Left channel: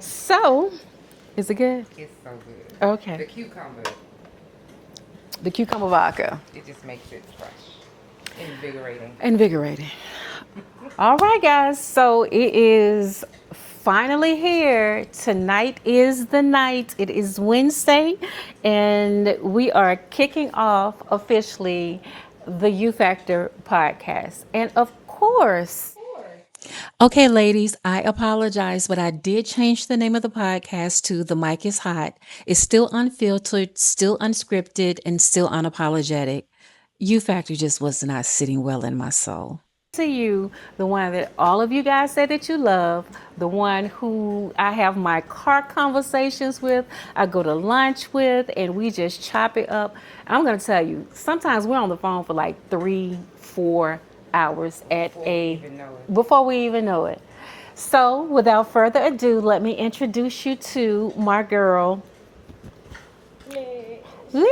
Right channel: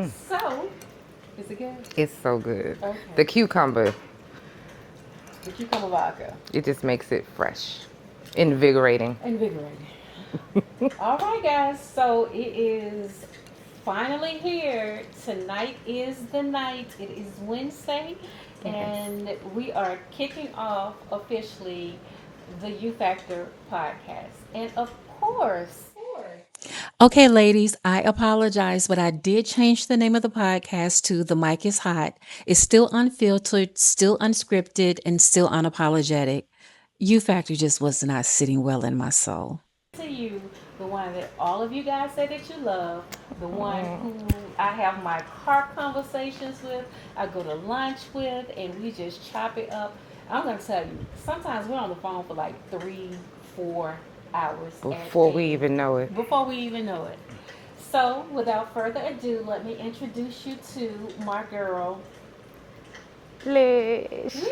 So, is it good? It's so good. Okay. The cucumber, The cucumber vodka. it just makes it fresh, invigorating. Invigorating. All right, guys. So it is finally here. Tonight is the night. It is Wednesday, and we are kicking off officially the U Factor podcast. And of course, okay, ladies, I apologize, but I did change the name of the podcast to The Mic is Hot. It's still unfiltered, still unscripted, and still unapologetic. U Factor just was not sitting well in my soul. To you, the one that all of you guys said that you love, the one who I have my car conversations with, I go to lunch with, and we just chop it up. I'm going to tell you, sometimes we're on the phone for like 3-4 hours Before we even know it. before we even know it. So, without further ado, let me introduce you to my girl, Lish. Lish.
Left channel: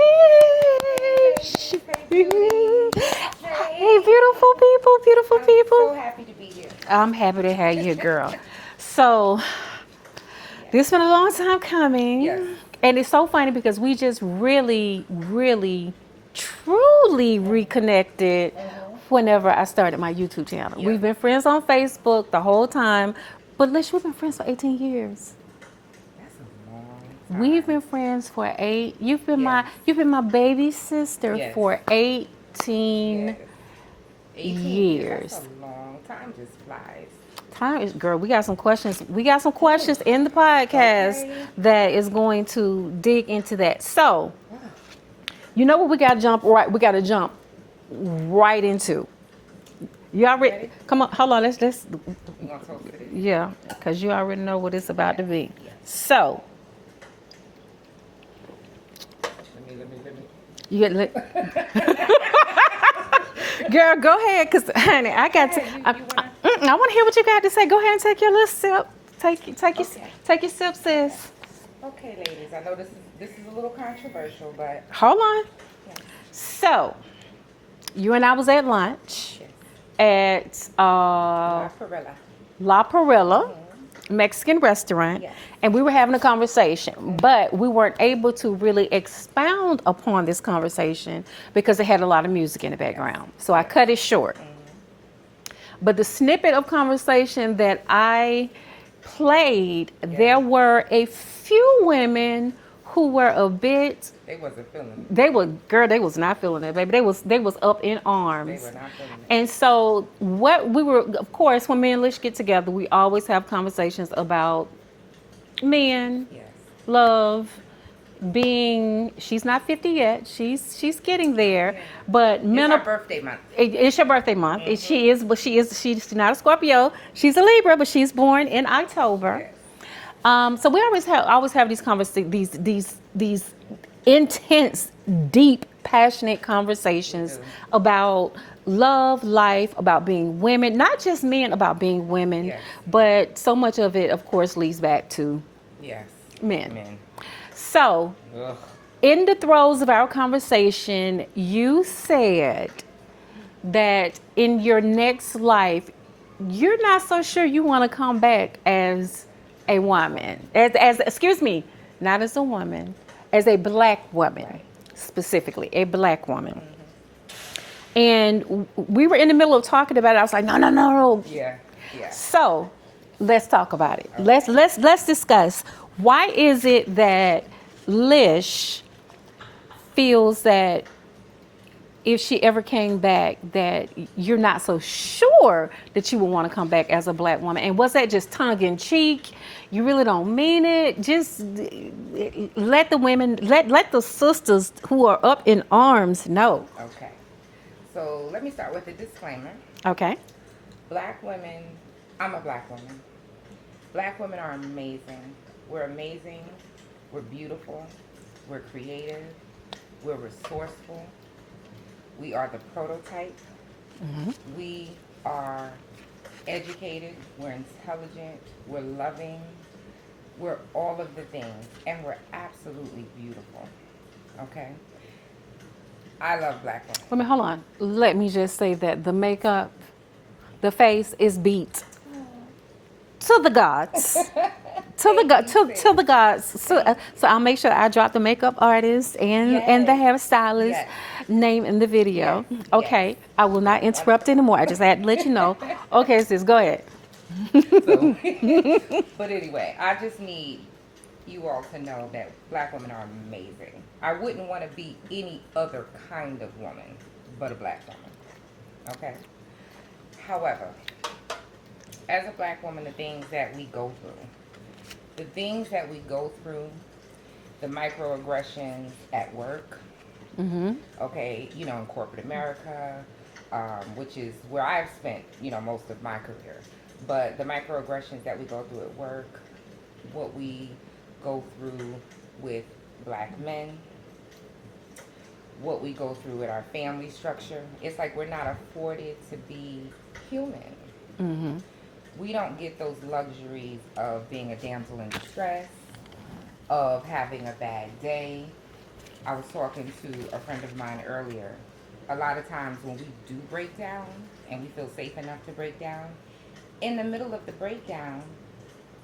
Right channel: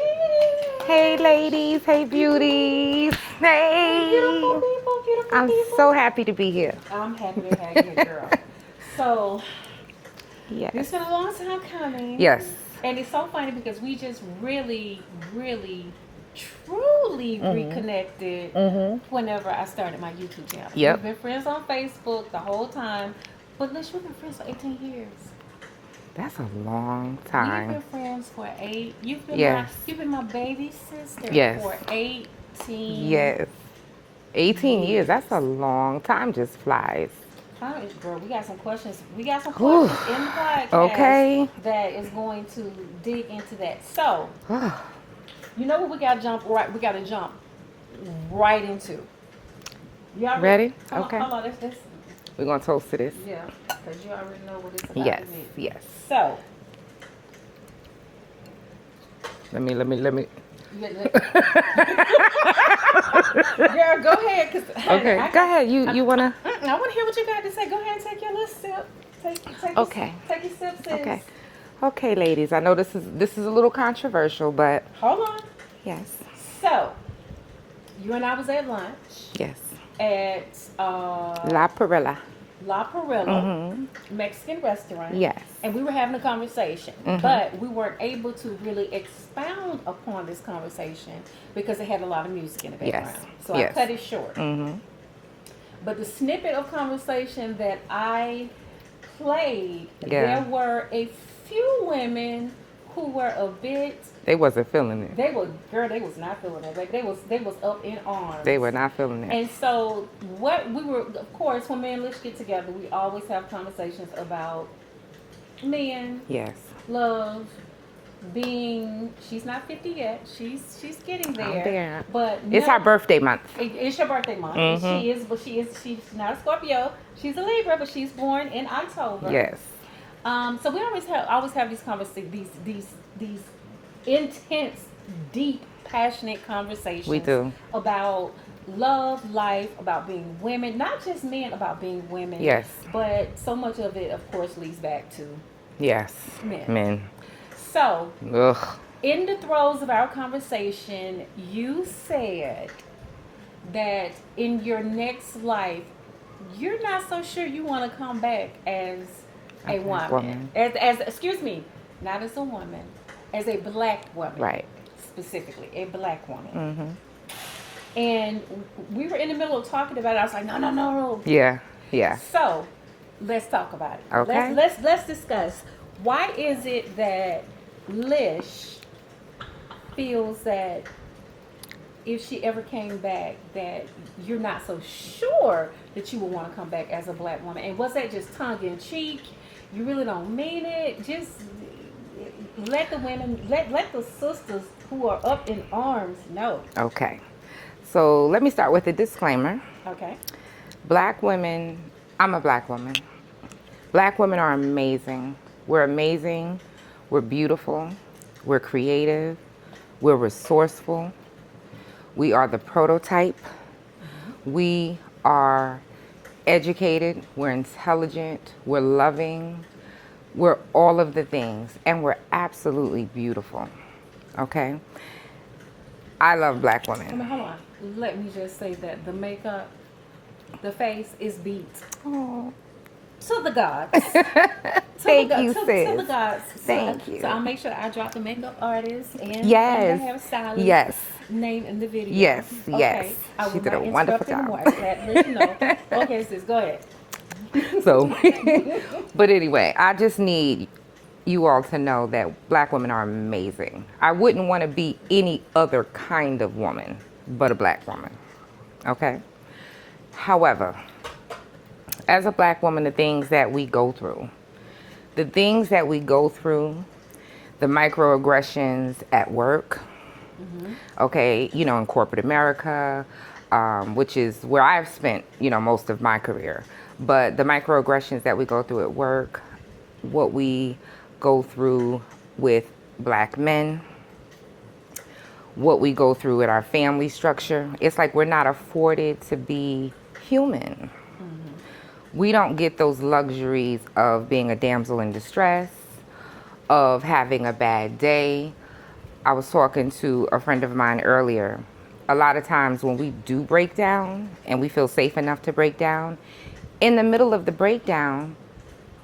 Hey, ladies. Hey, beauties. Hey, beautiful people, beautiful I'm people. so happy to be here. I'm happy to have you, girl. So, Yes. this has been a long time coming. Yes. And it's so funny because we just really, truly reconnected whenever I started my YouTube channel. Yep. We've been friends on Facebook the whole time. But Lish, we've been friends for 18 years. That's a long time. We've been friends for 8. You've been Yes. you've been my baby sister Yes. for 18. Yes. 18 years. That's a years. long time. Just flies. Time is, girl, we got some questions. We got some questions in the podcast Okay. that is going to dig into that. So, you know what we got to jump right into. You already Ready? Come Okay. on, hold on. Let's We're going to toast to this. yeah, because you already know what it's about to be. Yes. So, Let me. you get girl, go ahead, cause honey, I got to. You wanna? I want to hear what you got to say. Go ahead and take your little sip. Take your Okay. take your sip, sis. Okay. Okay, ladies. I know this is a little controversial, but Hold on. yes. So, you and I was at lunch Yes. at La Perilla. La Perilla Mexican restaurant. Yes. And we were having a conversation, but we weren't able to really expound upon this conversation because it had a lot of music in the background. So I Yes. cut it short. But the snippet of conversation that I played, there were a few women who were a bit. They wasn't feeling it. They was not feeling it, baby. They was up in arms. They were not feeling it. And so what we were, of course, when me and Lish get together, we always have conversations about men, Yes. love, being. She's not 50 yet. She's getting there. yeah. But It's her birthday month. It's your birthday month. And she's not a Scorpio. She's a Libra, but she's born in October. Yes. So we always have these these intense, deep, passionate conversations We do. about love, life, about being women, not just men, about being women. Yes. But so much of it, of course, leads back to Yes. men. Men. So, Ugh. in the throes of our conversation, you said that in your next life, you're not so sure you want to come back as a woman. As excuse me, not as a woman, as a black woman. Right. Specifically, a black woman. And we were in the middle of talking about it. I was like, no. Yeah. Yeah. So, let's talk about it. Okay. Let's discuss. Why is it that Lish feels that if she ever came back, that you're not so sure that you would want to come back as a black woman? And was that just tongue in cheek? You really don't mean it? Just let the women, let the sisters who are up in arms know. Okay. So let me start with a disclaimer. Okay. Black women, I'm a black woman. Black women are amazing. We're amazing. We're beautiful. We're creative. We're resourceful. We are the prototype. We are educated. We're intelligent. We're loving. We're all of the things. And we're absolutely beautiful. Okay? I love black women. Hold on. Let me just say that the makeup, The face is beat to the gods. Thank you, To the sis. gods. Thank you. So I'll make sure I drop the makeup artist and the Yes. hairstylist Yes. name in the video. Yes. Yes. Okay. I She will did a not interrupt wonderful anymore. job. I just had to let you know. Okay, sis, go ahead. So, but anyway, I just need you all to know that black women are amazing. I wouldn't want to be any other kind of woman but a black woman. Okay? However, as a black woman, the things that we go through, the microaggressions at work, okay, you know, in corporate America, which is where I've spent, you know, most of my career. But the microaggressions that we go through at work, what we go through with black men, what we go through in our family structure, it's like we're not afforded to be human. We don't get those luxuries of being a damsel in distress, of having a bad day. I was talking to a friend of mine earlier. A lot of times when we do break down and we feel safe enough to break down, in the middle of the breakdown,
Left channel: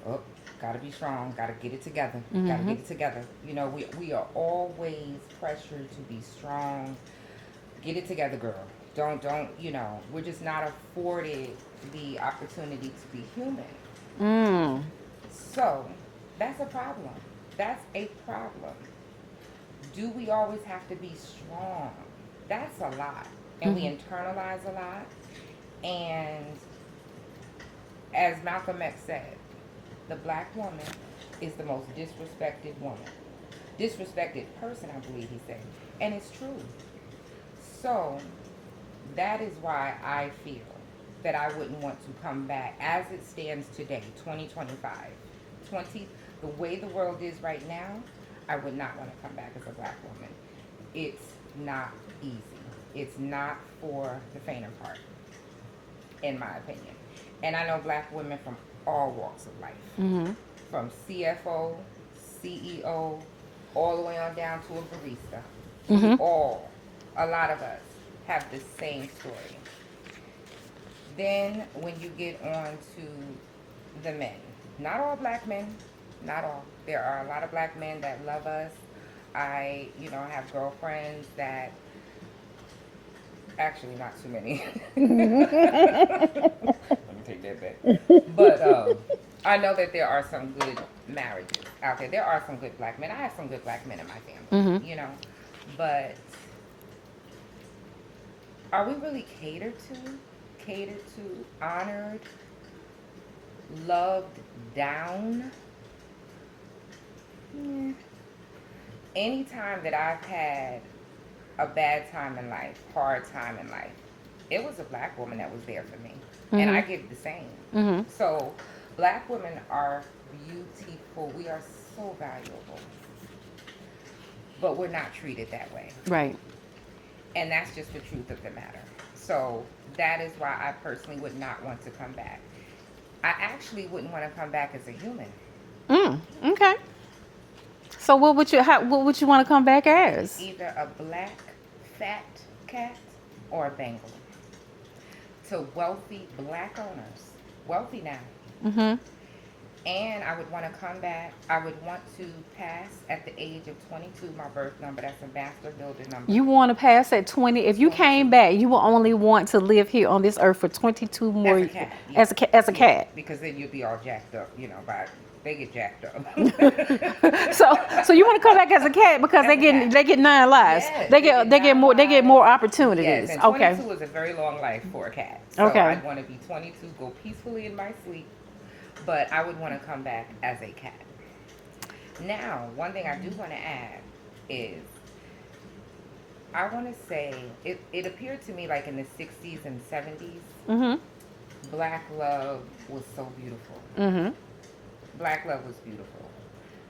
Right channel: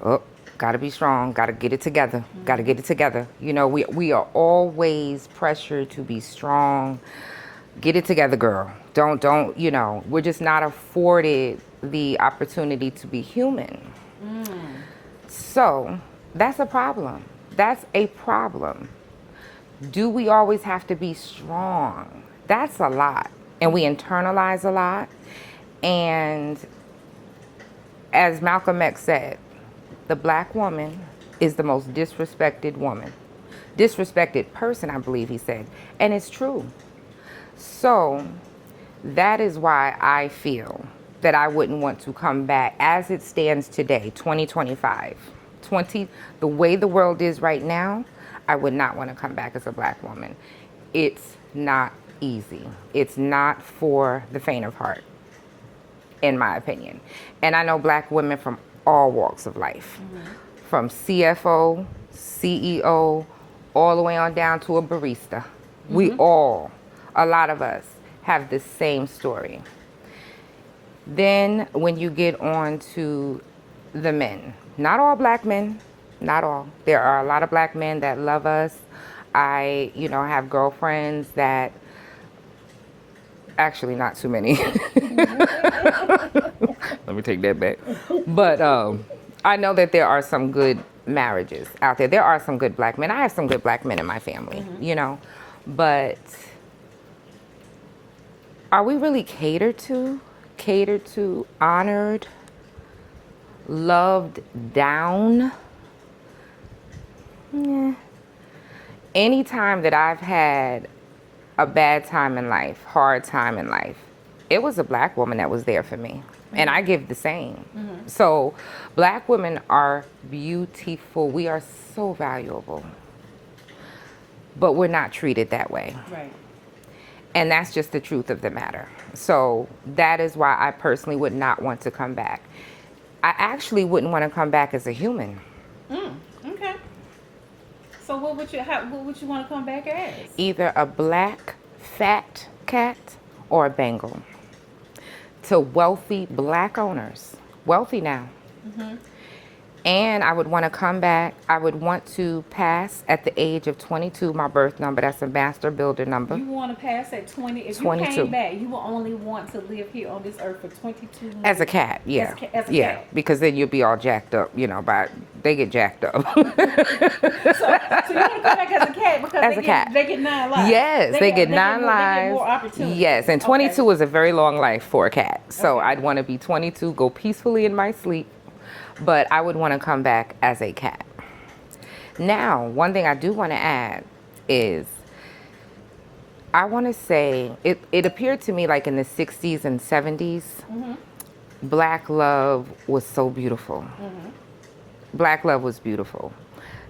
oh, gotta be strong, gotta get it together, gotta get it together. You know, we are always pressured to be strong. Get it together, girl. Don't, you know, we're just not afforded the opportunity to be human. So that's a problem. That's a problem. Do we always have to be strong? That's a lot. And we internalize a lot. And as Malcolm X said, the black woman is the most disrespected woman. Disrespected person, I believe he said. And it's true. So that is why I feel that I wouldn't want to come back as it stands today, 2025. The way the world is right now, I would not want to come back as a black woman. It's not easy. It's not for the faint of heart, in my opinion. And I know black women from all walks of life, from CFO, CEO, all the way on down to a barista. We all, a lot of us, have the same story. Then when you get on to the men, not all black men, not all. There are a lot of black men that love us. I, you know, have girlfriends that, actually not too many. Let me take that back. But I know that there are some good marriages out there. There are some good black men. I have some good black men in my family, you know. But are we really catered to, honored, loved down? Yeah. Anytime that I've had a bad time in life, hard time in life, it was a black woman that was there for me. And I give the same. So black women are beautiful. We are so valuable. But we're not treated that way. Right. And that's just the truth of the matter. So that is why I personally would not want to come back. I actually wouldn't want to come back as a human. Okay. So what would you want to come back as? Either a black fat cat or a Bengal. To wealthy black owners. Wealthy now. And I would want to come back. I would want to pass at the age of 22, my birth number. That's a master builder number. You want to pass at 20. If you 22. came back, you will only want to live here on this earth for 22 more As a cat, yeah. As a cat. Because then you'll be all jacked up, you know, they get jacked up. So you want to come back as a cat because As they get 9 lives. Yes, they get more opportunities. Yes, and 22 is a very long life for a cat. So Okay. I'd want to be 22, go peacefully in my sleep, but I would want to come back as a cat. Now, one thing I do want to add is, I want to say, it appeared to me like in the 60s and 70s, black love was so beautiful. Black love was beautiful.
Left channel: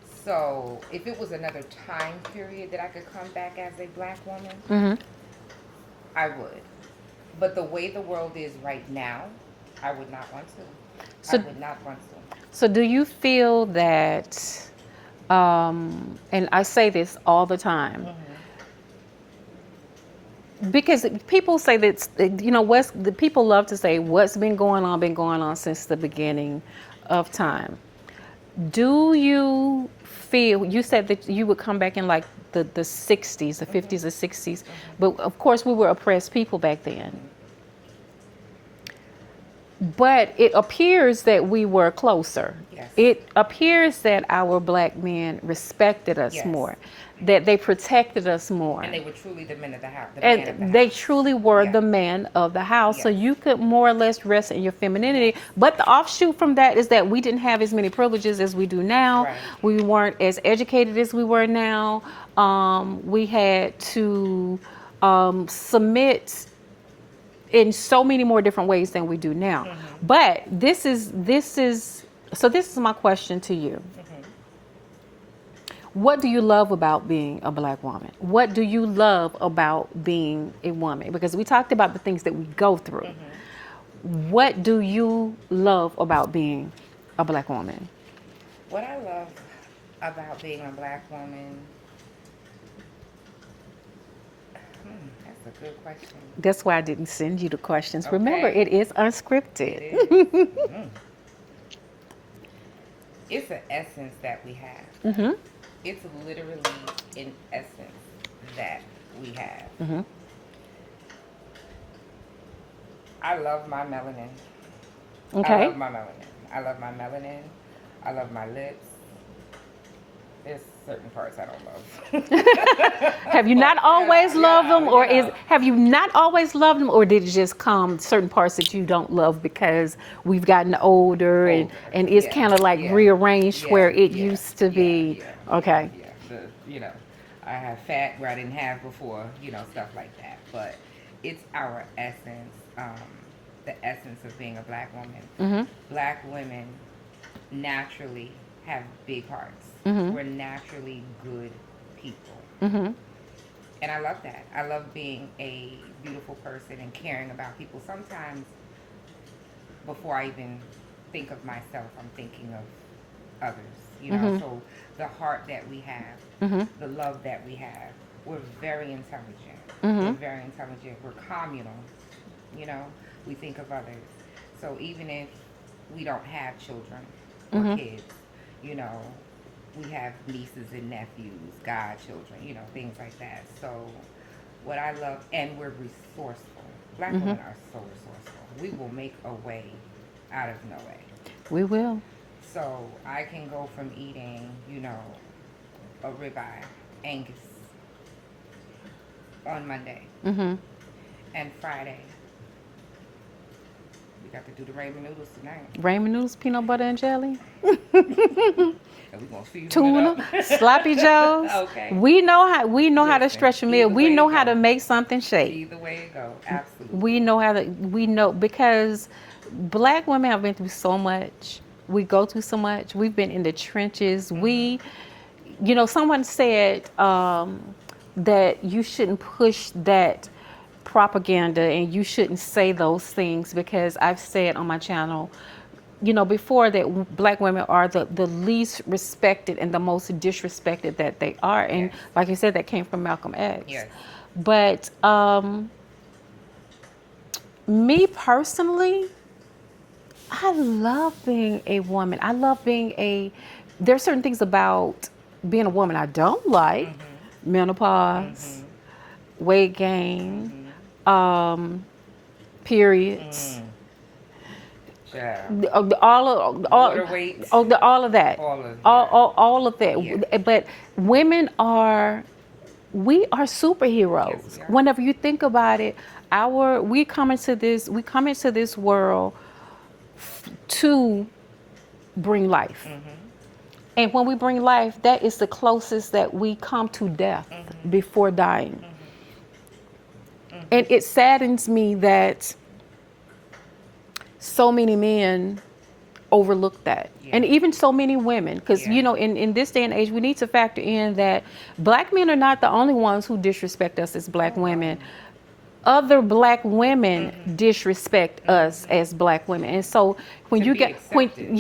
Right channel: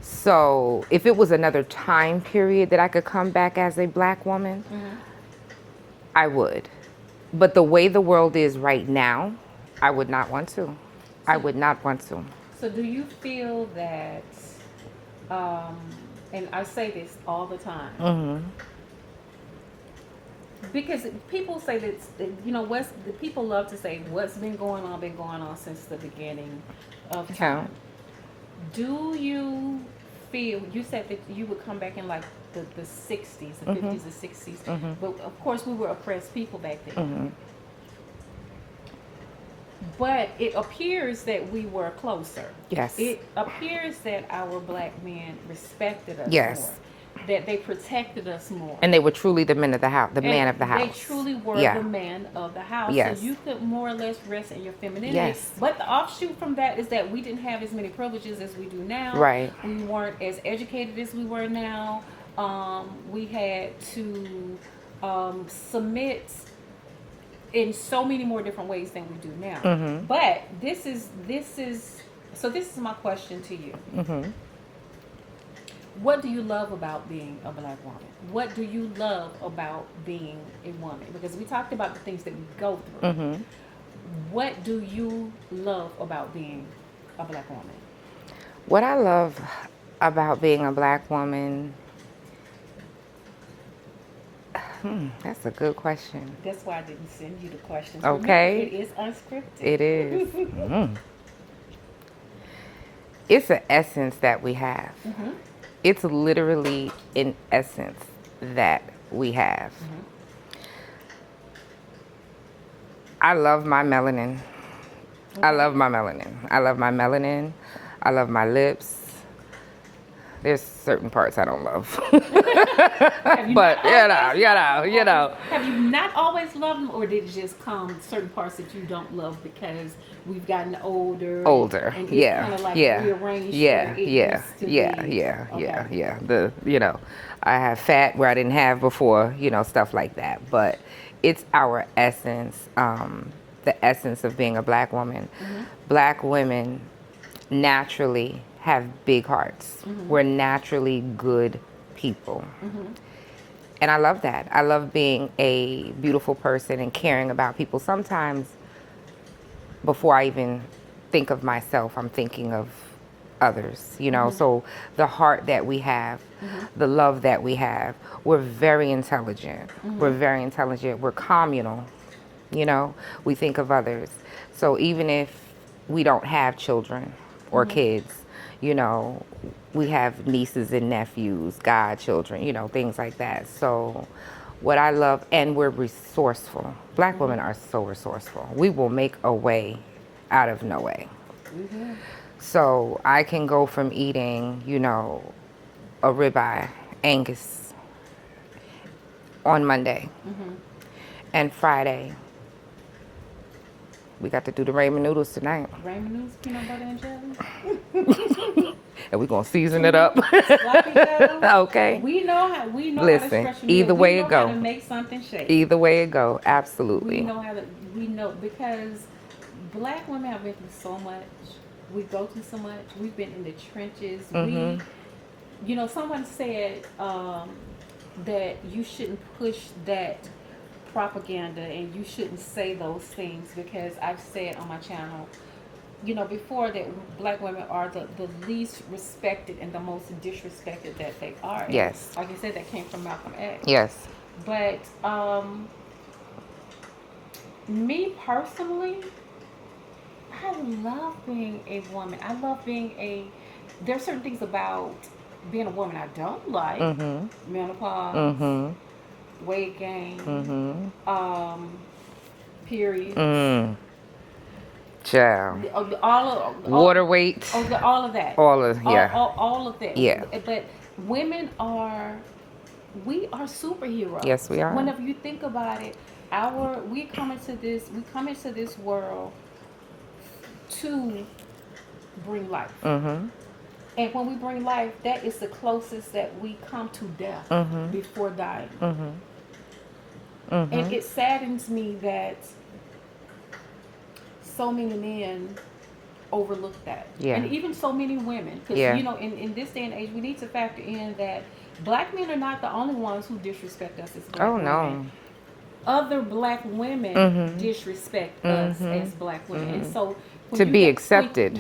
So if it was another time period that I could come back as a black woman, I would. But the way the world is right now, I would not want to. I would not want to. So do you feel that, and I say this all the time, because people say that, what's the people love to say what's been going on since the beginning of Time. time. Do you feel, you said that you would come back in like the 60s, the 50s, the 60s, but of course we were oppressed people back then. But it appears that we were closer. Yes. It appears that our black men respected us Yes. more, that they protected us more. And they were truly the men of the house, the And man of the house. they truly were Yeah. the man of the house. So Yes. you could more or less rest in your femininity. Yes. But the offshoot from that is that we didn't have as many privileges as we do now. Right. We weren't as educated as we were now. We had to submit in so many more different ways than we do now. But this is my question to you. What do you love about being a black woman? What do you love about being a woman? Because we talked about the things that we go through. What do you love about being a black woman? What I love about being a black woman, that's a good question. That's why I didn't send you the questions. Okay. Remember, it is unscripted. It is. It's an essence that we have. It's literally an essence that we have. I love my melanin. Okay. I love my melanin. I love my melanin. I love my lips. There's certain parts I don't love. Have you But, not always loved them, or have you not always loved them, or did it just come certain parts that you don't love because we've gotten older, and it's kind of like rearranged where it used to be? Okay. I have fat where I didn't have before, stuff like that. But it's our essence, the essence of being a black woman. Black women naturally have big hearts. We're naturally good people. And I love that. I love being a beautiful person and caring about people. Sometimes before I even think of myself, I'm thinking of others, So the heart that we have, the love that we have, we're very intelligent. We're very intelligent. We're communal, We think of others. So even if we don't have children or kids, we have nieces and nephews, godchildren, things like that. So what I love, and we're resourceful. Black women are so resourceful. We will make a way out of no way. We will. So I can go from eating, a ribeye, Angus, on Monday. And Friday, we got to do the ramen noodles tonight. Ramen noodles, peanut butter and jelly. And we're gonna season it up. Sloppy joes. Okay. We know how to Listen, stretch a meal. either We way know it how go. to make something shake. Either way it go, absolutely. We know because black women have been through so much. We go through so much. We've been in the trenches. We, someone said that you shouldn't push that propaganda and you shouldn't say those things, because I've said on my channel, before, that black women are the least respected and the most disrespected that they are. And Yes. like you said, that came from Malcolm X. Yes. But me personally, I love being a woman. I love there are certain things about being a woman I don't like. Menopause, weight gain, periods. Child. Water weight. all of that. All of that. Yeah. But women we are superheroes. Yes, we are. Whenever you think about it, we come into this world to bring life. And when we bring life, that is the closest that we come to death before dying. And it saddens me that so many men overlook that. Yeah. And even so many women, because Yeah. in this day and age, we need to factor in that black men are not the only ones who disrespect us as black Oh, women. no. other black women disrespect us as black women. And so when To you be get accepted.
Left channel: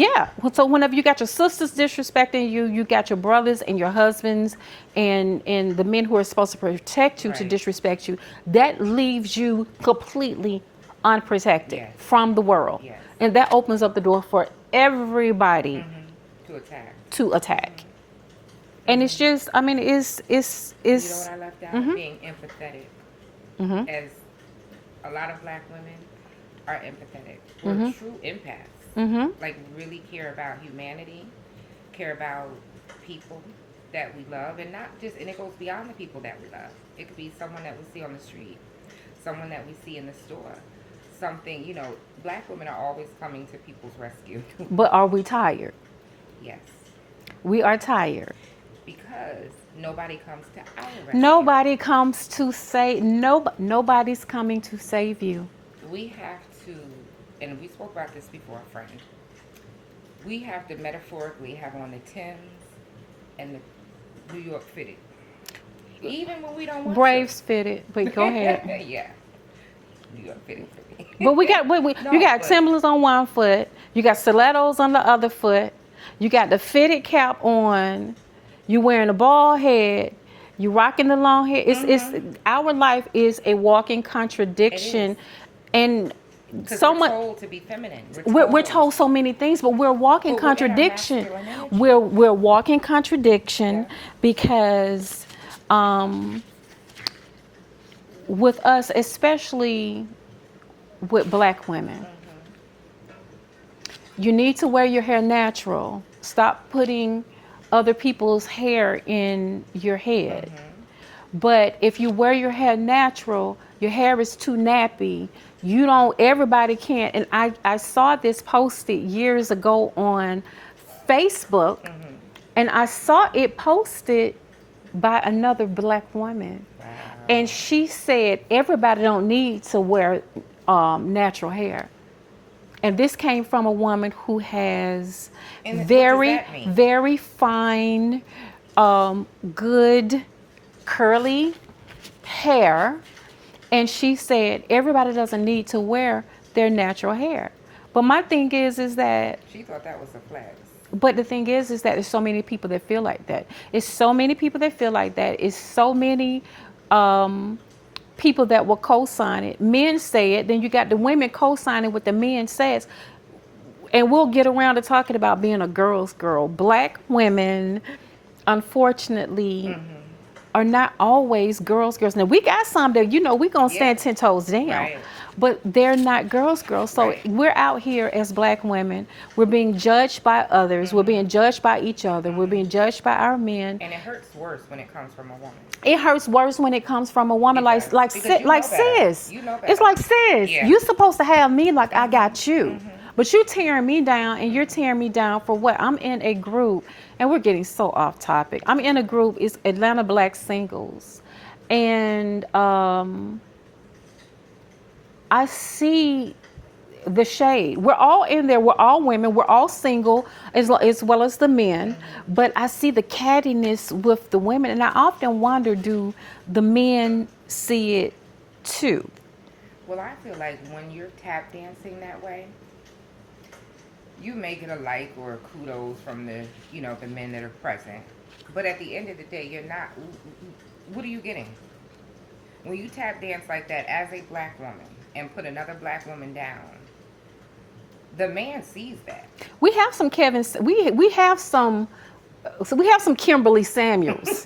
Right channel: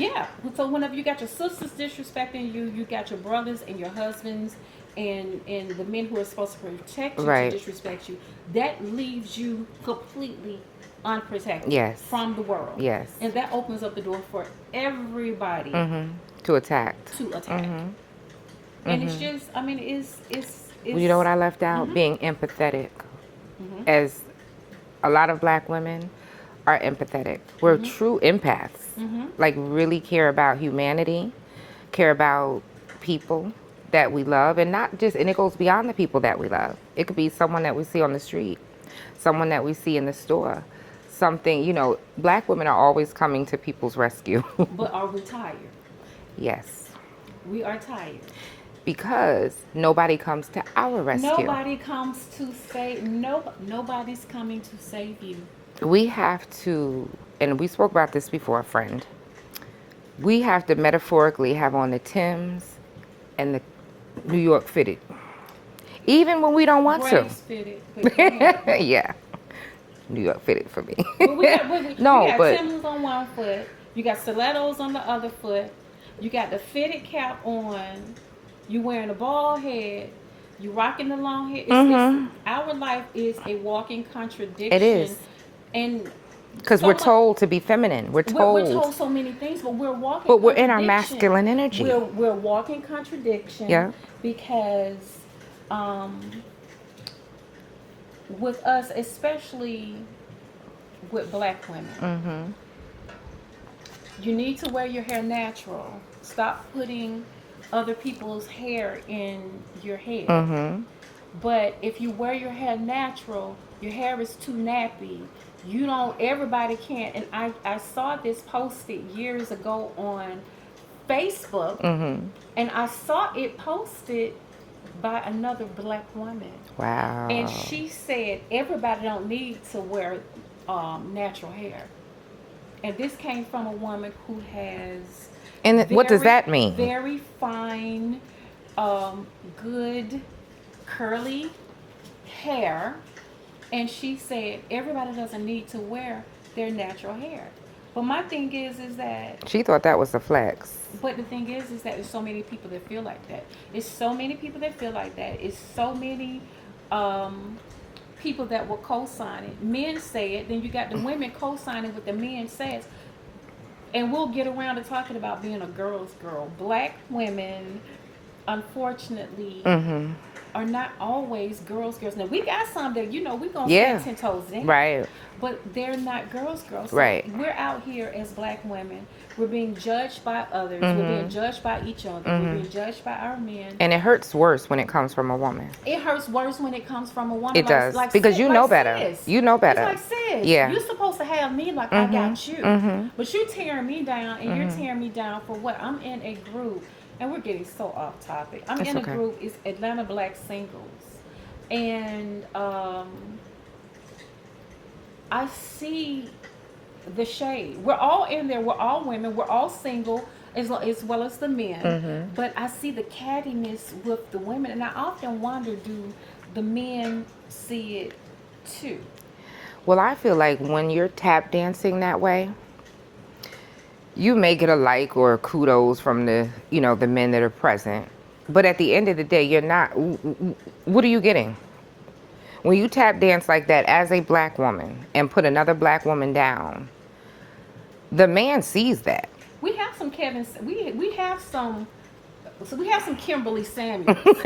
so whenever you got your sisters disrespecting you, you got your brothers and your husbands and the men who are supposed to protect you to Right. disrespect you, that leaves you completely unprotected Yes. from the world. Yes. And that opens up the door for everybody To attack. to attack. And it's just, I mean, it's You know what I left out? Being empathetic. As a lot of black women are empathetic. We're true empaths. Like really care about humanity, care about people that we love, and not just, and it goes beyond the people that we love. It could be someone that we see on the street, someone that we see in the store, something, black women are always coming to people's rescue. But are we tired? Yes. We are tired. Because nobody comes to our rescue. Nobody comes to say, nobody's coming to save you. We have to, and we spoke about this before, friend. We have to metaphorically have on the Timbs and the New York fitted. Even when we don't want Braves fitted, but go ahead. to. Yeah. New York fitted for me. But we got, you got but- Timberlands on one foot, you got stilettos on the other foot, you got the fitted cap on, you wearing a bald head, you rocking the long hair. It's our life is a walking contradiction. It is. And Because so we're told to be feminine. We're told so many things, but we're walking But we're in our contradiction. masculine energy. We're walking contradiction Yeah. because with us, especially with black women, you need to wear your hair natural. Stop putting other people's hair in your head. But if you wear your hair natural, your hair is too nappy. Everybody can't. And I saw this posted years ago on Facebook, and I saw it posted by another black woman. Wow. And she said everybody don't need to wear natural hair. And this came from a woman who has And what does that mean? Very fine, good, curly hair. And she said everybody doesn't need to wear their natural hair. But my thing is that She thought that was a flex. but the thing is that there's so many people that feel like that. It's so many people that feel like that. It's so many people that will co-sign it. Men say it, then you got the women co-signing what the men says. And we'll get around to talking about being a girl's girl. Black women, unfortunately, are not always girls. Now, we got some that, we going to stand 10 toes down. Right. But they're not girls. So Right. we're out here as black women. We're being judged by others. We're being judged by each other. We're being judged by our men. And it hurts worse when it comes from a woman. It hurts worse when it comes from a woman. It does, because sis, you know like better. sis. You know better. It's like, sis, Yeah. you're supposed to have me like I got you. But you're tearing me down, and you're tearing me down for what? I'm in a group, and we're getting so off topic. I'm in a okay. group, it's Atlanta Black Singles. And I see the shade. We're all in there. We're all women. We're all single as well as the men. But I see the cattiness with the women. And I often wonder, do the men see it too? Well, I feel like when you're tap dancing that way, you may get a like or kudos from the men that are present. But at the end of the day, you're not, what are you getting? When you tap dance like that as a black woman and put another black woman down, the man sees that. We have some we have some Kimberly Samuels.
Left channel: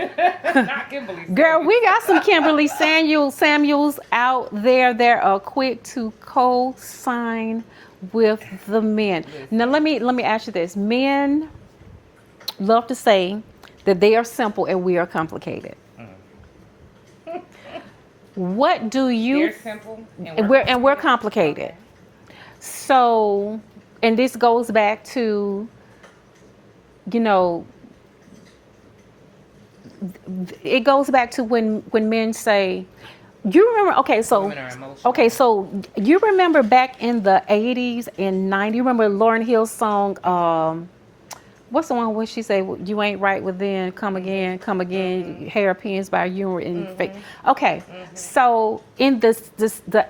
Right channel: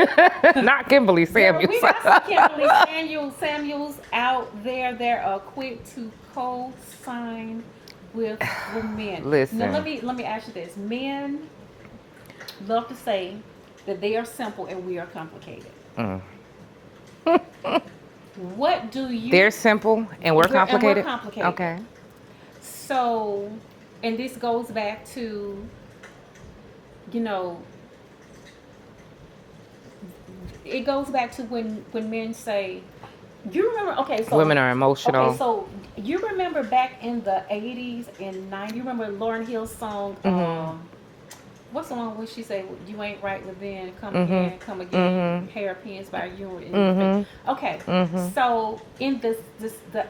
Not Kimberly Samuels. Girl, we got some Kimberly Samuels out there that are quick to co-sign with the men. Listen. Now let me ask you this. Men love to say that they are simple and we are complicated. What do you They're simple and we're complicated. And we're complicated. Okay. So, and this goes back to, it goes back to when men say, you remember, okay, so. Women are emotional. Okay, so you remember back in the 80s and 90s, you remember Lauryn Hill's song, What's the one where she say you ain't right within, come again, hairpins by you and fake. Okay, so in the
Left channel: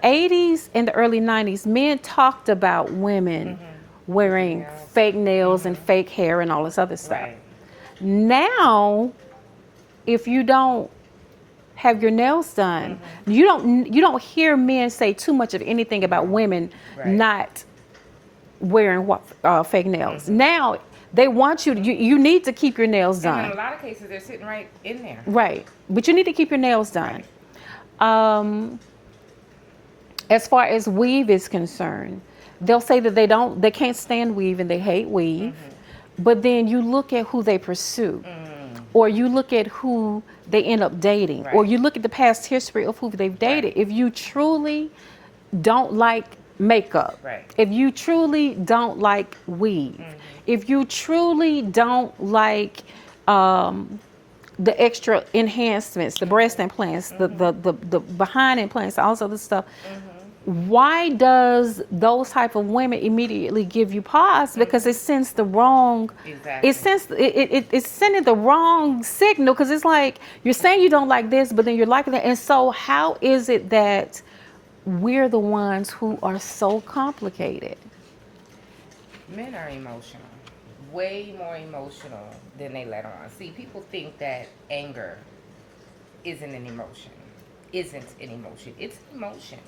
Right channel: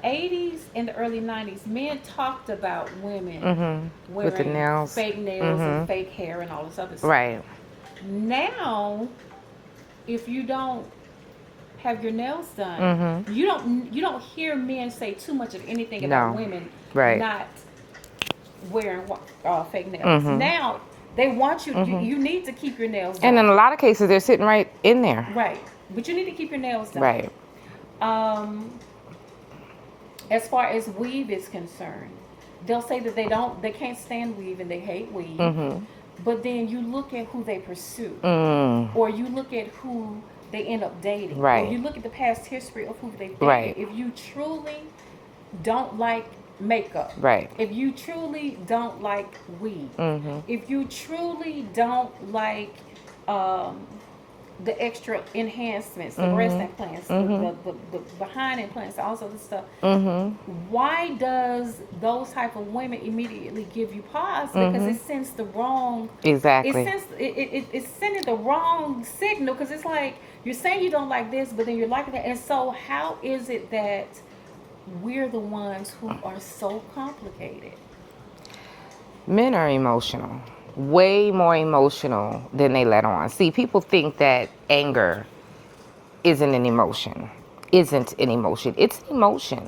80s and the early 90s, men talked about women With the wearing nails. fake nails and fake hair and all this other stuff. Right. Now, if you don't have your nails done, you don't hear men say too much of anything about No. women Right. not wearing fake nails. Now they want you need to keep your nails done. And in a lot of cases, they're sitting right in there. Right. But you need to keep your nails done. Right. As far as weave is concerned, they'll say that they can't stand weave and they hate weave. But then you look at who they pursue, or you look at who they end up dating, or Right. you look at the past history of who they've dated. Right. If you truly don't like makeup, Right. if you truly don't like weave, if you truly don't like the extra enhancements, the breast implants, the behind implants, all this other stuff, why does those type of women immediately give you pause? Because it sends the wrong, Exactly. it's sending the wrong signal, because it's like you're saying you don't like this, but then you're liking that. And so how is it that we're the ones who are so complicated? Men are emotional, way more emotional than they let on. See, people think that anger isn't an emotion. It's an emotion.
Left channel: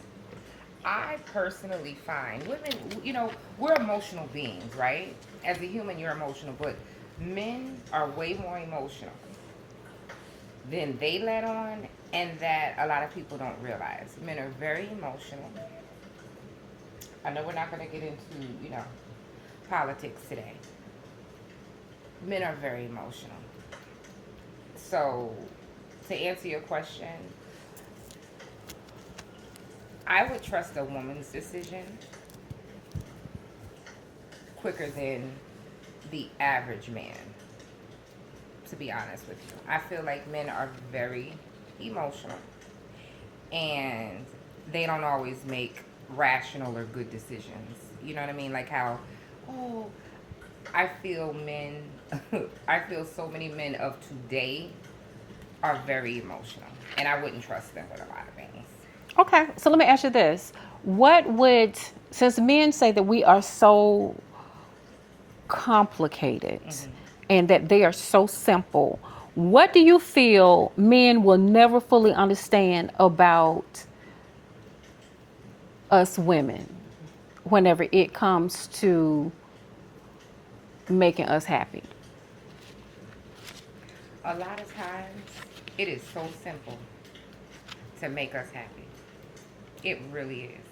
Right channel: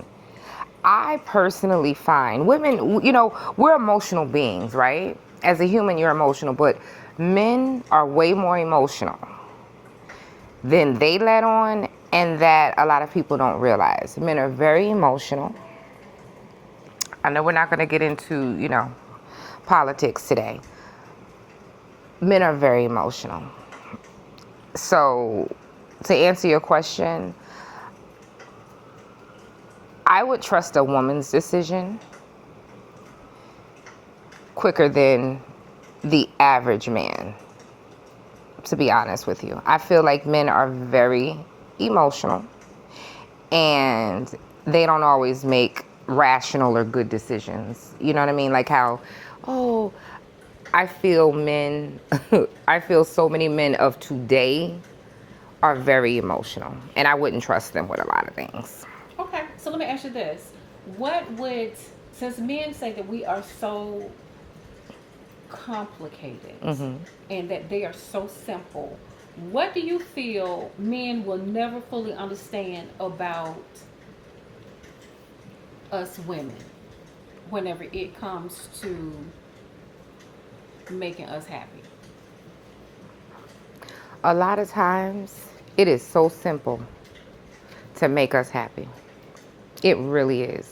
I personally find women, we're emotional beings, right? As a human, you're emotional, but men are way more emotional than they let on, and that a lot of people don't realize. Men are very emotional. I know we're not going to get into, politics today. Men are very emotional. So, to answer your question, I would trust a woman's decision quicker than the average man, to be honest with you. I feel like men are very emotional, and they don't always make rational or good decisions. You know what I mean? Like how, I feel I feel so many men of today are very emotional, and I wouldn't trust them with a lot of things. Okay, so let me ask you this. Since men say that we are so complicated and that they are so simple, what do you feel men will never fully understand about us women whenever it comes to making us happy? A lot of times, it is so simple to make us happy. It really is.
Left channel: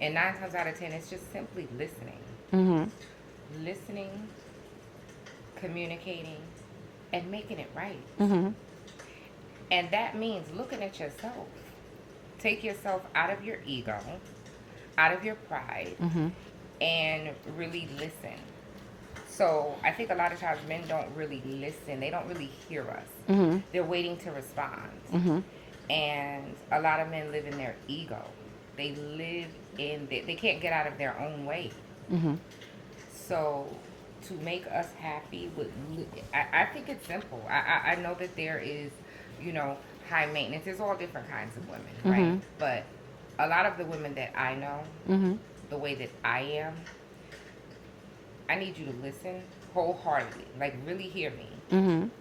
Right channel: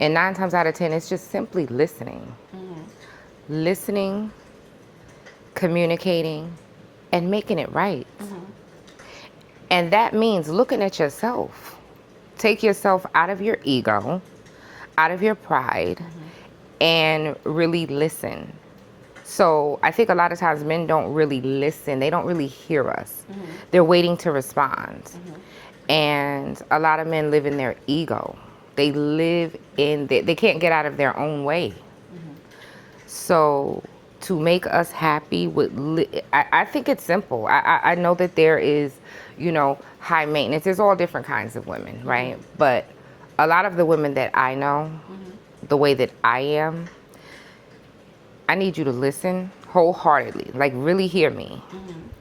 And 9 times out of 10, it's just simply listening. Listening, communicating, and making it right. And that means looking at yourself. Take yourself out of your ego, out of your pride, and really listen. So I think a lot of times men don't really listen. They don't really hear us. They're waiting to respond. And a lot of men live in their ego. They live in, they can't get out of their own way. So to make us happy, I think it's simple. I know that there is, high maintenance. There's all different kinds of women, right? But a lot of the women that I know, the way that I am, I need you to listen wholeheartedly, like really hear me,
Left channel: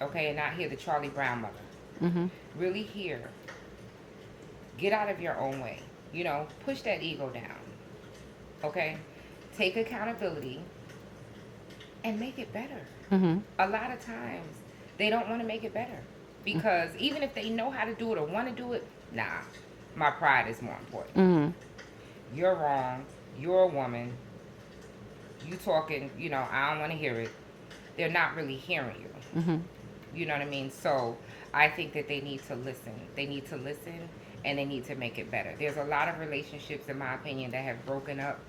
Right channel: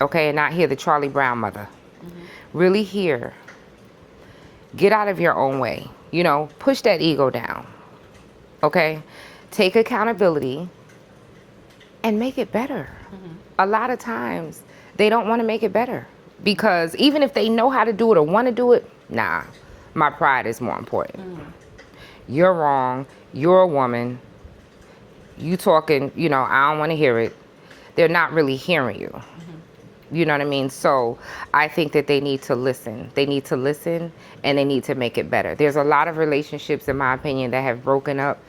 okay? And not hear the Charlie Brown mother. Really hear. Get out of your own way. Push that ego down, okay? Take accountability and make it better. A lot of times, they don't want to make it better because even if they know how to do it or want to do it, nah, my pride is more important. You're wrong. You're a woman. You talking, I don't want to hear it. They're not really hearing you. You know what I mean? So I think that they need to listen. They need to listen and they need to make it better. There's a lot of relationships, in my opinion, that have broken up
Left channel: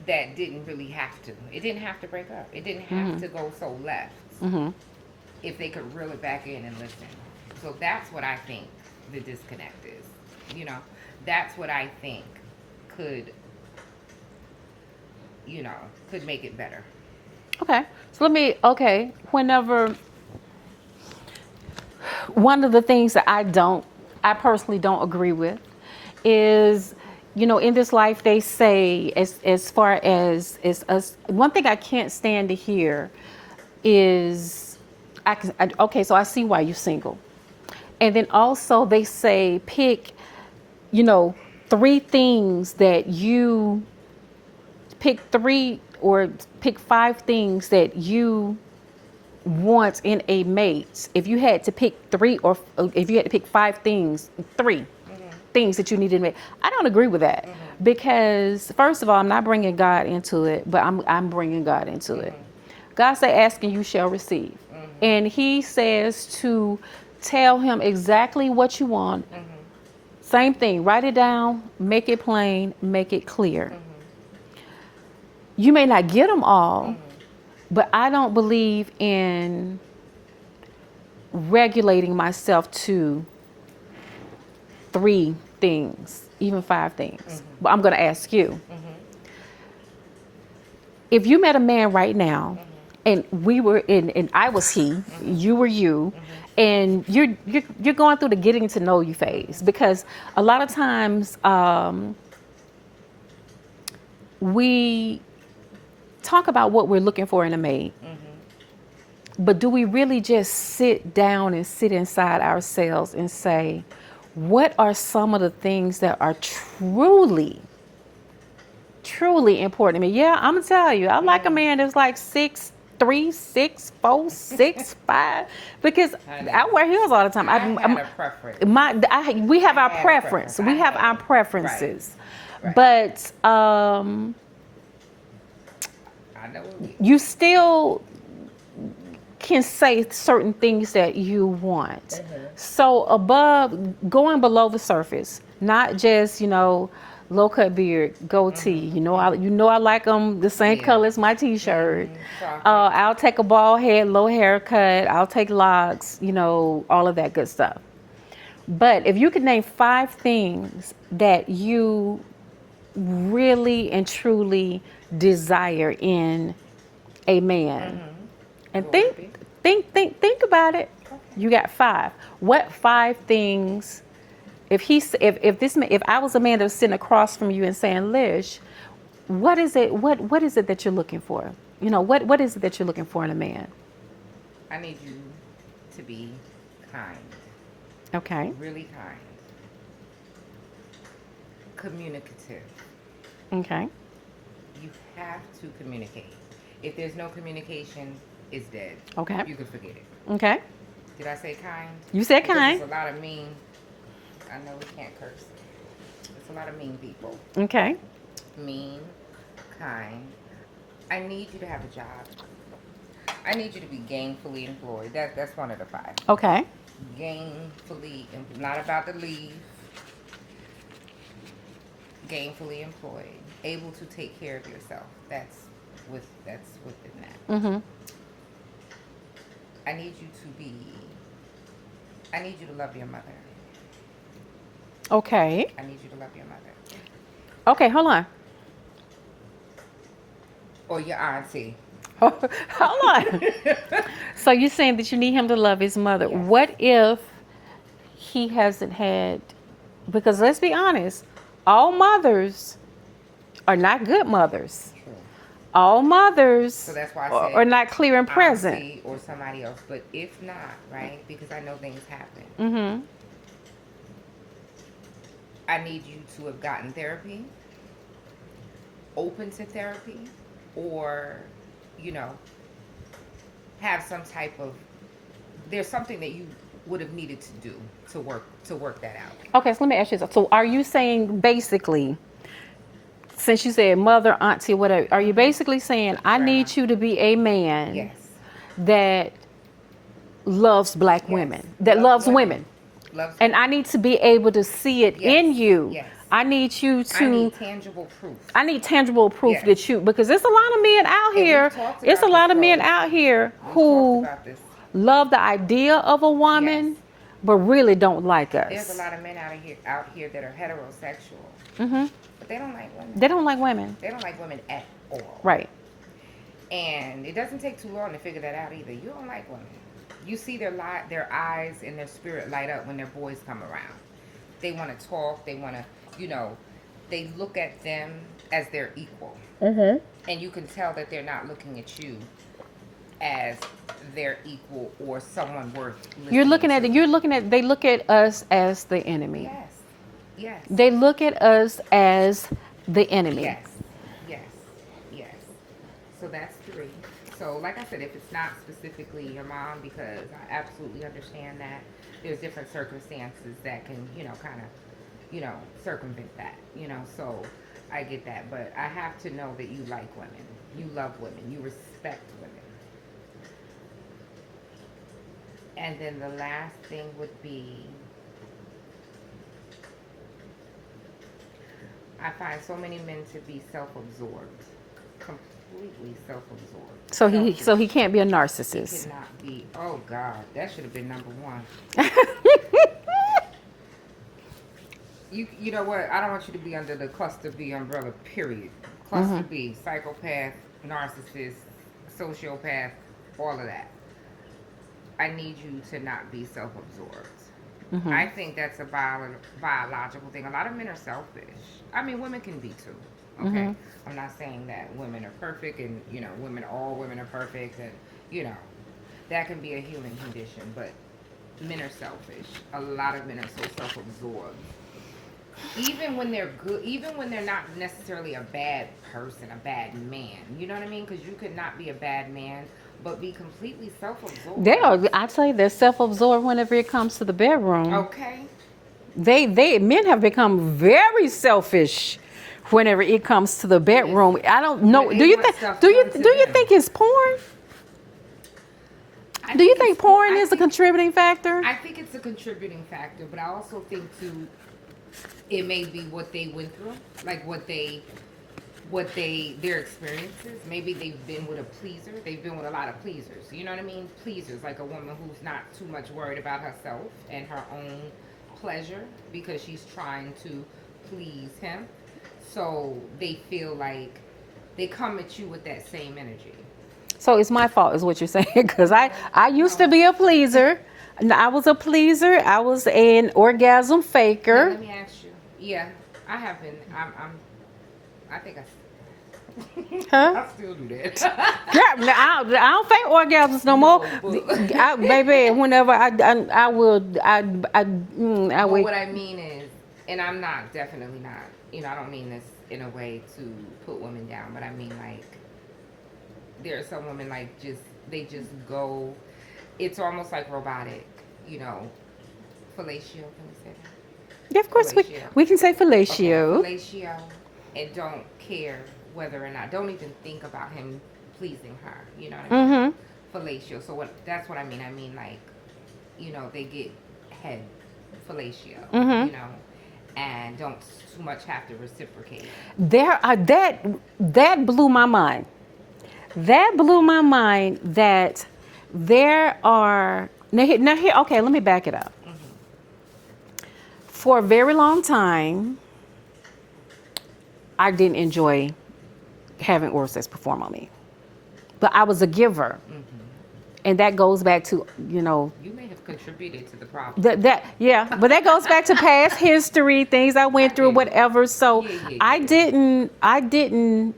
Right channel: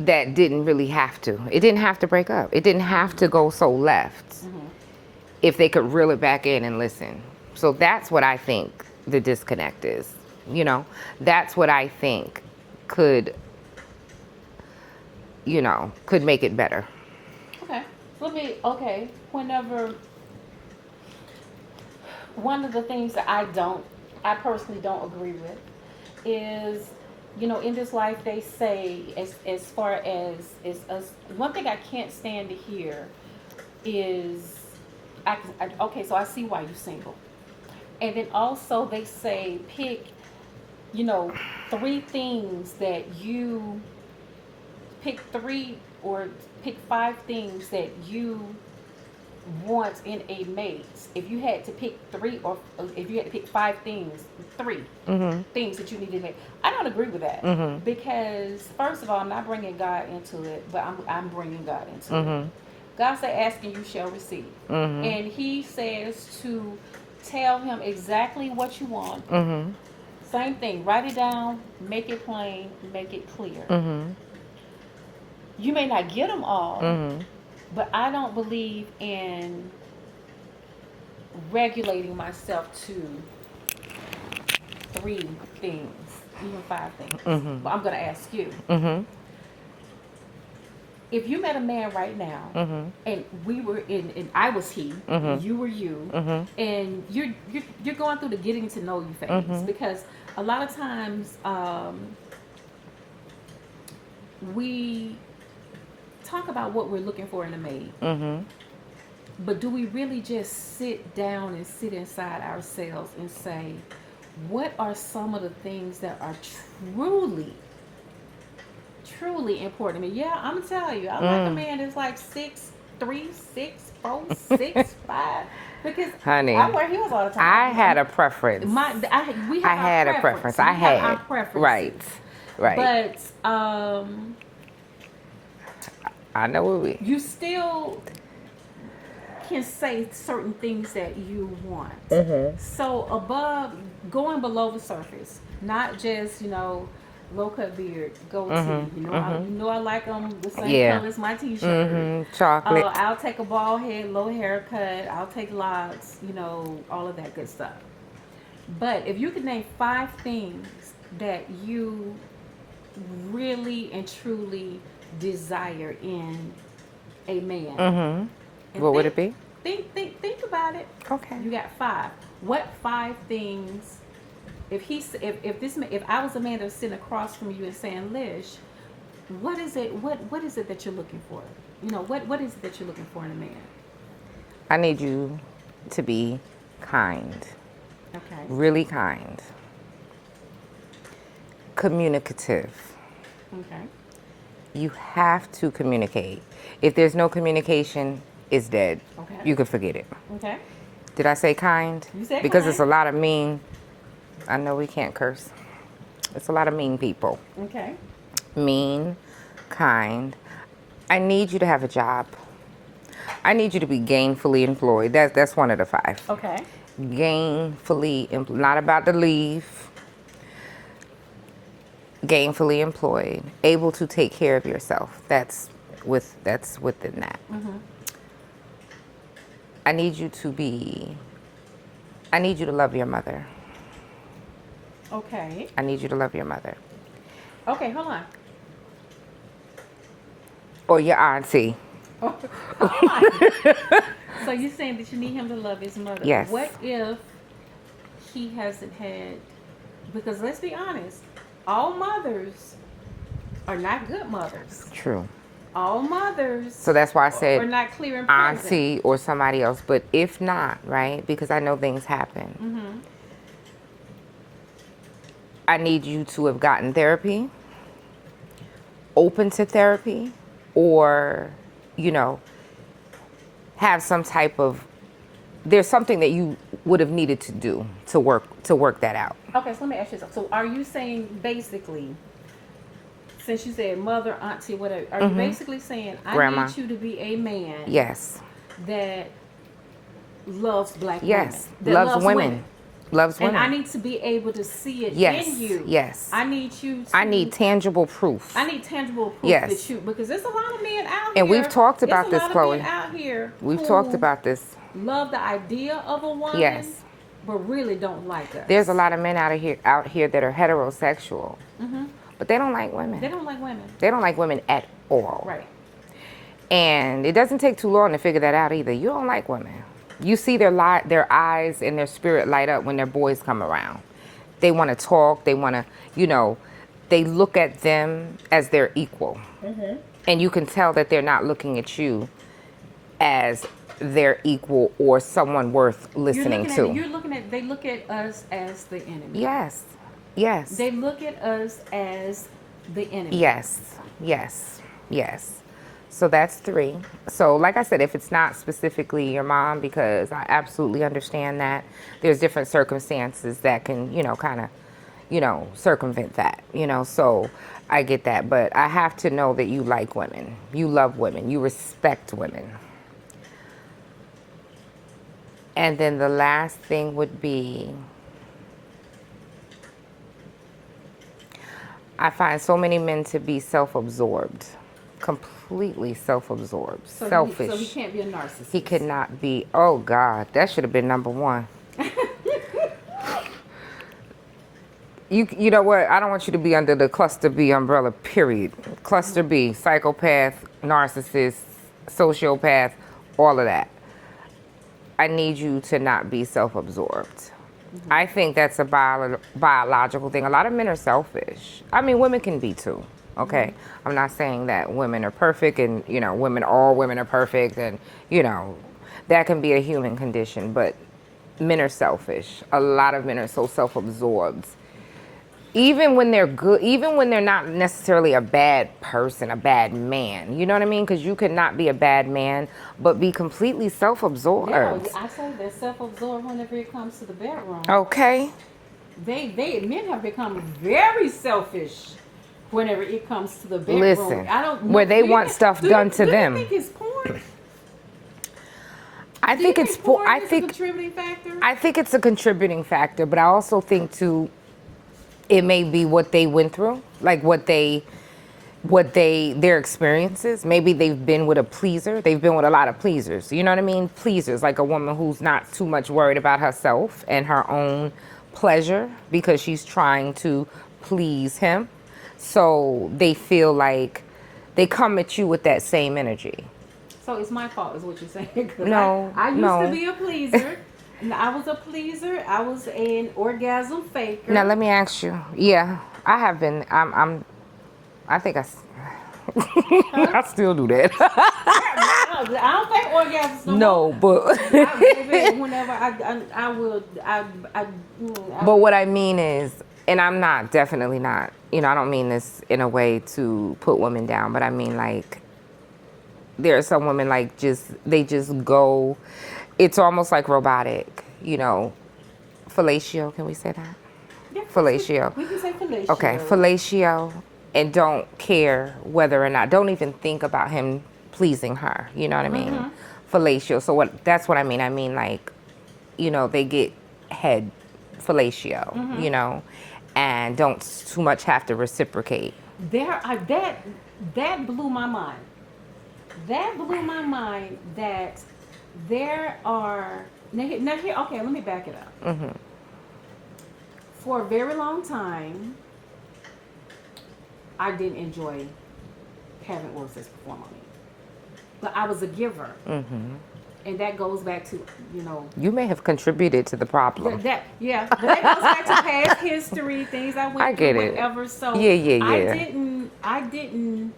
that didn't really have to. It didn't have to break up. It didn't have to go so left if they could reel it back in and listen. So that's what I think the disconnect is. That's what I think could make it better. Okay. So whenever, one of the things that I personally don't agree with is, in this life they say, as far as us, one thing I can't stand to hear is, okay, so I see why you're single. And then also they say pick, you know, three things that you pick three or pick five things that you want in a mate. If you had to pick three, or if you had to pick five things, 3 things that you needed in a mate, I don't agree with that, because first of all, I'm not bringing God into it, but I'm bringing God into it. God say, "Ask and you shall receive," and He says to tell Him exactly what you want. Same thing. Write it down. Make it plain. Make it clear. You may not get them all, but I don't believe in regulating myself to 3 things, even 5 things. But I'm going to ask you, if you met a man right now, and we were in, and I was he, you were you, and you're going through the getting to know you phase, because a lot of times we talk about what we're looking for in a mate, but do we really just sit down and sit inside ourselves and say, what are some of the things that are truly, truly important to me? Yeah, I'm gonna tell you, I like a man that's like 6'3", 6'4", 6'5", because Honey, I wear heels all the time. I had a preference. We have I our had a preference. preference. We I have our had. preferences. Right. But I know what we. you still can say certain things that you want. So going below the surface, not just, low cut beard, goatee. I like them the same color as my t-shirt. Chocolate. I'll take a bald head, low haircut. I'll take locks. All of that good stuff. But if you could name 5 things that you really and truly desire in a man, and What would it be? think about it. Okay. You got 5. What 5 things? If I was a man that was sitting across from you and saying, Lish, what is it? What is it that you're looking for? What is it that you're looking for in a man? I need you to be kind. Okay. Really kind. Communicative. Okay. You have to communicate. If there's no communication, it's dead. Okay. You could forget it. Okay. Did I say kind? You said because kind. It's a lot of mean. I know we can't curse. It's a lot of mean people. Okay. Mean, kind. I need you to have a job. I need you to be gainfully employed. That's one of the 5. Okay. Gainfully employed. Not about to leave. Gainfully employed. Able to take care of yourself. That's within that. I need you to love your mother. Okay. I need you to love your mother. Okay, hold on. Or your auntie. Hold on. So you're saying that you need him to love his mother. Yes. What if he hasn't had, because let's be honest, all mothers are not good mothers. True. All mothers So that's why I said are not clear and present. auntie or somebody else. But if not, right, because I know things happen. I need you to have gotten therapy, open to therapy, or, have some type of, there's something that you would have needed to do to work that out. Okay, so let me ask you something. So are you saying basically, since you said mother, auntie, whatever, are you basically saying I Grandma. need you to be a man Yes. that loves black women, Yes. that loves women. Loves And women. I need to be able to see it Yes, in you. yes. I need you to. I need tangible proof. I need tangible proof Yes. that you, because there's a lot of men out And here. we've talked about There's a this, lot of men Chloe. out here We've who talked about this. love the idea of a woman, Yes. but really don't like us. There's a lot of men out here that are heterosexual, but they don't like women. They don't like women. They don't like women at all. Right. And it doesn't take too long to figure that out either. You don't like women. You see their eyes and their spirit light up when their boys come around. They want to talk. They want to, they look at them as their equal. Mm-hmm. And you can tell that they're not looking at you as their equal or someone worth listening to. They look at us as the enemy. Yes. Yes. They look at us as the enemy. Yes. Yes. Yes. So that's 3. So like I said, if it's not specifically your mom, because I absolutely understand that there's different circumstances that can, kind of, circumvent that, so I get that. But I have to know that you like women, you love women, you respect women. And then the last thing would be, I find so many men to be self-absorbed, completely self-absorbed. So he can't be a narcissist. He cannot be. Oh God, that should have been number 1. You know what? I don't want you to be under the cluster B umbrella. Period. Cluster B: psychopath, narcissist, sociopath, all of that. I need you to not be self-absorbed. Mm-hmm. I think that's a biological thing. A lot of men are selfish. I mean, women can be too. Okay, mm-hmm. I'm not saying that women are perfect and all women are perfect, and that can be a human condition. But men are selfish. A lot of men are so self-absorbed. Even when they're good, even when they're not necessarily a bad person, a bad man, you know what I mean? Because you could not be a bad man, but be completely self-absorbed. I tell you, they're self-absorbed whenever it comes to the bedroom. Okay. Men have become very selfish whenever it comes to the bedroom. Listen, I don't know. Where they want stuff done to them. Do you think it's porn? Do you think porn is a contributing factor? I think it's a contributing factor, but I also think too, it may be what they went through, like their experiences. Maybe they've been with a pleaser. They've been with a lot of pleasers. You know what I mean? Pleasers, like a woman who's not too much worried about herself and her own pleasure because she's trying to please him. So they feel like they come at you with that same energy. So it's my fault, is what you're saying? Because I used to be a pleaser. I was a pleaser. I was an orgasm faker. Now let me ask you. Yeah, I have been. I think I still do that. I don't fake orgasms no more. No, but baby, whenever I will. But what I mean is, and I'm not, definitely not. I don't mean this in a way to put women down, but I mean like, there are some women like they just go. It's almost like robotic, fellatio. Can we say that? Yeah, of course. Fellatio. We can say fellatio. Okay, fellatio, and don't care whether or not. Don't even think about him pleasing her. You know what I mean? Mm-hmm. Fellatio. So that's what I mean. I mean like, they get head fellatio. Mm-hmm. And don't too much have to reciprocate. That blew my mind. That blew my mind that there are now here. Okay, let me back it up. Mm-hmm. For a very long time, I didn't enjoy having oral sex performed on me, but I was a giver, and that goes back to You may have contributed to the problem. But that goes back to past history, things I went through, whatever. So yeah. I didn't.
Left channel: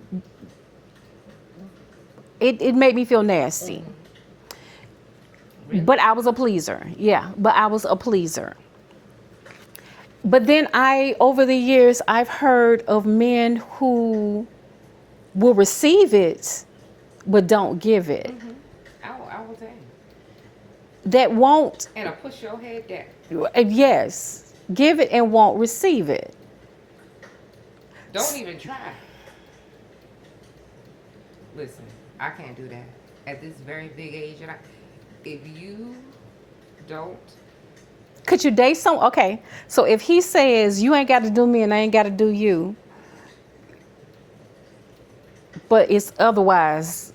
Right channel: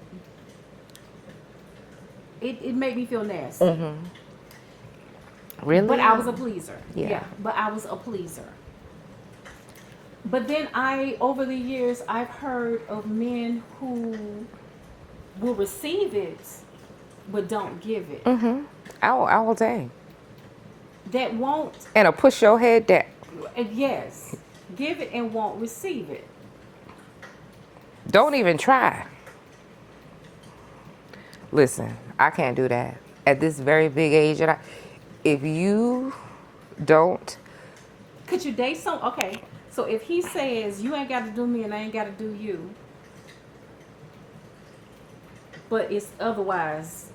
It made me feel nasty. Mm-hmm. Really? But I was a pleaser. Yeah, but I was a pleaser. But then over the years, I've heard of men who will receive it, but don't give it. Mm-hmm. All day. That won't. And push your head down. Yes. Give it and won't receive it. Don't even try. Listen, I can't do that. At this very big age, if you don't. Could you date someone? Okay, so if he says, you ain't got to do me and I ain't got to do you, but it's otherwise,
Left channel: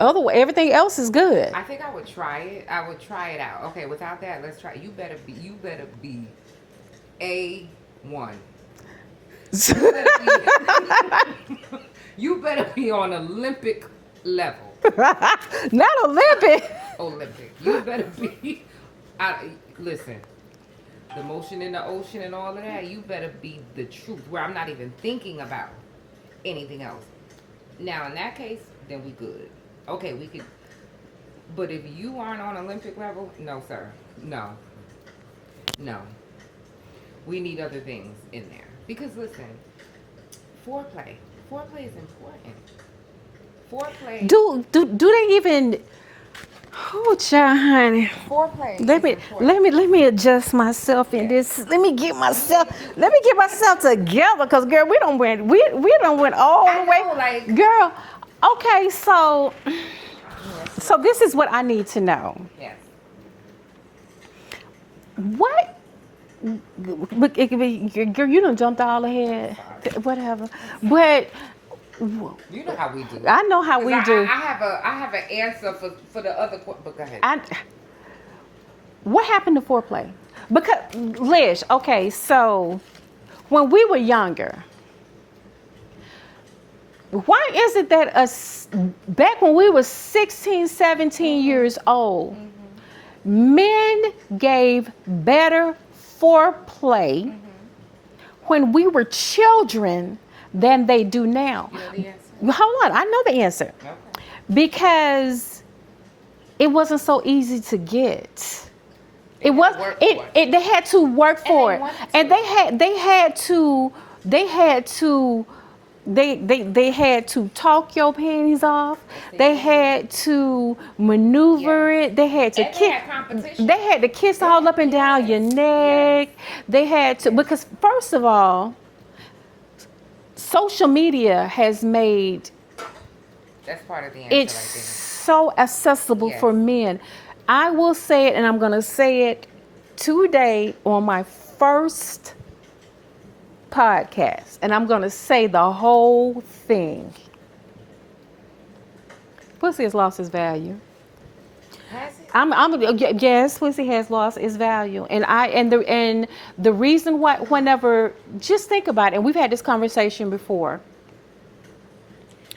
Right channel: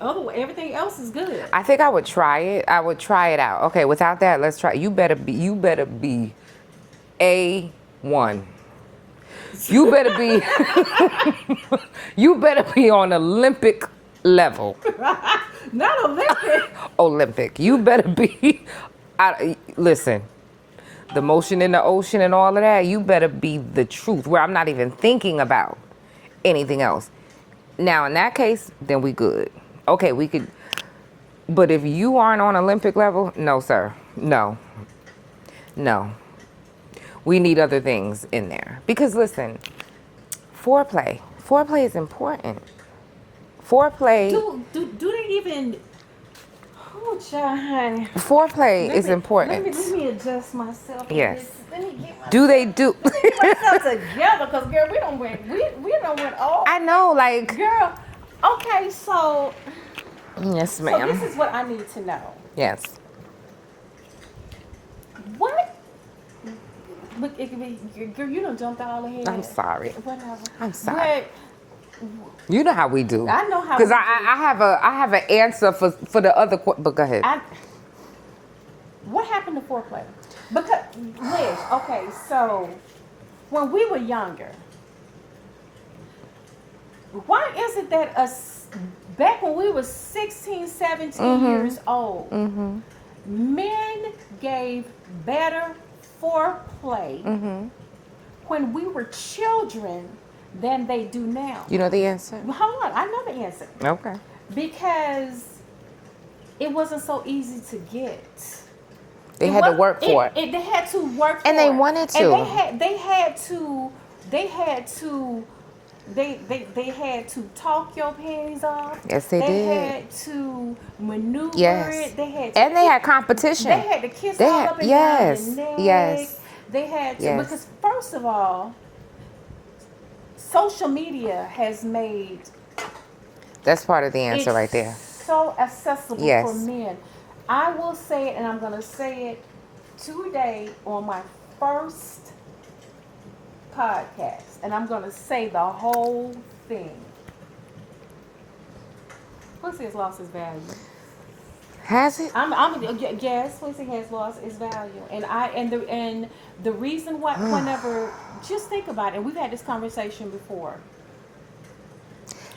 everything else is good. I think I would try it. I would try it out. Okay, without that, let's try. You better be A1. You better be on Olympic level. Not Olympic. Olympic. You better be. Listen, the motion in the ocean and all of that, you better be the truth, where I'm not even thinking about anything else. Now, in that case, then we good. Okay, we could. But if you aren't on Olympic level, no, sir. No. No. We need other things in there. Because listen, foreplay. Foreplay is important. Foreplay. Do they even? Oh, child, honey. Foreplay is important. Let me adjust myself in Yes. this. Let me get myself. Do they do? Let me get myself together, because girl, we don't went. We don't went all the way. I know, like, girl. Okay, so yes, ma'am. so this is what I need to know. Yes. What? But girl, you done jumped all ahead. I'm sorry. Whatever. I'm sorry. You know how we do. I know how we do. I have an answer for the other. But go ahead. What happened to foreplay? Because Lish, okay, so when we were younger, why is it that us back when we were 16, 17 years old, men gave better foreplay when we were children than they do now? You know the answer? Hold on, I know the answer. Okay. Because it wasn't so easy to get. They had to work for it. They had to work for it. And they wanted to. And they had to talk your panties off. Yes, they They did. had to maneuver Yes. it. They had to And they had competition. They had to kiss They all had- up and down yes, your neck. yes, They had to, yes. because first of all, social media has made That's part of the answer it's right there. so accessible Yes. for men. I will say it, and I'm going to say it today on my first podcast, and I'm going to say the whole thing. Pussy has lost its value. Has it? Yes, pussy has lost its value, and the reason why, whenever, just think about it, and we've had this conversation before.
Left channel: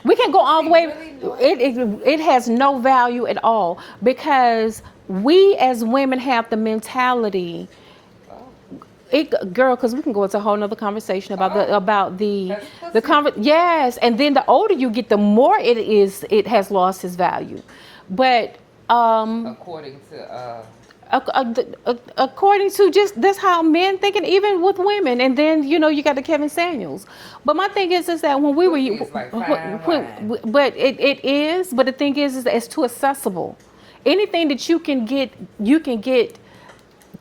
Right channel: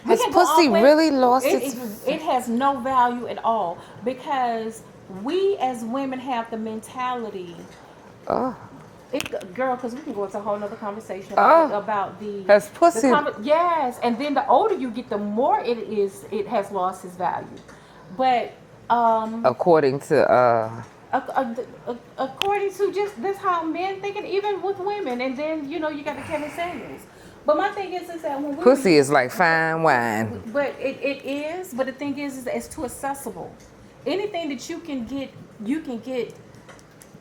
We Has can go all pussy the way. really lost It has no value at all, because we as women have the mentality. Oh. Girl, because we can go into a whole nother conversation about the Has pussy- yes, and then the older you get, the more it has lost its value. But According to according to just that's how men think, and even with women, and then you got the Kevin Samuels. But my thing is that when we were pussy is like fine wine. but it is. But the thing is that it's too accessible. Anything that you can get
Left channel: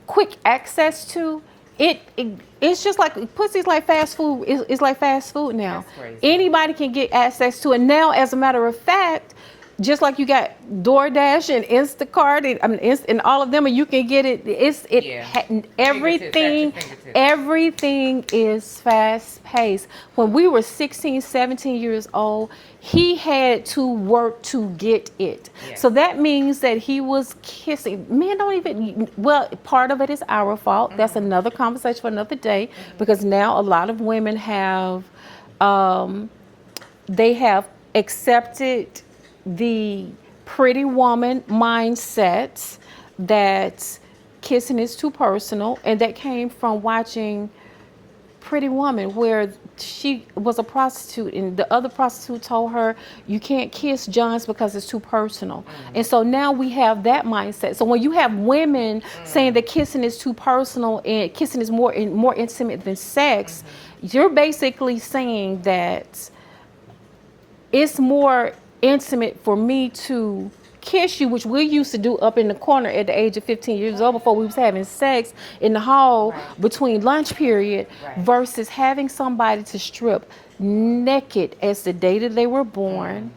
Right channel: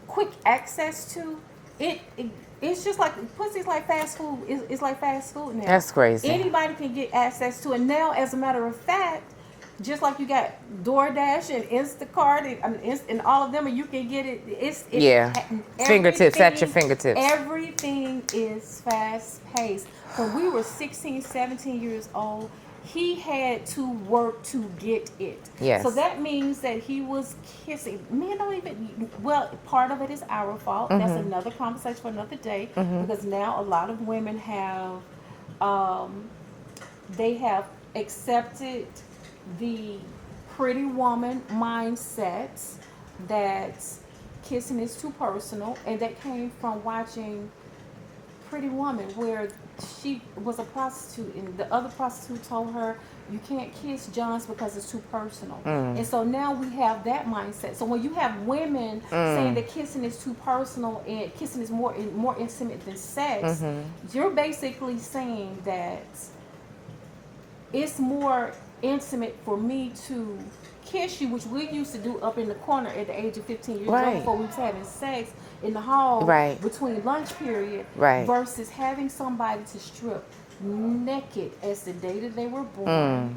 quick access to. It's just like pussy's like fast food. It's like fast food now. That's crazy. Anybody can get access to it now. As a matter of fact, just like you got DoorDash and Instacart and all of them, and you can get it. Fingertips at your fingertips. Everything is fast paced. When we were 16, 17 years old, he had to work to get it. Yes. So that means that he was kissing. Men don't even. Well, part of it is our fault. That's another conversation for another day. Because now a lot of women have, they have accepted the pretty woman mindset that kissing is too personal, and that came from watching Pretty Woman, where she was a prostitute and the other prostitute told her, you can't kiss Johns because it's too personal. And so now we have that mindset. So when you have women saying that kissing is too personal and kissing is more intimate than sex, you're basically saying that it's more intimate for me to kiss you, which we used to do up in the corner at the age of 15 years old before we was having sex in the hall between lunch period, versus having somebody to strip naked as the day that they were born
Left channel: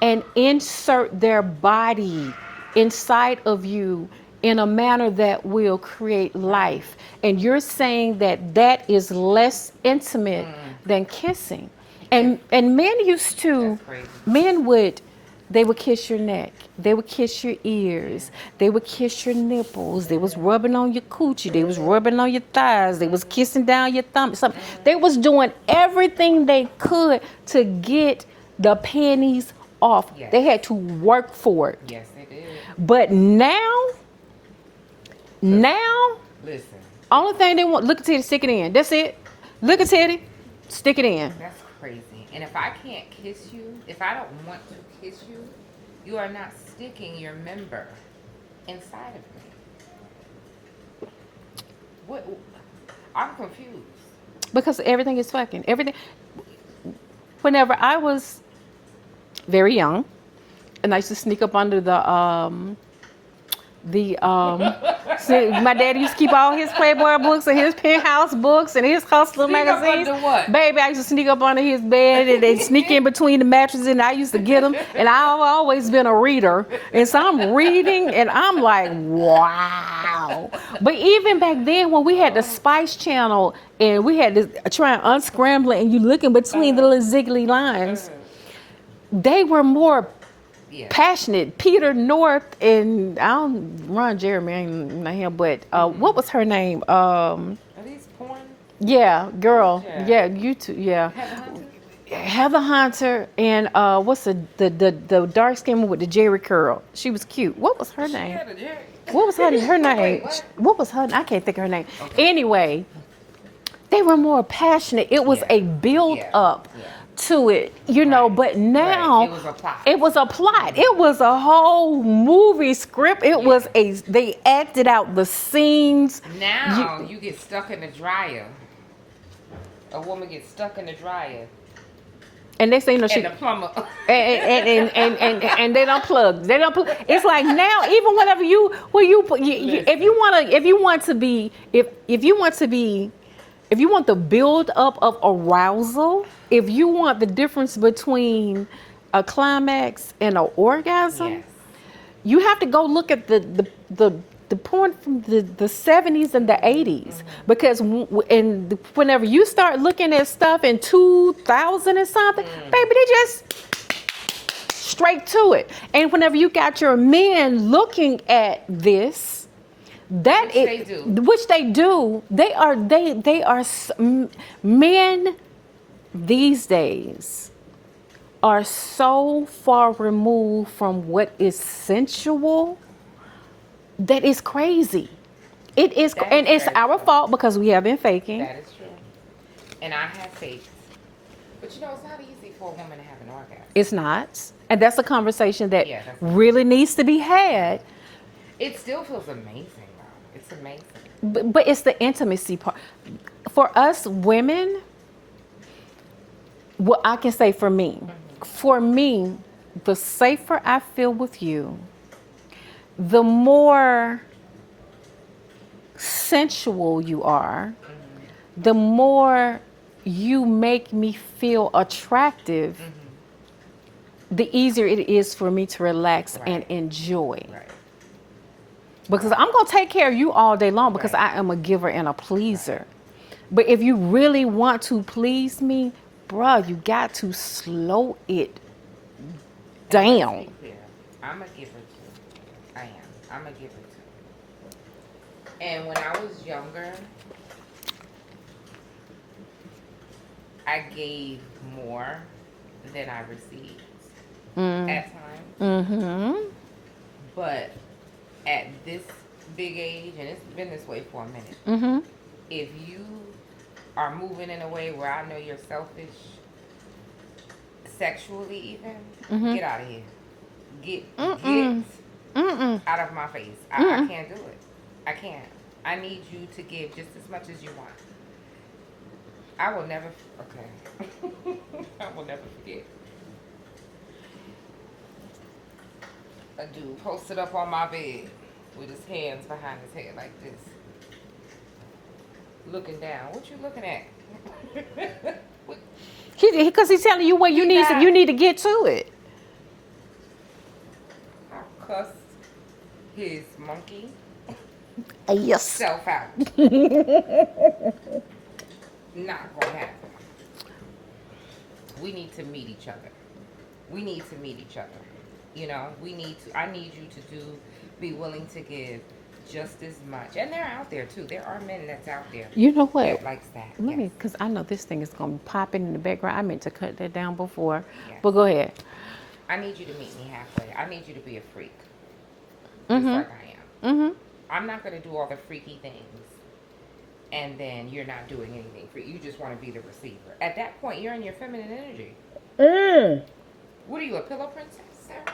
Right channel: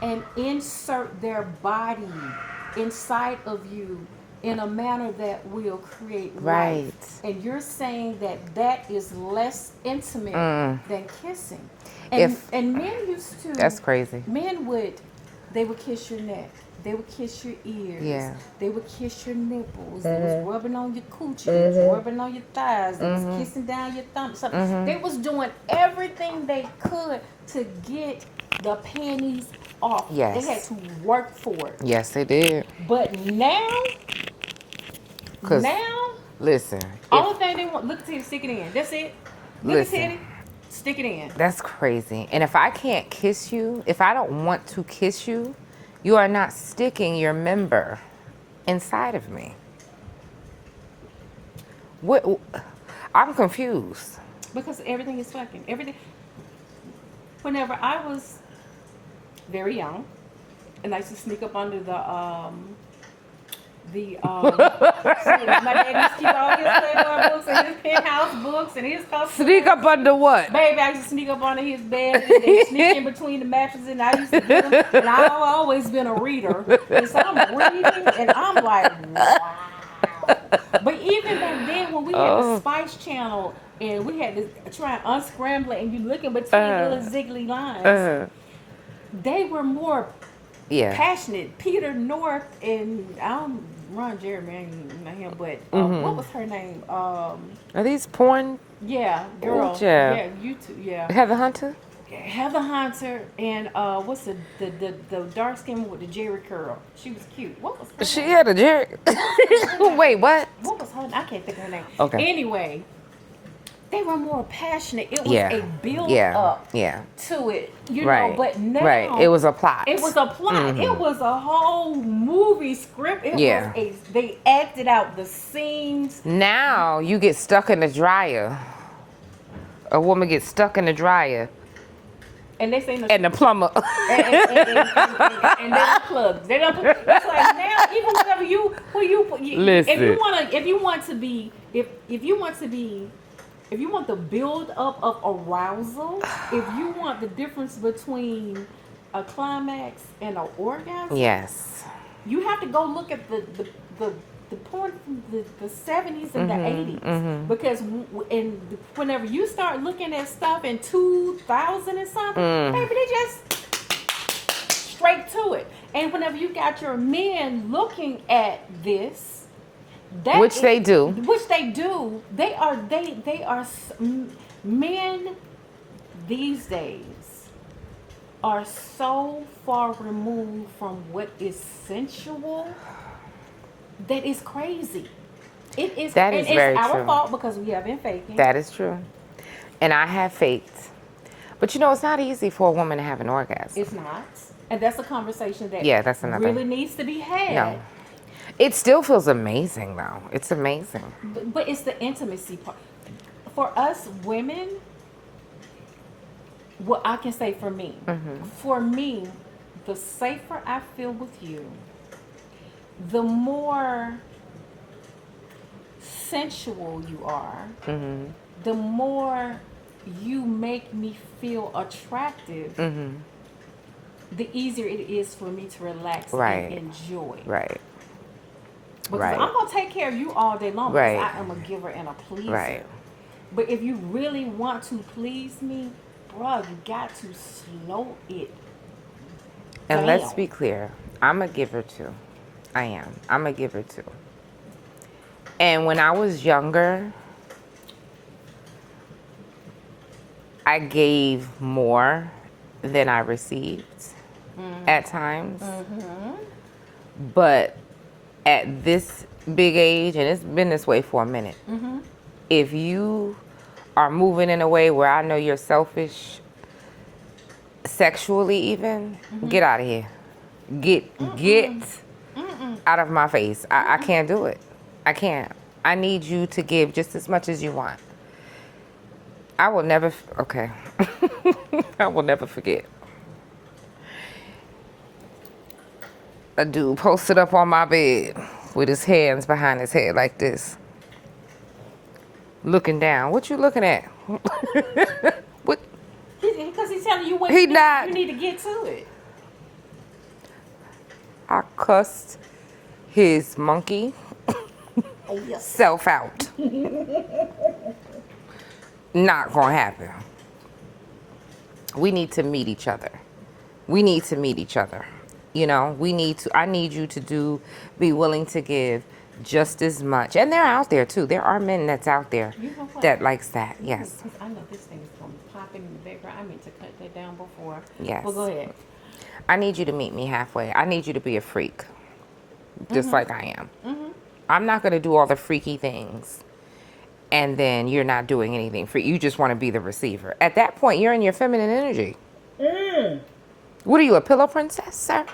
and insert their body inside of you in a manner that will create life. And you're saying that that is less intimate than kissing. And men used to. That's crazy. Men they would kiss your neck. They would kiss your ears. They would kiss your nipples. They was rubbing on your coochie. They was rubbing on your thighs. They was kissing down your thumb. They was doing everything they could to get the panties off. Yes. They had to work for it. Yes, they did. But now, 'Cause, now, listen, only thing they want, look at titty, stick it in. That's it. Look at Listen. titty, stick it in. that's crazy. And if I can't kiss you, if I don't want to kiss you, you are not sticking your member inside of me. What? I'm confused. Because everything is fucking. Everything. Whenever I was very young, and I used to sneak up under see, my dad used to keep all his Playboy books and his Penthouse books and his Hustler Sneak up magazines. under what? Baby, I used to sneak up under his bed and they sneak in between the mattresses and I used to get them. And I've always been a reader. And so I'm reading and I'm like, wow. But even back then when we had the Spice Channel and we had to try and unscramble it and you looking between the little ziggly lines, they were more Yeah. passionate. Peter North and I don't Ron Jeremy, I ain't not him, but what was her name? Are these porn? Yeah, girl. Yeah. Yeah, you two. Yeah, Heather Hunter? Heather Hunter and what's the dark skin one with the Jerry curl? She was cute. What was her She name? had a Jerry. What was her name? Wait, what? What was her? I can't think of her name. Okay. Anyway, they were more passionate. It was Yeah. a build Yeah. up Yeah. to it, you know. Right. But now Right. It was a plot. It was a plot. It was a whole movie script. It was Yeah. they acted out the scenes. Now you get stuck in the dryer. A woman gets stuck in the dryer. And next thing you know, And the plumber. and they don't plug. They don't plug. It's like now, even whenever if you want the build up of arousal, if you want the difference between a climax and an orgasm, Yes. you have to go look at the porn from the 70s and the 80s because whenever you start looking at stuff in 2000 and something, baby, they just straight to it. And whenever you got your men looking at this, Which they do. Men these days are so far removed from what is sensual that is crazy. It is, That and is it's very our true. fault because we have been faking. That is true. And I have faked. But you know, it's not easy for a woman to have an orgasm. It's not, and that's a conversation that Yeah, that's another- really needs to be had. No. It still feels amazing, though. It's amazing. But it's the intimacy part. For us women, what I can say for me, the safer I feel with you, the more sensual you are, the more you make me feel attractive, the easier it is for me to relax Right. and enjoy. Right. Because Right. I'm going to take care of you all day long because Right. I am a giver and a pleaser. Right. But if you really want to please me, bruh, you got to slow it And down. let's be clear. I'm a giver, too. I am. I'm a giver, too. And when I was younger, I gave more than I received at times. But at this big age, and it's been this way for a minute, if you are moving in a way where I know you're selfish, sexually even, get out of here. Get out of my face. I can't do it. I can't. I need you to give just as much as you want. I will never, okay. I will never forget. A dude posted up on my bed with his hands behind his head like this. Looking down. What you looking at? What? Because he's telling you what He you need, not- you need to get to it. I cussed his monkey Yes. self out. Not gonna happen. We need to meet each other. We need to meet each other. You know, I need you to be willing to give just as much. And they're out there too. There are men that's out there. You know what? That likes that. Yes. Because I know this thing is going to pop in the background. I meant to cut that down before. Yes. But go ahead. I need you to meet me halfway. I need you to be a freak, just like I am. I'm not going to do all the freaky things, and then you're not doing anything free. You just want to be the receiver. At that point, you're in your feminine energy. What are you, a pillow princess, sir?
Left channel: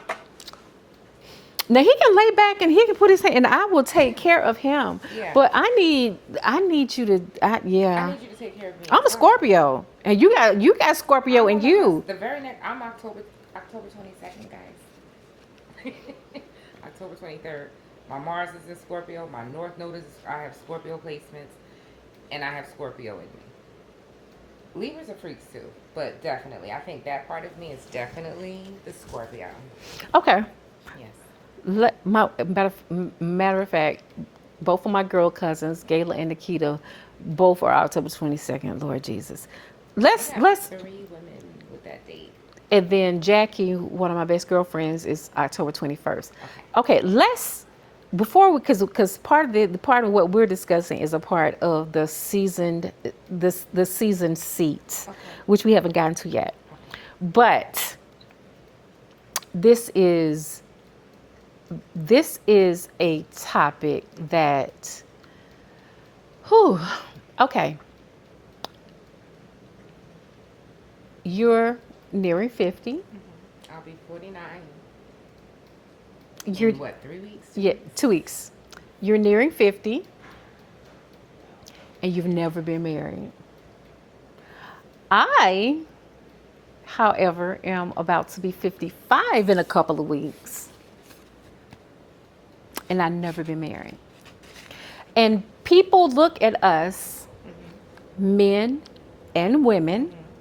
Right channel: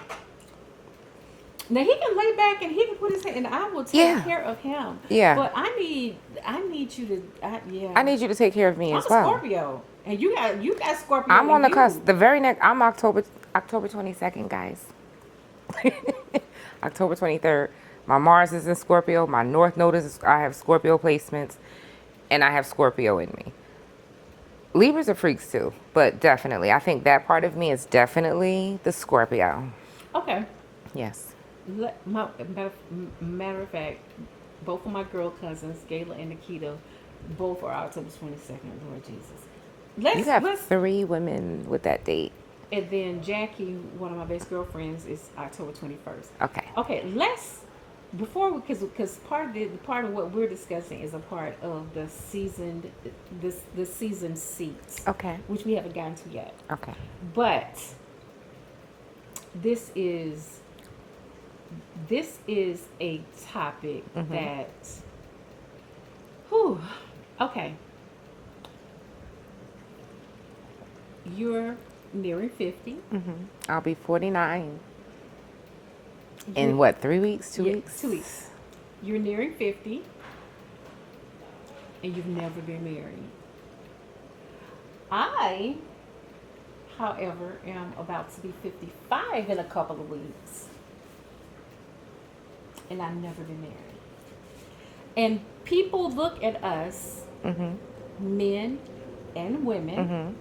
Now he can lay back and he can put his hand, and I will take Yeah. care of him. Yeah. But I need you to, yeah. I need you to take care of me. I'm as a well. Scorpio, and you got Scorpio I'm in on the you. cusp. The very next, I'm October 22nd, guys. October 23rd. My Mars is in Scorpio. My North Node is, I have Scorpio placements, and I have Scorpio in me. Libras are freaks too, but definitely, I think that part of me is definitely the Scorpio. Okay. Yes. Matter of fact, both of my girl cousins, Gayla and Nikita, both are October 22nd. Lord Jesus. You Let's have 3 women with that date. and then Jackie, one of my best girlfriends, is October 21st. Okay. Okay, because part of what we're discussing is a part of the seasoned seats. Okay. Which we haven't gotten to yet. Okay. But this is a topic that, okay. You're nearing 50. I'll be 49 You're- in what, 3 weeks? 2 Yeah, weeks? 2 weeks. You're nearing 50, and you've never been married. I, however, am about to be 55 in a couple of weeks, and I've never been married. And people look at us, men and women,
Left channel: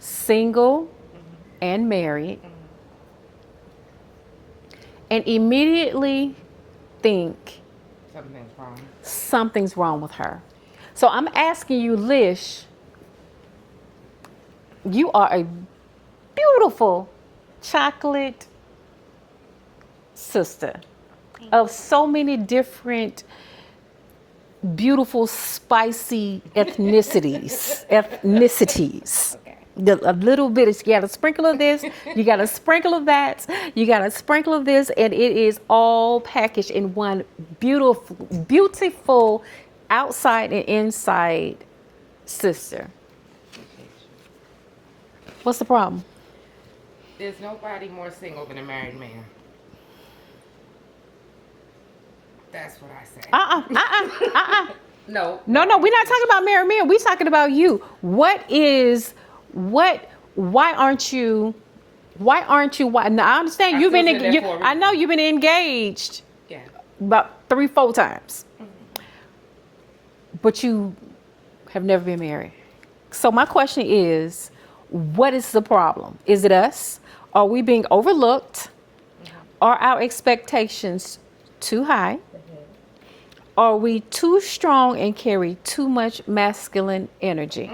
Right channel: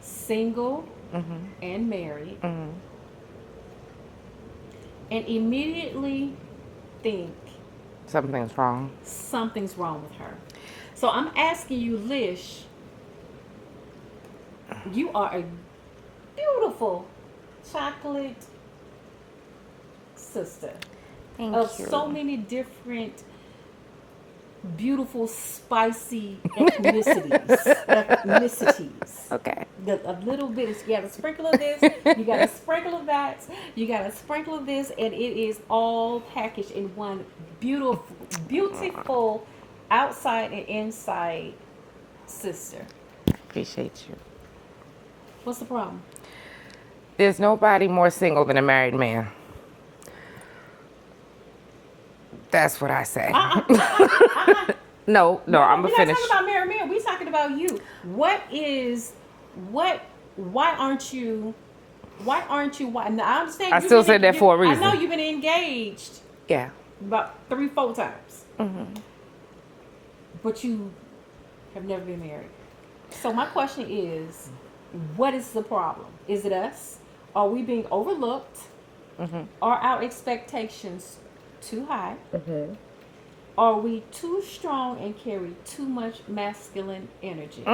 single and married, and immediately think Something's wrong. something's wrong with her. So I'm asking you, Lish, you are a beautiful chocolate sister of so many different beautiful, spicy ethnicities. Okay. A little bit is, you got a sprinkle of this, you got a sprinkle of that, you got a sprinkle of this, and it is all packaged in one beautiful outside and inside sister. Appreciate you. What's the problem? There's nobody more single than a married man. That's what I say. No, No, I'm we're not finished. talking about married men. We're talking about you. Why aren't you, now I understand I you've still been, said that for a I reason. know you've been engaged Yeah. about 3-4 times, but you have never been married. So my question is, what is the problem? Is it us? Are we being overlooked? Are our expectations too high? Are we too strong and carry too much masculine energy?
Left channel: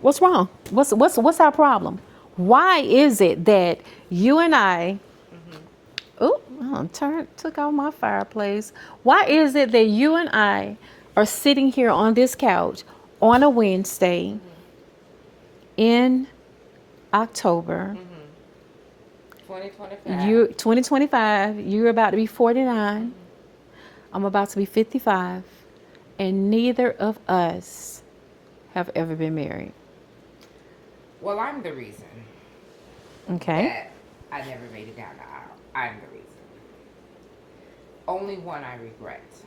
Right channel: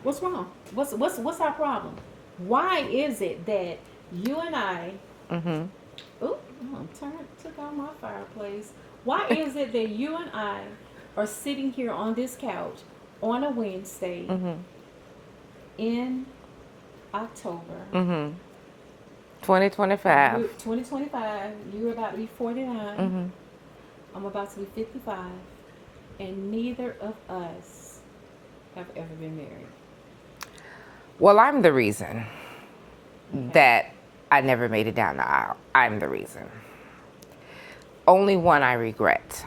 What's wrong? What's our problem? Why is it that you and I? Took out my fireplace. Why is it that you and I are sitting here on this couch on a Wednesday in October? 2025. 2025, you're about to be 49. I'm about to be 55. And neither of us have ever been married. Well, I'm the reason Okay. that I never made it down the aisle. I'm the reason. Only one I regret.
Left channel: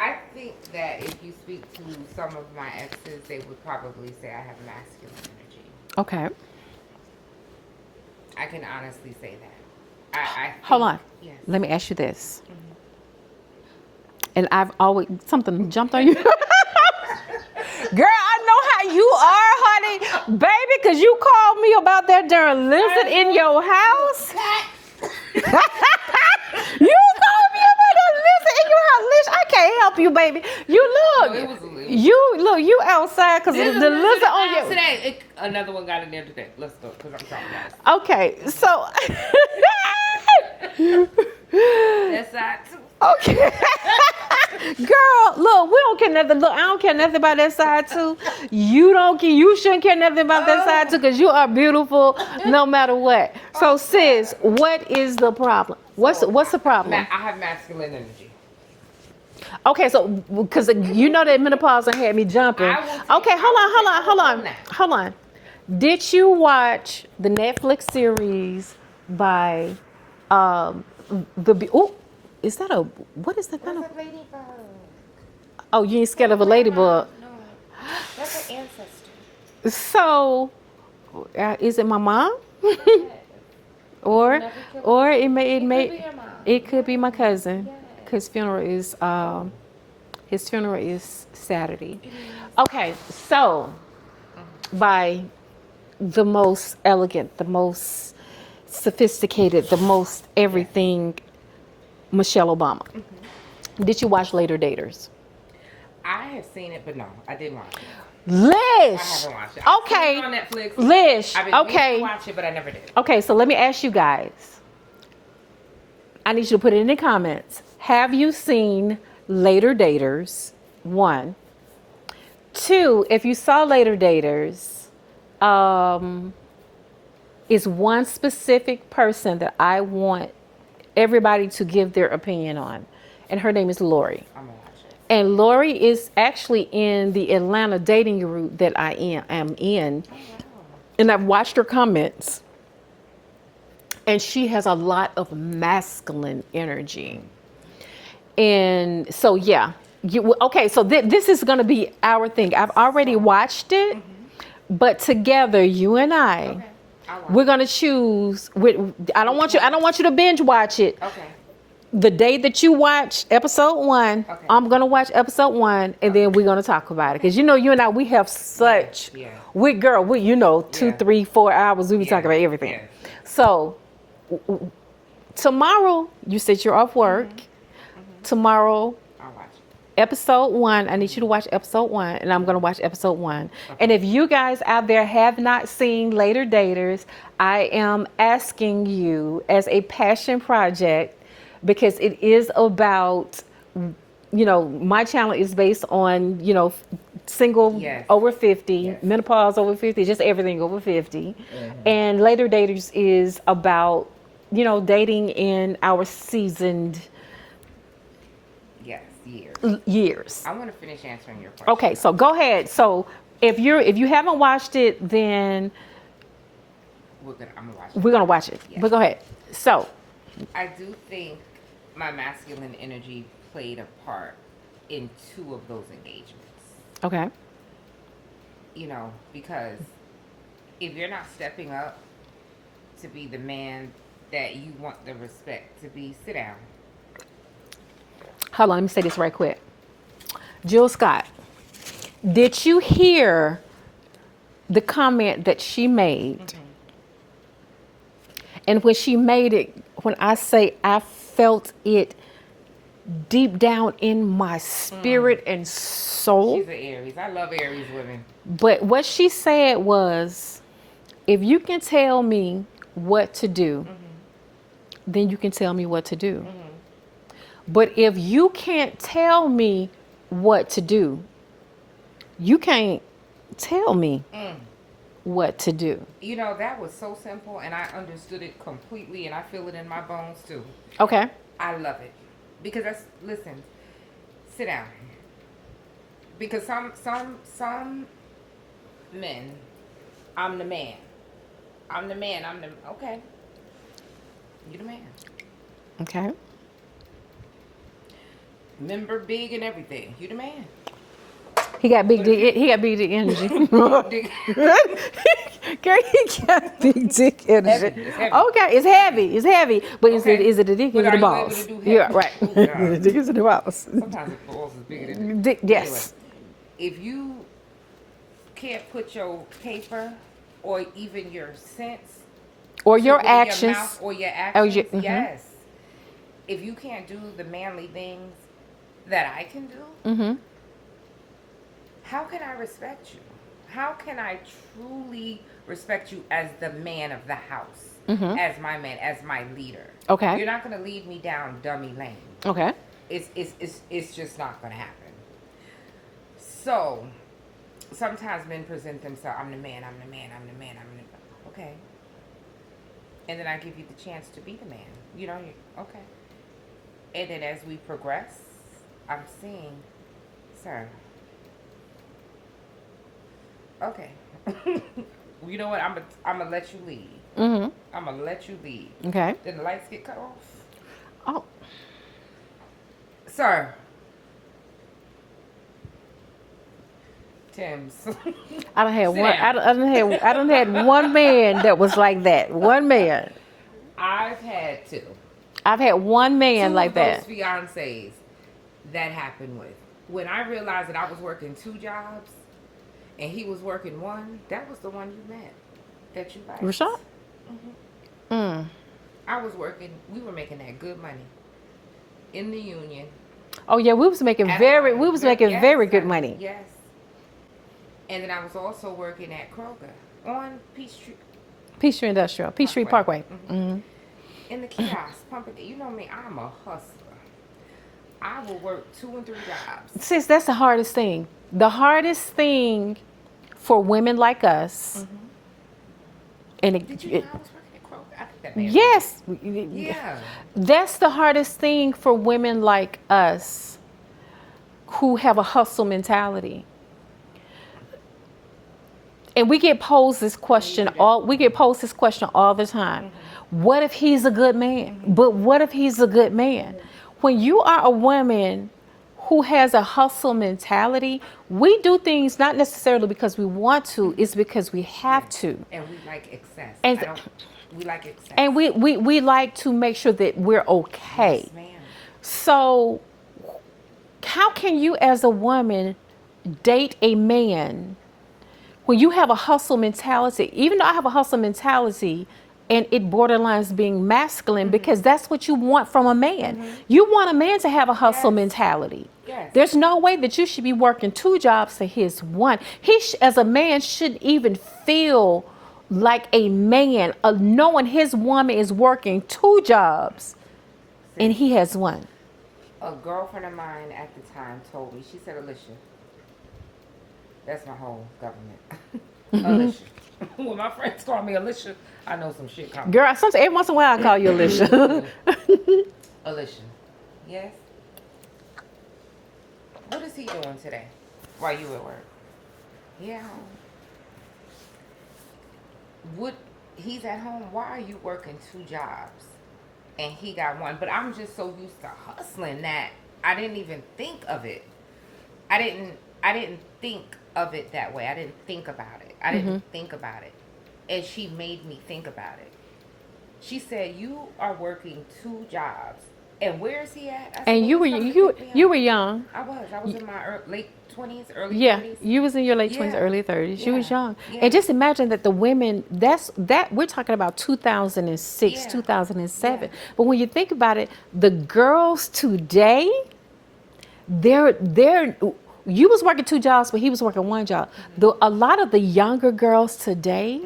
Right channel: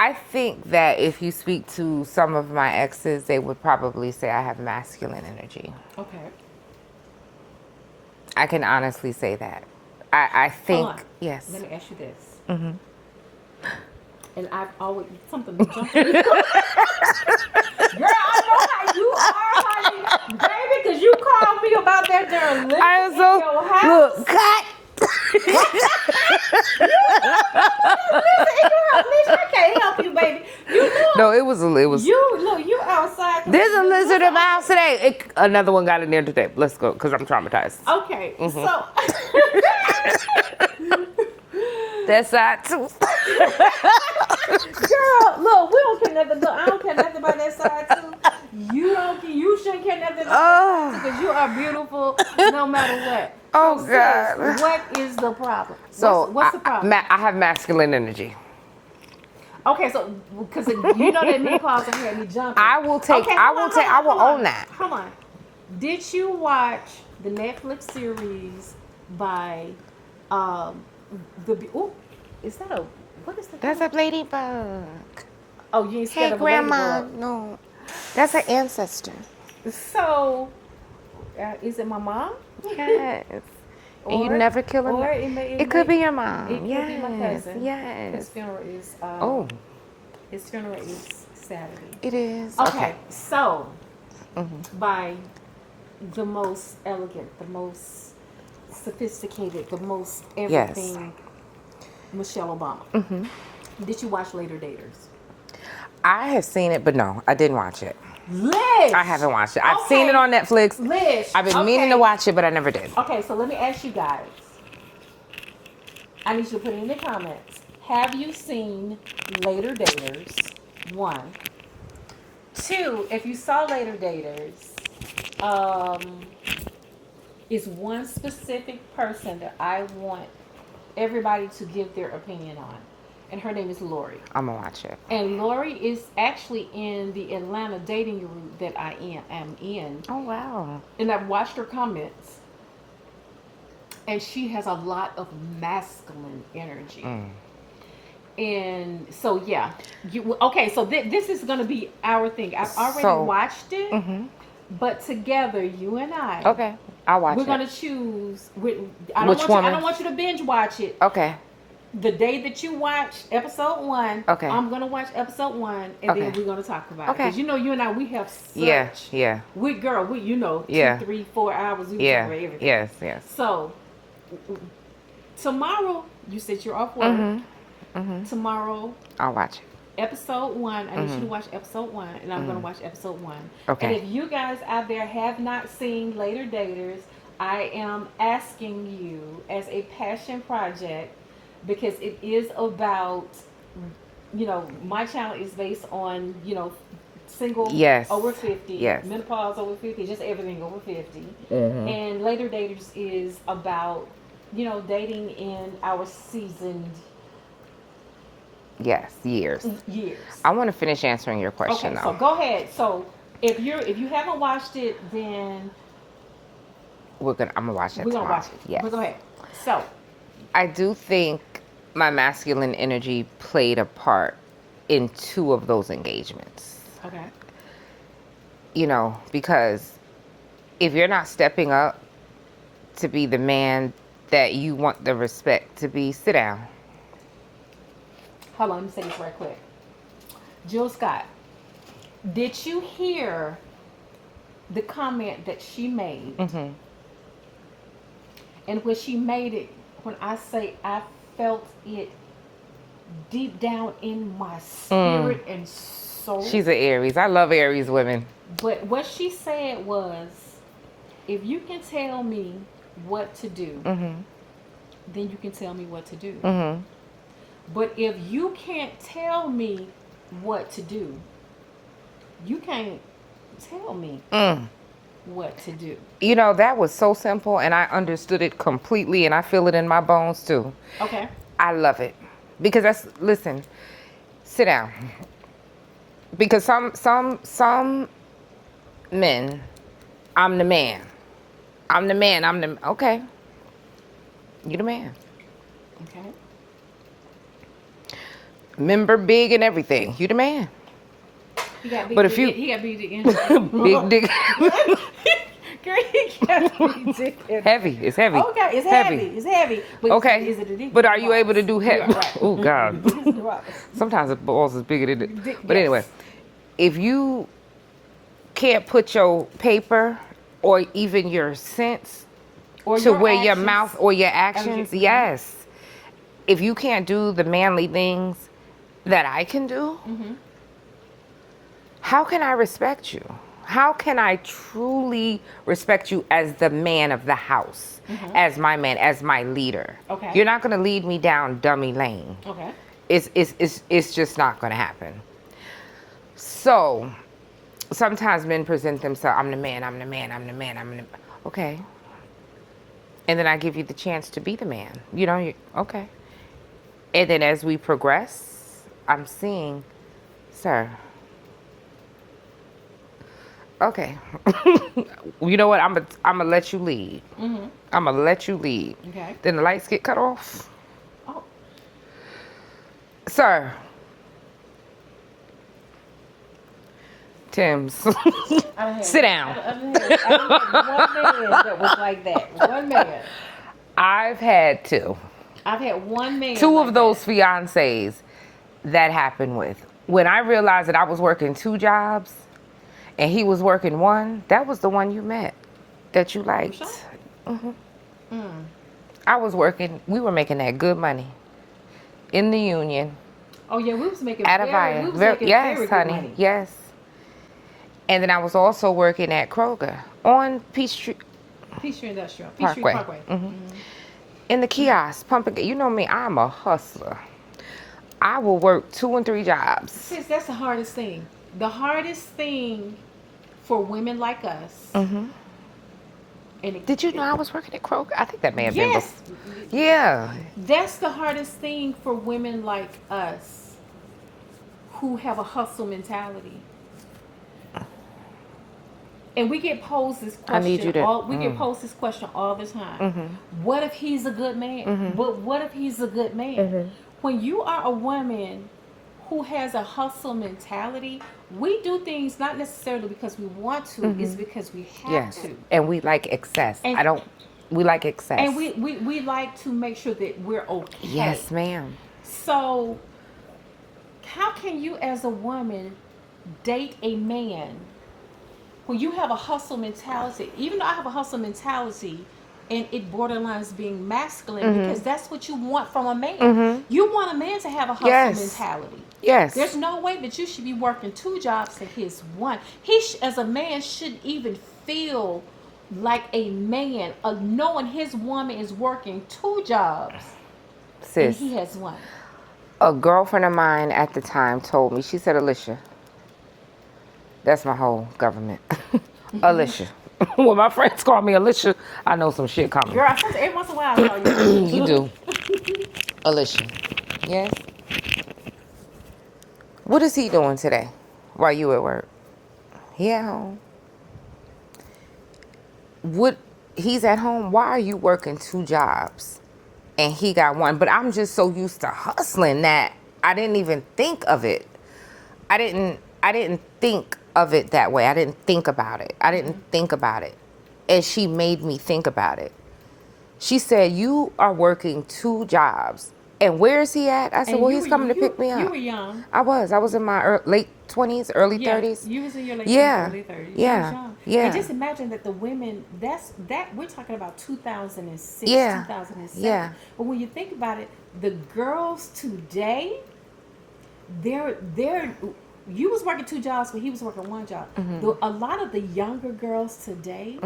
I think that if you speak to some of my exes, they would probably say I have masculine energy. Okay. I can honestly say that. I think. Hold on. Yes. Let me ask you this. And I've always, something jumped on you. Girl, I know how you are, honey. Baby, because you called me about that darn lizard in your house. You called me about that lizard in your house. Lish, I can't help you, baby. You know. No, it was. You outside because There's a lizard in the on house your- today. Another one got in there today. Let's go, because I'm traumatized. Okay, so That's side too. Girl, look, we don't care nothing. Look, I don't care nothing about that side too. You don't care. You shouldn't care nothing about that side too, because you are beautiful no matter what. So, Oh, sis, God. what is the problem? So What's the problem? I have masculine energy. Okay, so because you know that menopause done had me jumping. I will take. Okay, I will hold own that. Hold on. Did you watch the Netflix series by oh, is that a what is that? That's called? a ladybug. Oh, you ain't scared Hey, of a Grandma. ladybug. No, that's her ancestor. So, is it my mom? Yes. Or you never kill or him. It could be your mom. It could be my cousin. Yes. His funeral is Oh. his funeral is Saturday. It is. Okay, so by the most elegant, the most sophisticated, the most everything, Michelle Obama. Did you watch Later Daters? I have seen it, but no, I didn't watch it. Lish! I haven't watched it. I've seen it on Netflix. Lish! I've been meaning to watch it, but I never did. Okay, so let me ask you guys. I need you to put it in the comments. Have you seen Later Daters? 1. 2, if you saw Later Daters, is one specific person that I want everybody to give their opinion on. And her name is Lori. I'm gonna watch it. And Lori is actually in the Atlanta dating group that I am in. Oh wow. And I've watched her comments. And she has a lot of masculine energy. And so, yeah. Okay, so this is going to be our thing. I've already watched it. But together, you and I. Okay. I'll watch We're it. going to choose. I don't want you to binge watch it. Okay. The day that you watch episode 1, Okay. I'm going to watch episode 1, and then we're going to talk about it. Because, you and I, we have such... Yeah. We, 2, 3, 4 hours, we can talk about everything. Yes. So, tomorrow, you said you're off work. Tomorrow, I'll watch it. episode 1, I need you to watch episode 1, and I'm going to watch episode 1. Okay. And if you guys out there have not seen Later Daters, I am asking you as a passion project, because it is about, my channel is based on, single over 50, menopause over 50, just everything over 50. And Later Daters is about, dating in our seasoned years. I want to finish answering your question. Okay, so go ahead. So if you haven't watched it, then I'm gonna watch it. We're gonna watch it. Yes. But go ahead. So I do think my masculine energy played a part in 2 of those engagements. okay. Because if you're not stepping up to be the man that you want the respect to be, sit down. Hold on, let me say this right quick. Jill Scott, did you hear the comment that she made? And when she made it, when I say I felt it deep down in my spirit and soul. She's an Aries. I love Aries women. But what she said was, if you can tell me what to do, then you can tell me what to do. But if you can't tell me what to do, you can't tell me what to do. That was so simple, and I understood it completely, and I feel it in my bones too. Okay. I love it. Because listen, sit down. Because some men, I'm the man. Okay. You the man. Okay. Member big and everything. You the man. He got big dick. He got big dick energy. Big dick. Girl, he got big dick energy. Heavy. It's heavy. Okay, it's heavy. It's heavy. But Okay. is it a dick? But or are the you balls? able to do heavy? Yeah. Right. Oh God. The dick or the balls? Sometimes the balls is bigger than it. Dick, But yes. anyway, if you can't put your paper or even your sense Or to your where actions. your mouth or your actions, mhm. yes. If you can't do the manly things that I can do, how can I respect you? How can I truly respect you as the man of the house, as my man, as my leader? Okay. You're not going to lead me down dummy lane. Okay. It's just not going to happen. So sometimes men present themselves, I'm the man, I'm the man, I'm the man, I'm the okay. And then I give you the chance to be the man. You know, okay. And then as we progress, I'm seeing, sir, okay. You know what? I'm gonna let you lead. I'm gonna let you lead. Okay. Then the lights get cut off. Oh. Sir. Tim's. I done had Sit one. down. I done had one man that was like that. One man. I've had two. I've had one man Two like of those that. fiancés that happened with. When I realized that I was working two jobs and he was working one, that was the one you met that you liked. Rashawn? I was working, we were making that good money in the union. Oh yeah, we was making Yes, very good honey, money. Yes. And then I was also working at Kroger on Peachtree Industrial, Peachtree Parkway. in the kiosk, pumping. You know me, I'm a hustler. I will work 2 and 3 jobs. Sis, that's the hardest thing. The hardest thing for women like us. And Did you know I was working at Kroger? I think that may have yes, been. Yeah. that's the hardest thing for women like us who have a hustle mentality. And we get posed this question get posed this question all the time. What if he's a good man? But what if he's a good man? When you are a woman who has a hustle mentality, we do things not necessarily because we want to, it's because we have to. And we like excess. And- We like excess. And we like to make sure that we're okay. Yes, ma'am. So how can you as a woman date a man when you have a hustle mentality? Even though I have a hustle mentality and it borderlines being masculine because that's what you want from a man. You want a man to have a hustle mentality. Yes. There's no way that you should be working 2 jobs to his one. He as a man shouldn't even feel like a man knowing his woman is working 2 jobs and he has one. A girlfriend of mine at the time told me, she said, Alicia, that's my whole government. Alicia. When my friends call me Alicia, I know some shit coming. Girl, every once in a while I call you Alicia. You do. Alicia. Yes? What is he doing today while you at work? He at home. He's at home. Why are you working 2 jobs? And he got one. But I'm just so used to hustling that I didn't even think of it. I didn't think of it that way. I didn't think about it. I didn't think about it. And she made me think about it. She said, you are working 2 jobs. And where is he at? I said, well, he's coming to pick me up. You were young. I was in my late 20s, early 30s. You was in your late 20s, early 30s. You was young. Yeah. And just imagine that the women, we're talking about 2006, 2007. Yeah. But when you think about it, the girls today, you was working 2 jobs, but he was working 1 job. A lot of the younger girls today,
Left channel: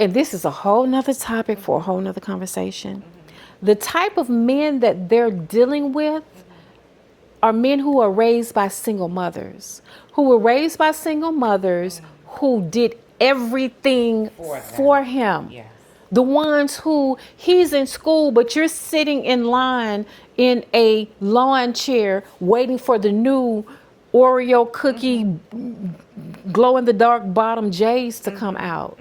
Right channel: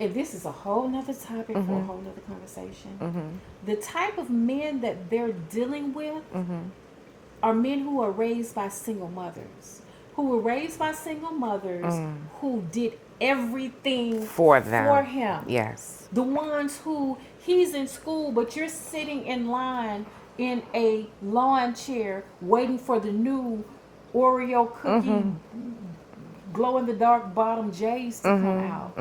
and this is a whole nother topic for a whole nother conversation. The type of men that they're dealing with are men who are raised by single mothers, who did everything for him. Yes. The ones who he's in school, but you're sitting in line in a lawn chair waiting for the new Oreo cookie glow in the dark bottom J's to come out.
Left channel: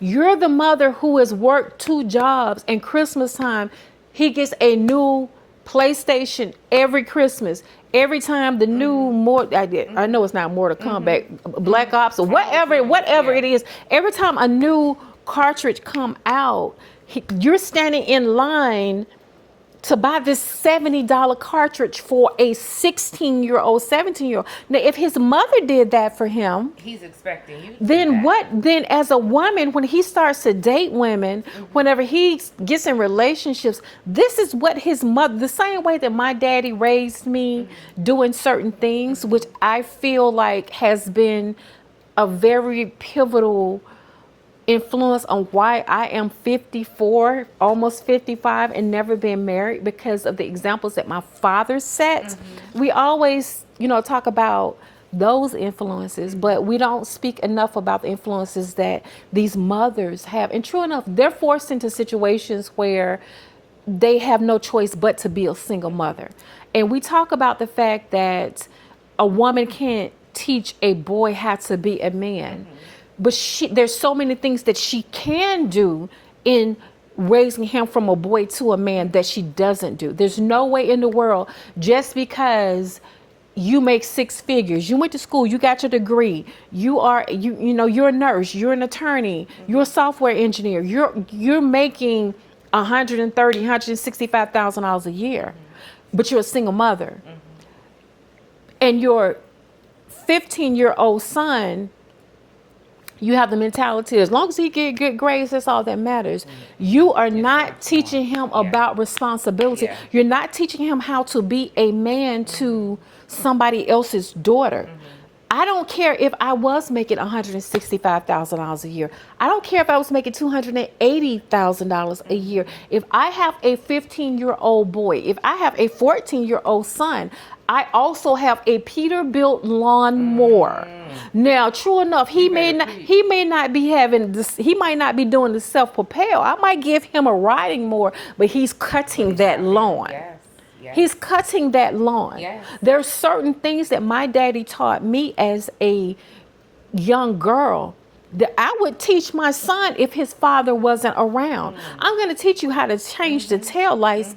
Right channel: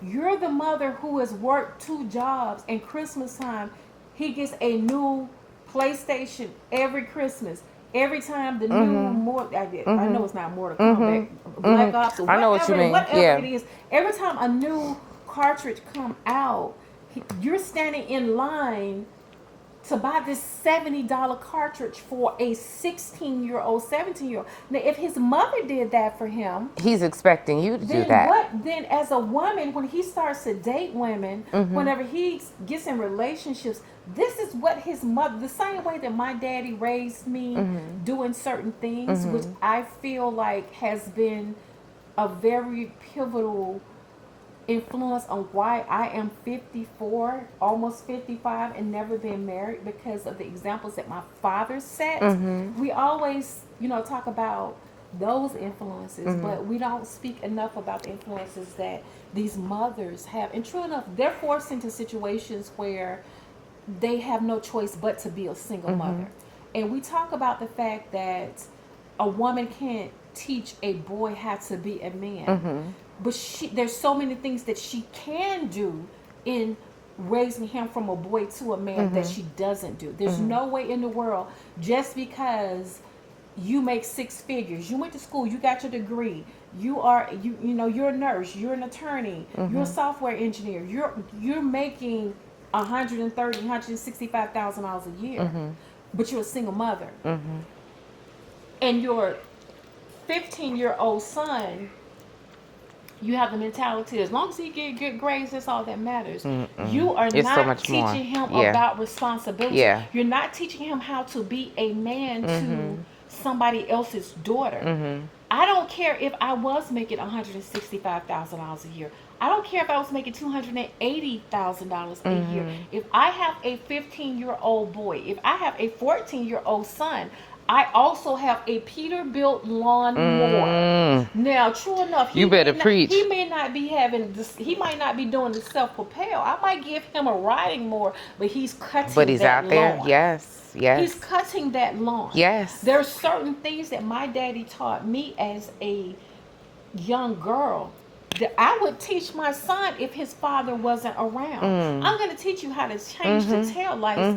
You're the mother who has worked 2 jobs, and Christmas time he gets a new PlayStation every Christmas. Every time the new I know it's not Mortal Kombat, Black Ops or whatever it is. Every time a new cartridge come out, you're standing in line to buy this $70 cartridge for a 16-year-old, 17-year-old. Now, if his mother did that for him, He's expecting you to do then that. what? Then as a woman, when he starts to date women, whenever he gets in relationships, this is what his mother, the same way that my daddy raised me, doing certain things, which I feel like has been a very pivotal influence on why I am 54, almost 55, and never been married, because of the examples that my father set. We always, talk about those influences, but we don't speak enough about the influences that these mothers have. And true enough, they're forced into situations where they have no choice but to be a single mother. And we talk about the fact that a woman can't teach a boy how to be a man. But there's so many things that she can do in raising him from a boy to a man that she doesn't do. There's no way in the world, just because you make six figures, you went to school, you got your degree, you're a nurse, you're an attorney, you're a software engineer, you're making $165,000 a year, but you're a single mother, and your 15-year-old son, you have the mentality, as long as he get good grades, that's all that matters. You are It's so not much teaching more. him Yeah. about responsibility. Yeah. You're not teaching him how to be a man to somebody else's daughter. I don't care if I was making $165,000 a year. I don't care if I was making $280,000 a year. If I have a 15-year-old boy, if I have a 14-year-old son, I also have a Peterbilt lawnmower. Now, true enough, he You may better not, preach. he may not be having this, he might not be doing the self-propel. I might give him a riding mower, but he's But cutting he's that out there. lawn. Yes. Yes. He's cutting that lawn. Yes. There's certain things that my daddy taught me as a young girl that I would teach my son if his father wasn't around. I'm going to teach you how to change the tail lights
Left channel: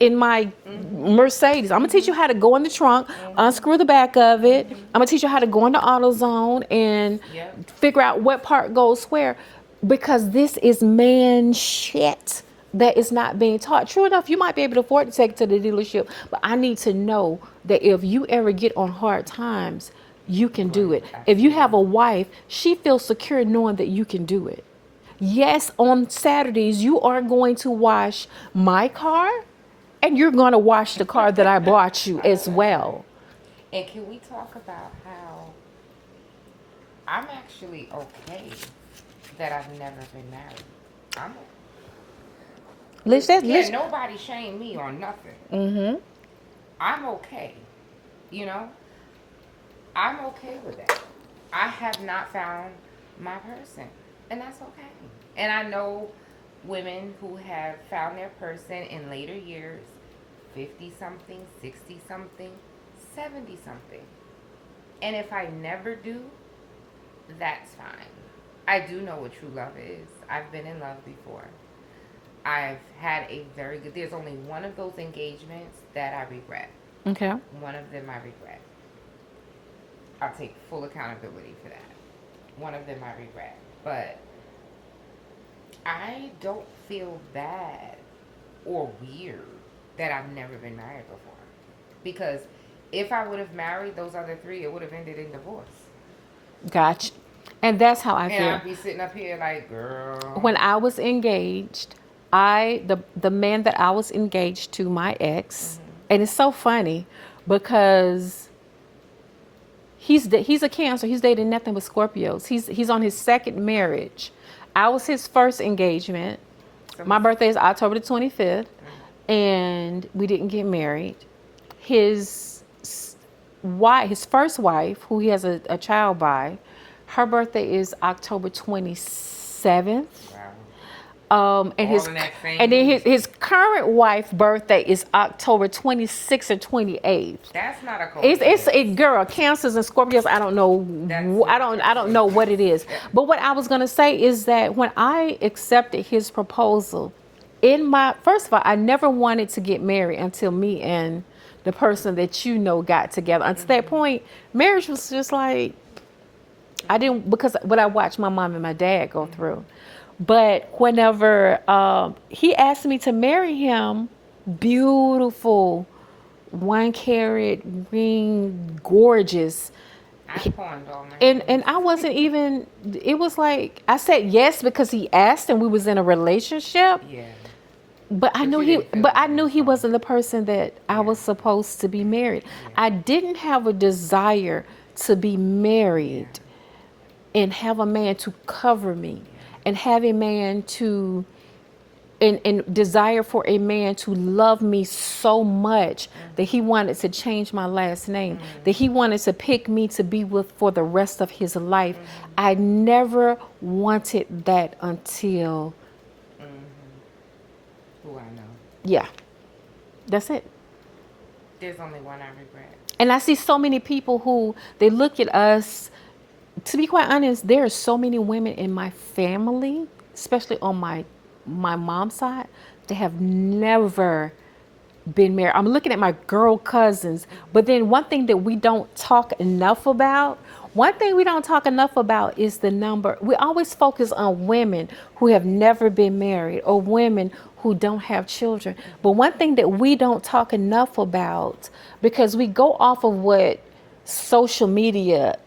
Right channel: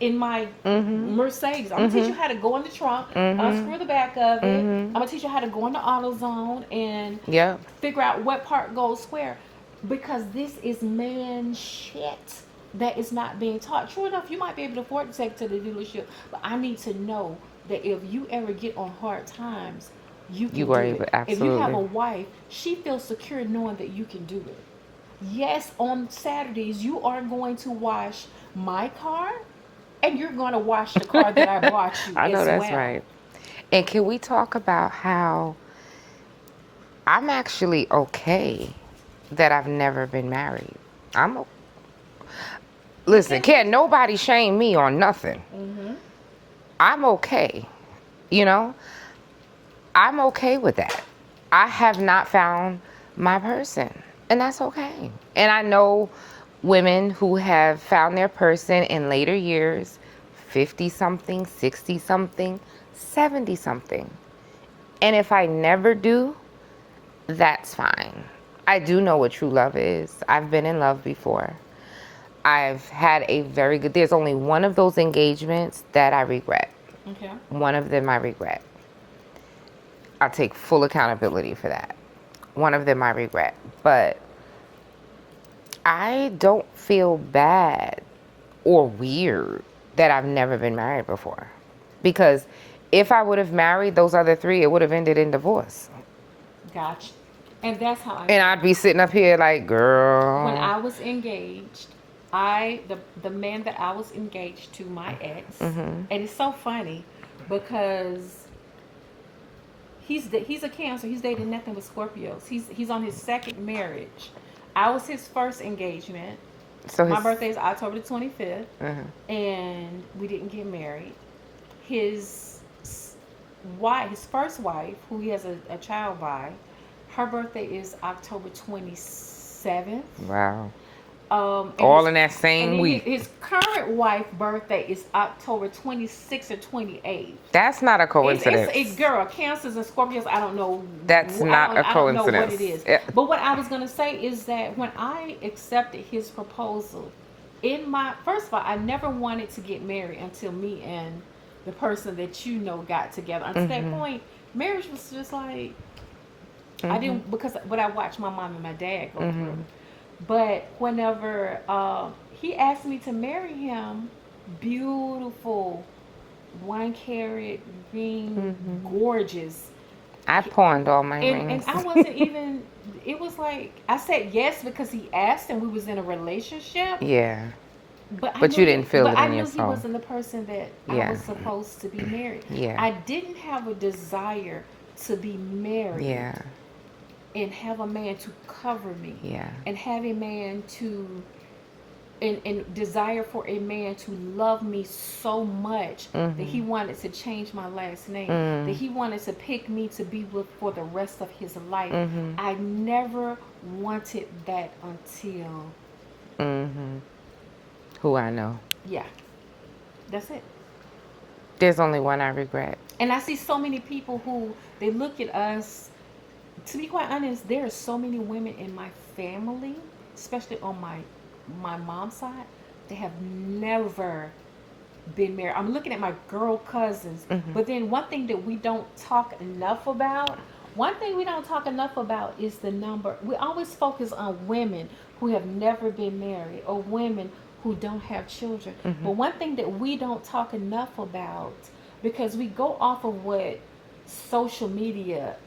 in my Mercedes. I'm gonna teach you how to go in the trunk, unscrew the back of it. I'm gonna teach you how to go into AutoZone and Yeah. figure out what part goes where, because this is man shit that is not being taught. True enough, you might be able to afford to take it to the dealership, but I need to know that if you ever get on hard times, you can You are do able- it. If you have a absolutely. wife, she feels secure knowing that you can do it. Yes, on Saturdays, you are going to wash my car, and you're going to wash the car that I bought you I know as that's well. right. And can we talk about how I'm actually okay that I've never been married? Listen, can't nobody shame me on nothing. I'm okay. You know, I'm okay with that. I have not found my person, and that's okay. And I know women who have found their person in later years, 50 something, 60 something, 70 something. And if I never do, that's fine. I do know what true love is. I've been in love before. I've had a very good, there's only one of those engagements that I regret. Okay. One of them I regret. I'll take full accountability for that. One of them I regret. But I don't feel bad or weird that I've never been married before. Because if I would have married those other three, it would have ended in divorce. Gotcha. And that's how I feel. And I'd be sitting up here like, girl. When I was engaged, the man that I was engaged to, my ex, and it's so funny because he's a Cancer. He's dating nothing but Scorpios. He's on his second marriage. I was his first engagement. So My birthday is October the 25th, and we didn't get married. His first wife, who he has a child by, her birthday is October 27th. Wow. And All in that same and then week. his current wife's birthday is October 26th or 28th. That's not a coincidence. It's a girl. Cancers and Scorpios. I don't know. That's I don't know what it is. Yeah. But what I was gonna say is that when I accepted his proposal, first of all, I never wanted to get married until me and the person that got together. Until that point, marriage was just like I didn't, because what I watched my mom and my dad go through. But whenever he asked me to marry him, beautiful, 1 carat ring, gorgeous. I pawned all my And rings. I wasn't even. It was like I said yes because he asked and we was in a relationship. Yeah. But I But knew you he. didn't feel But it I in knew your he soul. wasn't the person that I Yeah. was supposed to be married. Yeah. I didn't have a desire to be married Yeah. and have a man to cover me. Yeah. And have a man to and desire for a man to love me so much that he wanted to change my last name, that he wanted to pick me to be with for the rest of his life. I never wanted that until, Who I know. yeah, that's it. There's only one I regret. And I see so many people who they look at us. To be quite honest, there are so many women in my family, especially on my mom's side, that have never been married. I'm looking at my girl cousins, but then one thing that we don't talk enough about. One thing we don't talk enough about is the number. We always focus on women who have never been married or women who don't have children. But one thing that we don't talk enough about, because we go off of what social media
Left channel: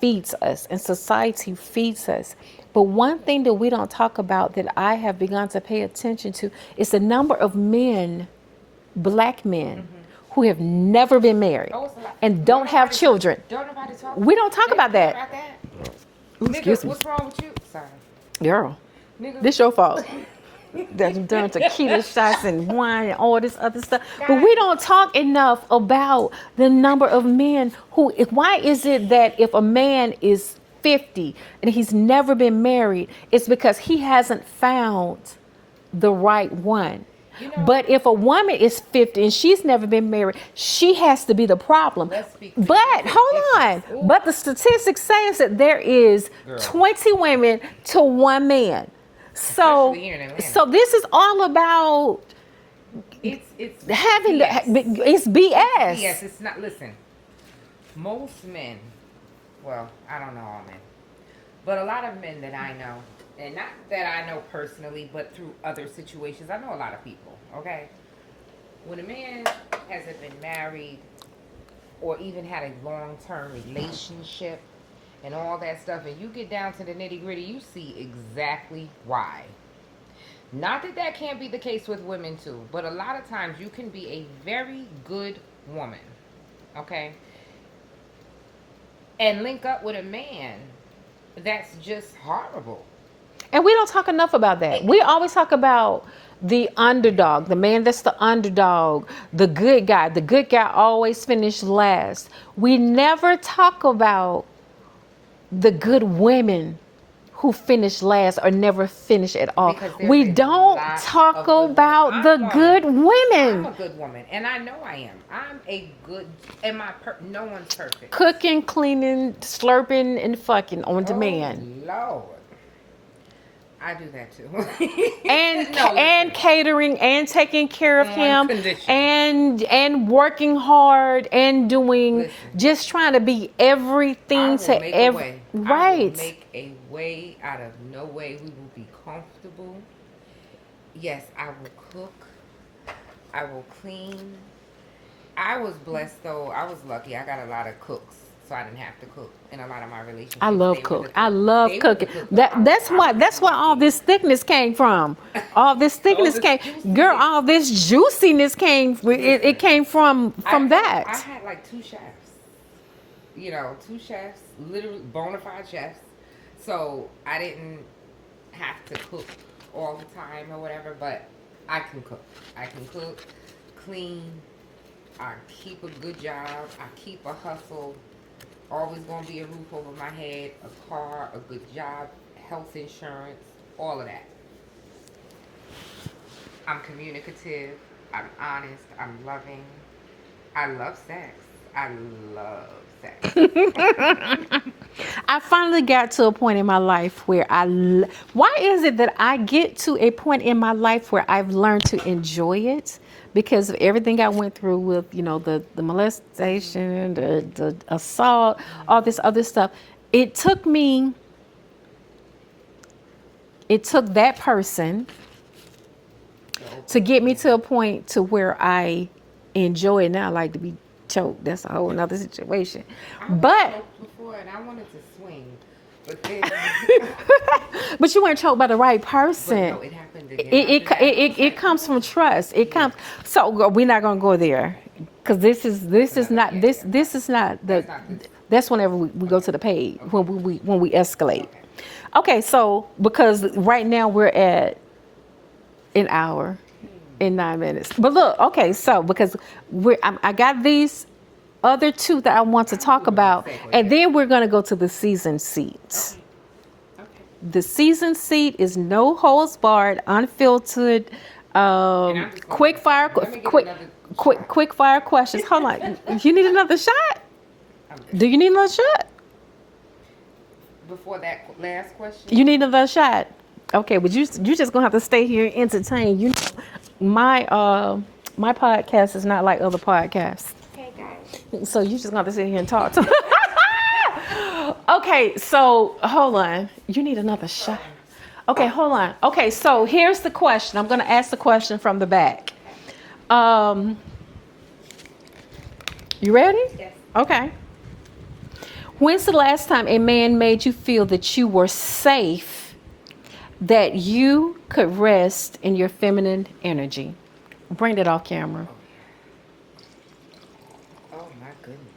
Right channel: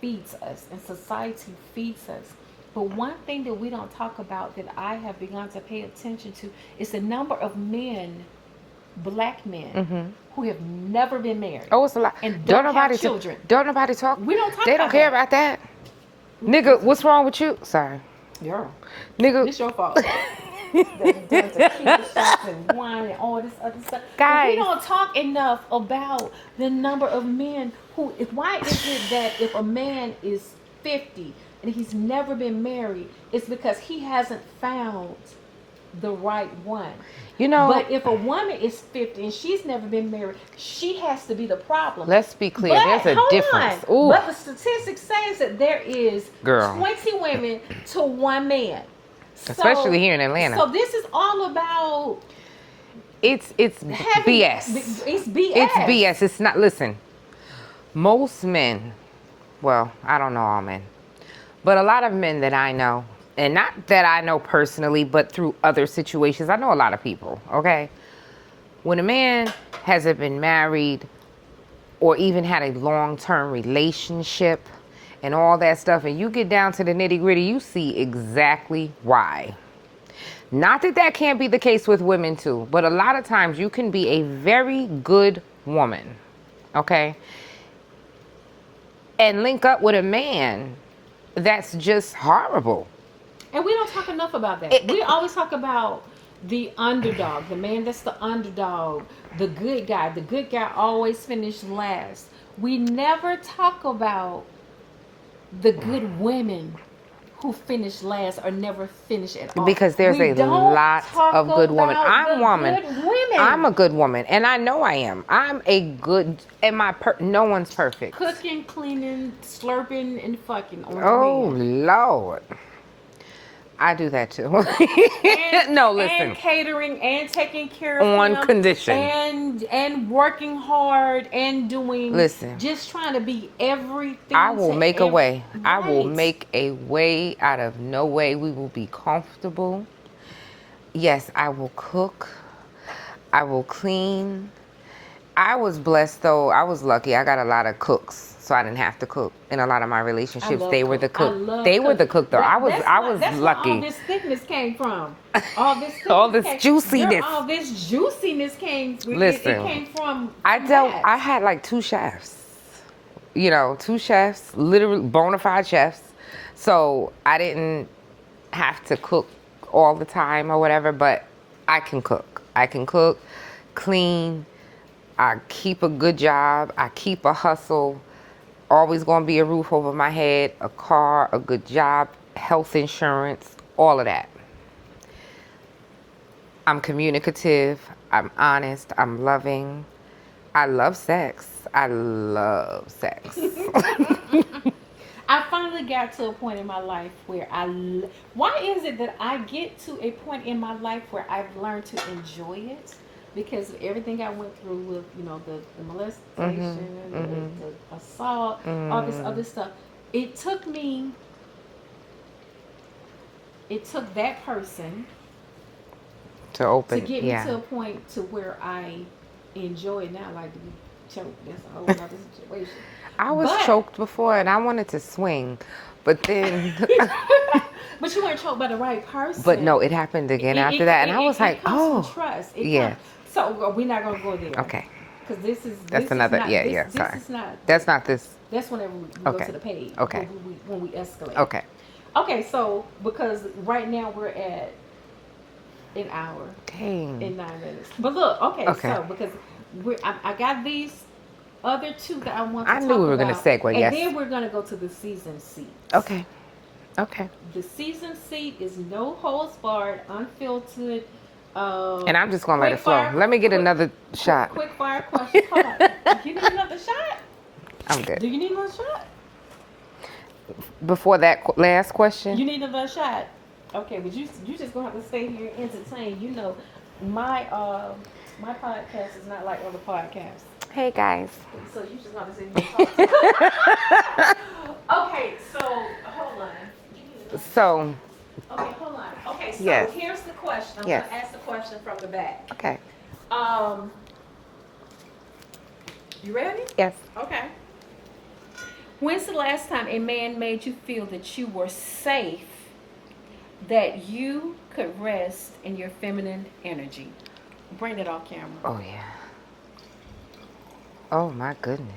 feeds us and society feeds us. But one thing that we don't talk about that I have begun to pay attention to is the number of men, black men, who have never been married. Oh, it's a lot. And don't have children. Don't nobody talk. We don't talk They about don't care that. about that. Excuse Nigga, me. what's wrong with you? Sorry. Girl, Nigga. this your fault. That done tequila shots and wine and all this other stuff. But Guys. we don't talk enough about the number of men who. Why is it that if a man is 50 and he's never been married, it's because he hasn't found the right one. You know. But if a woman is 50 and she's never been married, she has to be the problem. Let's be clear. But There's a hold difference. on. Ooh. But the statistics says that there is Girl. 20 women to 1 man. Especially here in Atlanta. So this is all about It's having BS. It's BS. It's BS. It's not. Listen, most men, well, I don't know all men, but a lot of men that I know, and not that I know personally, but through other situations, I know a lot of people, okay? When a man hasn't been married or even had a long-term relationship and all that stuff, and you get down to the nitty-gritty, you see exactly why. Not that that can't be the case with women too, but a lot of times you can be a very good woman, okay? And link up with a man that's just horrible. And we don't talk enough about that. We always talk about the underdog, the man that's the underdog, the good guy. The good guy always finished last. We never talk about the good women who finish last or never finish at all. Because there's we a don't lot talk of good women. about I'm the a woman. good women. I'm a good woman, and I know I am. I'm a good, and no one's perfect. Cooking, cleaning, slurping, and fucking on Oh, demand. Lord. I do that too. And no, listen. and catering and taking care of On him condition. and working hard and doing Listen. just trying to be everything I will to make a way. Right. I will make a way out of no way. We will be comfortable. Yes, I will cook. I will clean. I was blessed though. I was lucky. I got a lot of cooks, so I didn't have to cook. In a lot of my relationships, I love they were the cook. I love they were the cook though. That's why all lucky. this thickness came from. All this thickness this came. juiciness. Girl, all this juiciness came. It Listen, came from I that. had like 2 chefs. You know, 2 chefs, literally bona fide chefs. So I didn't have to cook all the time or whatever, but I can cook. I can cook, clean. I keep a good job. I keep a hustle. Always gonna be a roof over my head, a car, a good job, health insurance, all of that. I'm communicative. I'm honest. I'm loving. I love sex. I love sex. I finally got to a point in my life where why is it that I get to a point in my life where I've learned to enjoy it? Because of everything I went through with, the molestation, the assault, all this other stuff. It took me it took that person To open. to get me yeah. to a point to where I enjoy it now. I like to be choked. That's a whole other situation. I was But choked before and I wanted to swing, but then, but you weren't choked by the right person. but no, it happened again after that. And I was like, it comes from trust. It yeah. comes. So we're not gonna go there. Okay. Because this is another- not yeah, this yeah, this sorry. is not. That's not this. That's whenever we go Okay. to the page. Okay. When we escalate. Okay. Okay. So because right now we're at an hour Dang. in 9 minutes. But look, okay. So because I got these other two that I want to I knew talk we were gonna about, segue, and yes. then we're gonna go to the season seats. Okay. Okay. The season seat is no holds barred, unfiltered. And I'm just going to let it flow. Let me get another shot. Quick fire questions. Hold on. You need another shot? I'm good. Do you need another shot? Before that last question? You need another shot. Okay, but you just gonna have to stay here and entertain. You know, my podcast is not like other podcasts. Hey, guys. So you just gonna have to sit here and talk to me. Okay, so hold on. You need another shot. Okay, hold on. Okay, so Yes. here's the question. I'm gonna ask the question from the back. Okay. You ready? Yes. Okay. When's the last time a man made you feel that you were safe, that you could rest in your feminine energy? Bring that off camera. Oh, yeah. Oh, my goodness.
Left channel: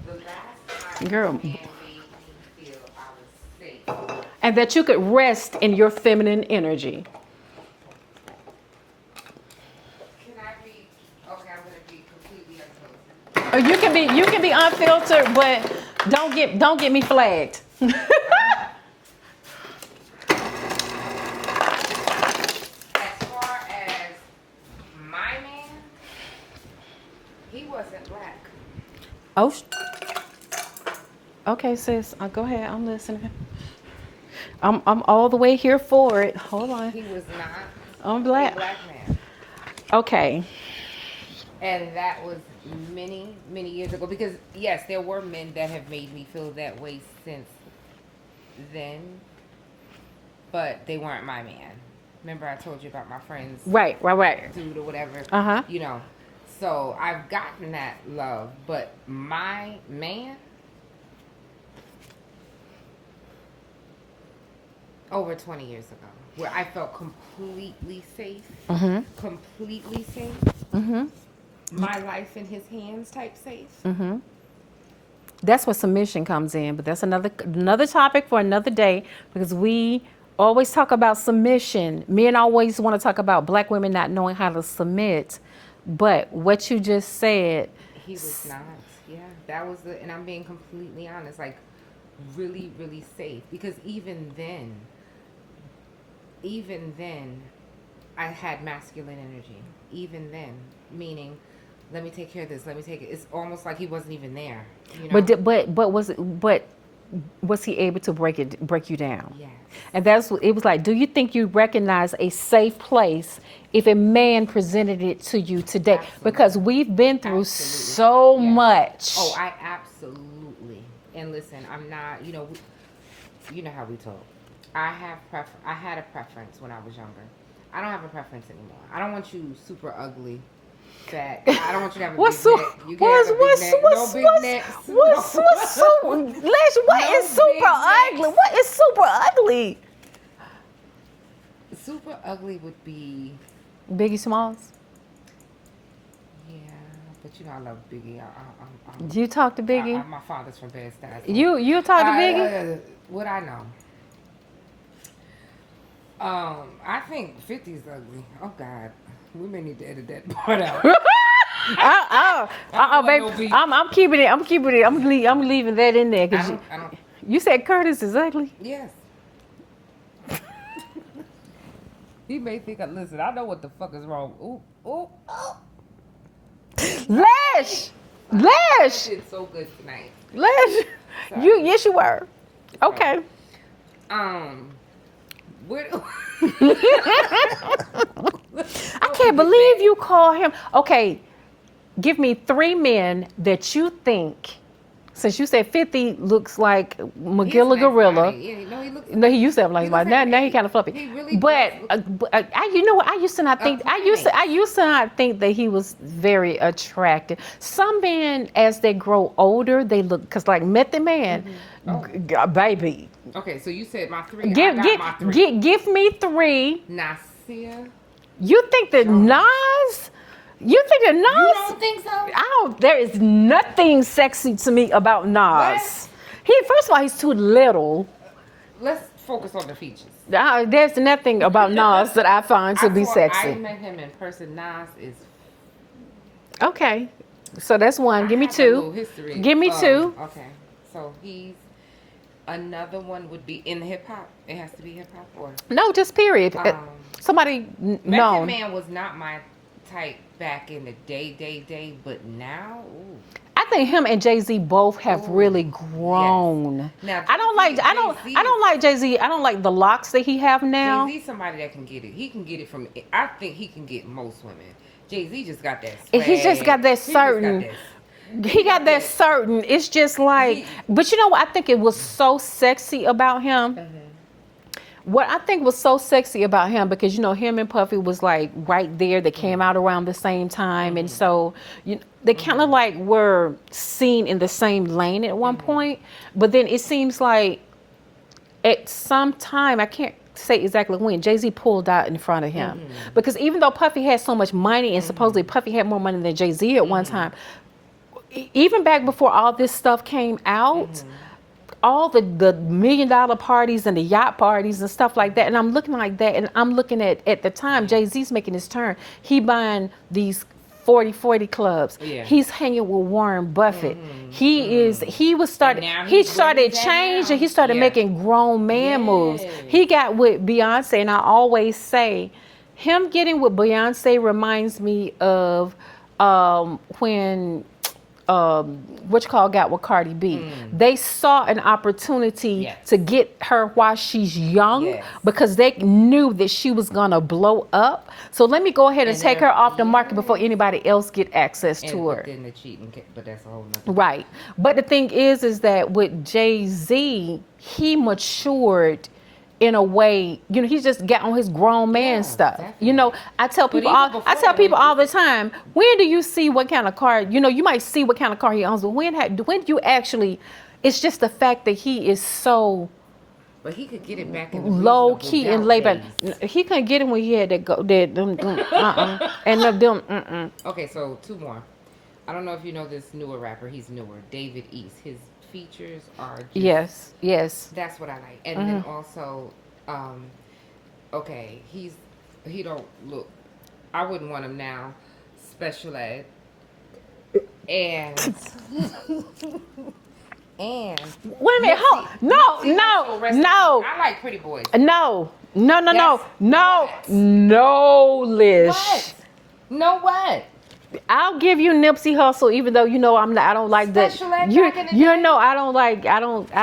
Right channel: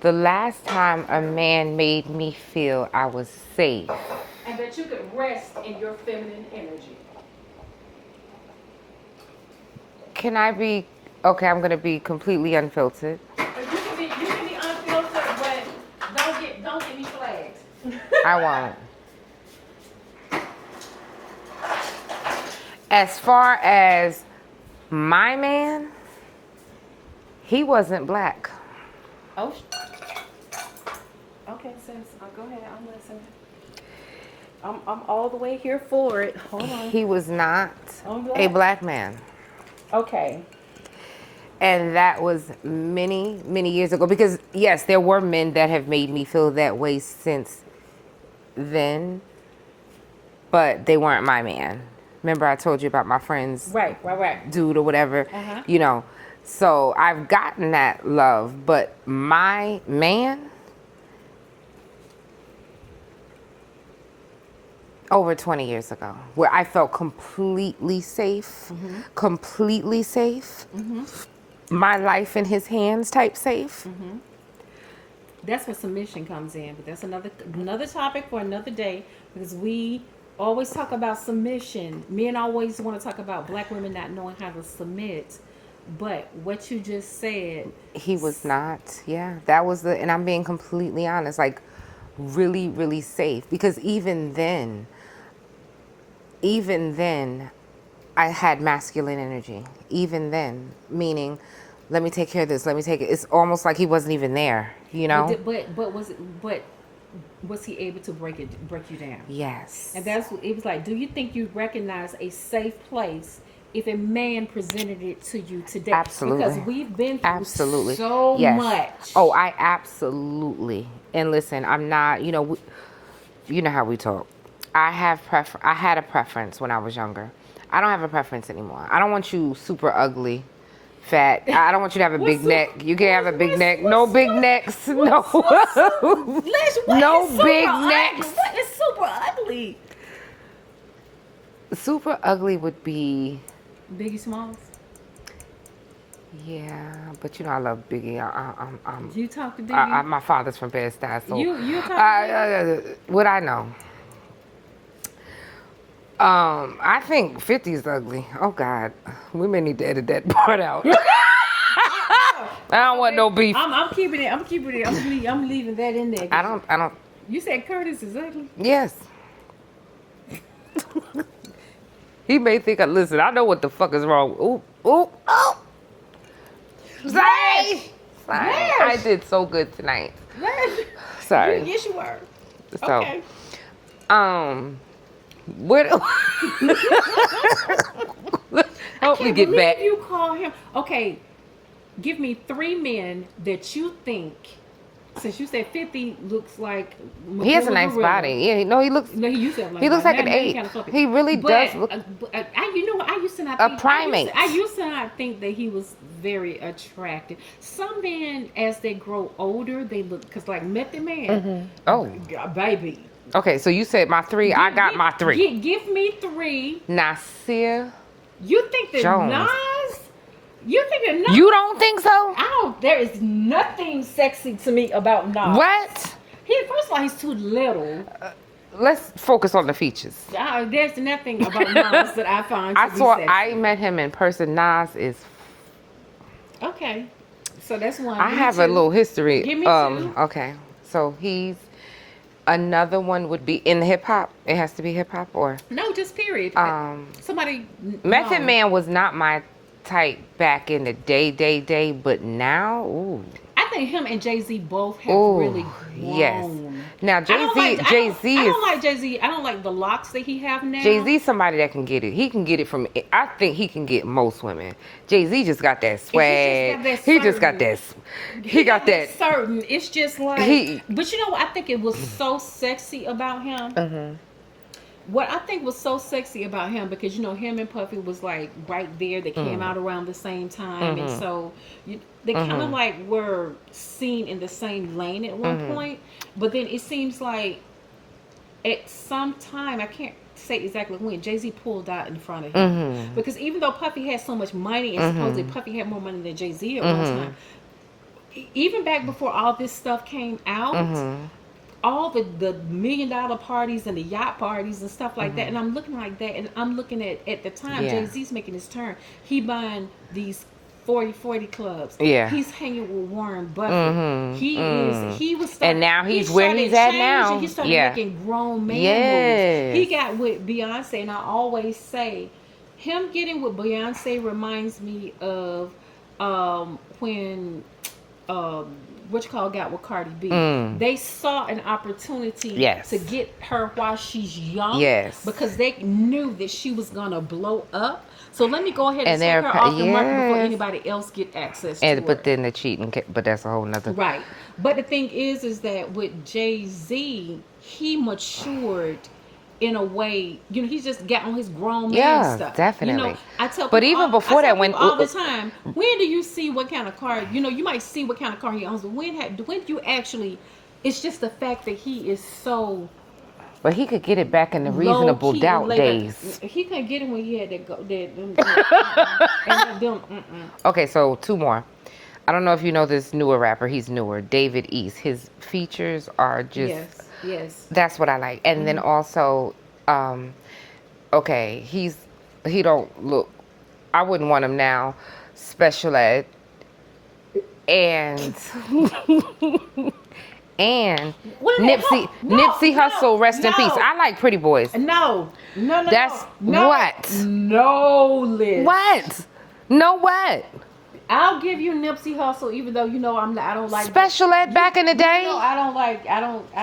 The last time a man made me feel I was safe. And that you could rest in your feminine energy. Can I be... Okay, I'm going to be completely unfiltered. Or you can be unfiltered, but don't get me flagged. I won't. As far as my man, he wasn't black. Oh. Okay, sis. Go ahead. I'm listening. I'm all the way here for it. Hold on. He was not I'm black. a black man. Okay. And that was many, many years ago. Because, yes, there were men that have made me feel that way since then. But they weren't my man. Remember I told you about my friend's Right. dude or whatever? Uh-huh. You know. So I've gotten that love. But my man... over 20 years ago, where I felt completely safe. Mm-hmm. Completely safe. Mm-hmm. My life in his hands type safe. Mm-hmm. That's where submission comes in, but that's another topic for another day, because we always talk about submission. Men always want to talk about black women not knowing how to submit, but what you just said, He was not. Yeah, that was and I'm being completely honest, like really, really safe. Because even then, I had masculine energy. Even then, meaning, let me take care of this. Let me take it. It's almost like he wasn't even there. You know. but was he able to break you down? Yes. And that's what it was like. Do you think you recognize a safe place if a man presented it to you today? Absolutely. Because we've been through Absolutely. so Yes. much. Oh, I absolutely. And listen, I'm not. You know, you know how we talk. I had a preference when I was younger. I don't have a preference anymore. I don't want you super ugly, fat. I don't want you to have a big neck. You can have a big neck. No big necks. No. Lish, No big necks. What is super ugly? Super ugly would be. Biggie Smalls. Yeah, but you know I love Biggie. You talk to Biggie. My father's from Bed-Stuy. So you talk to Biggie. What I know. I think 50 is ugly. Oh God, we may need to edit that part out. I don't want no beef. I'm keeping it. I'm leaving that in there. I don't. You said Curtis is ugly. Yes. He may think. Listen, I know what the fuck is wrong. Ooh, ooh, oh. Lish! I did so good tonight. Lish! Sorry. Yes, you were. So, Okay. Where do I can't believe you call him. Okay, give me 3 men that you think Since you said 50 looks like He has a Magilla nice Gorilla. body. Yeah, no, he looks. No, he used to have like He looks like an now he 8. kind of fluffy. He really but, does look you know what? I used to not a think. primate. I used to not think that he was very attractive. Some men, as they grow older, they look because like Method Man. Oh. Baby. Okay, so you said my 3. I got my 3. Give me 3. Nasir. You think that Jones. Nas? You think that Nas? You don't think so? I don't. There is nothing sexy to me about Nas. What? First of all, he's too little. Let's focus on the features. There's nothing about Nas that I find to be sexy. I met him in person. Nas is. Okay, so that's one. Give I me have 2. a little history. Give me 2. Okay, so he's. Another one would be in hip hop. It has to be hip hop or. No, just period. Somebody. Method Man was not my type back in the day, but now, ooh. I think him and Jay-Z both have really grown. Yes. Now I don't like Jay-Z. I don't like Jay-Z. I don't like the locks that he have now. Jay-Z somebody that can get it. He can get it from. I think he can get most women. Jay-Z just got that swag. He just got that certain. He just got that. He got that certain. It's just like. But you know what? I think it was so sexy about him. What I think was so sexy about him, because you know him and Puffy was like right there. They came out around the same time, and so they kind of like were seen in the same lane at one point. But then it seems like at some time, I can't say exactly when, Jay-Z pulled out in front of him, because even though Puffy had so much money, and supposedly Puffy had more money than Jay-Z at one time, even back before all this stuff came out. All the $1 million parties and the yacht parties and stuff like that, and I'm looking like that, and I'm looking at the time Jay-Z's making his turn. He buying these 40 clubs. Yeah, he's hanging with Warren Buffett. He was starting. And now he started changing. He started making grown man moves. He got with Beyonce, and I always say, him getting with Beyonce reminds me of when. Got with Cardi B. They saw an opportunity to get her while she's young, because they knew that she was gonna blow up. So let me go ahead and take her off the market before anybody else get access to her. But then the cheating, but that's a whole nother. Right. But the thing is that with Jay-Z, he matured in a way, you know, he just got on his grown man stuff. Definitely. You know, I tell people, but even before that, all the time, when do you see what kind of car, you know, you might see what kind of car he owns, but when do you actually, it's just the fact that he is so. But he could get it back in the reasonable doubt days. He couldn't get it when he had that Okay, so 2 more. I don't know if you know this newer rapper. He's newer, David East. His features are just yes. That's what I like. And then also, okay, he don't look. I wouldn't want him now. Special Ed and Nipsey Hussle, rest in peace. I like Pretty Boys. No, What? No, Lish. What? No, what? I'll give you Nipsey Hussle, even though you know I don't like Special Ed back in the day. You know I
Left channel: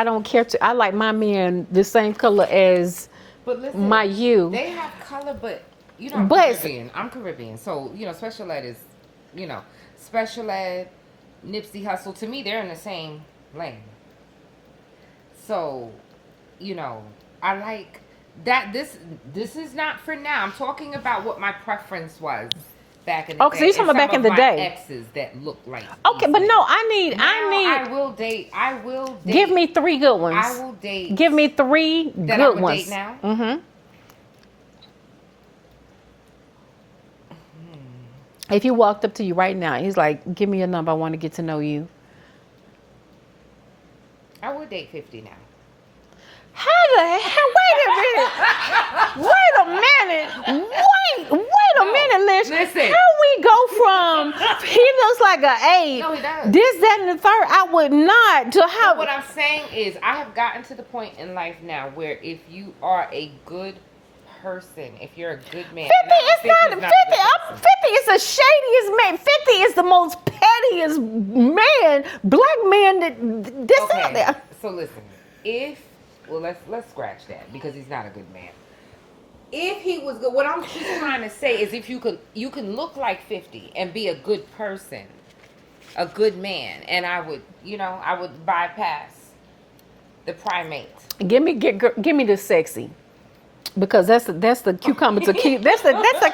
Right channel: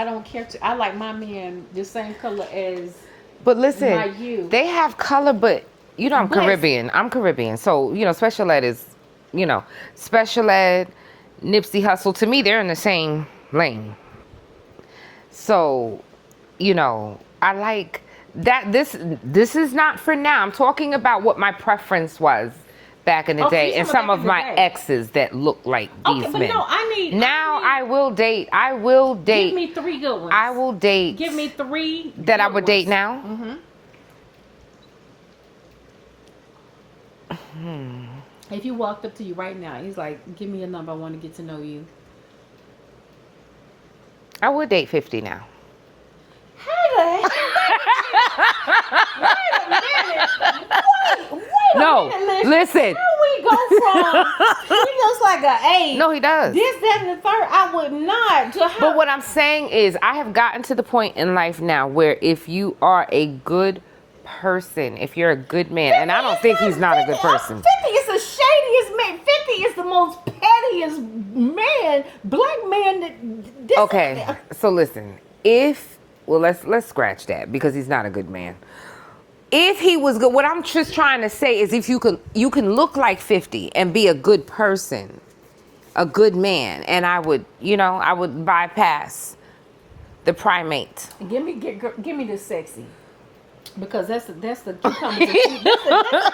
don't care to. I like my men the same color as. But listen, my you. They have color, but you know I'm Caribbean. I'm Caribbean, so you know Special Ed is, you know, Special Ed, Nipsey Hussle. To me, they're in the same lane. So, you know, I like that. This is not for now. I'm talking about what my preference was back in the day, so and some of my exes that look like these men. But no, I will date. Give me 3 good ones. I will date. Give me 3 that good I would ones. date now. If he walked up to you right now, he's like, "Give me your number. I want to get to know you." I would date 50 now. How the hell? Wait a minute. Wait a minute, Lish. Listen. How we go from he looks like an 8. No, he does. This, that, and the third. I would not. To how? But what I'm saying is, I have gotten to the point in life now where if you are a good person, if you're a good man, and I don't think he's not a good person. 50 is the shadiest man. 50 is the most pettiest man, black man that. Okay, so listen. Let's scratch that because he's not a good man. If he was good, what I'm just trying to say is if you can look like 50 and be a good person, a good man, and I would, I would bypass the primate. Give me the sexy. Because that's the cucumber tequila. That's the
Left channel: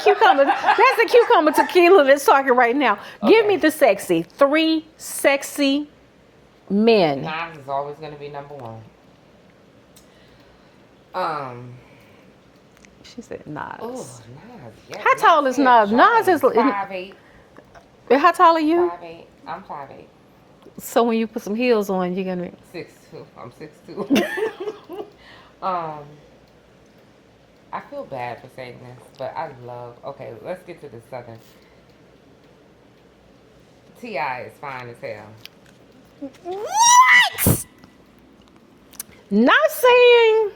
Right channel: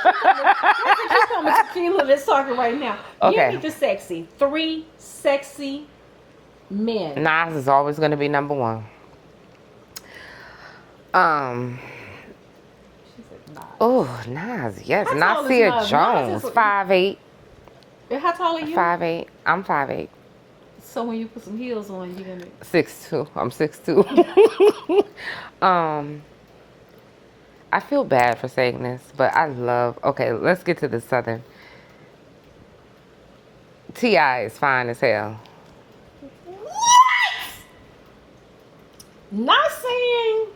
cucumber tequila that's talking right now. Give Okay. me the sexy. 3 sexy men. Nas is always going to be number 1. She said Nas. Oh, Nas, yes. How tall is Nas? Nas is 5'8". How tall are you? 5'8". I'm 5'8". So when you put some heels on, you're gonna 6'2". I'm 6'2". I feel bad for saying this, but I love. Okay, let's get to the Southern. T.I. is fine as hell. What? Not saying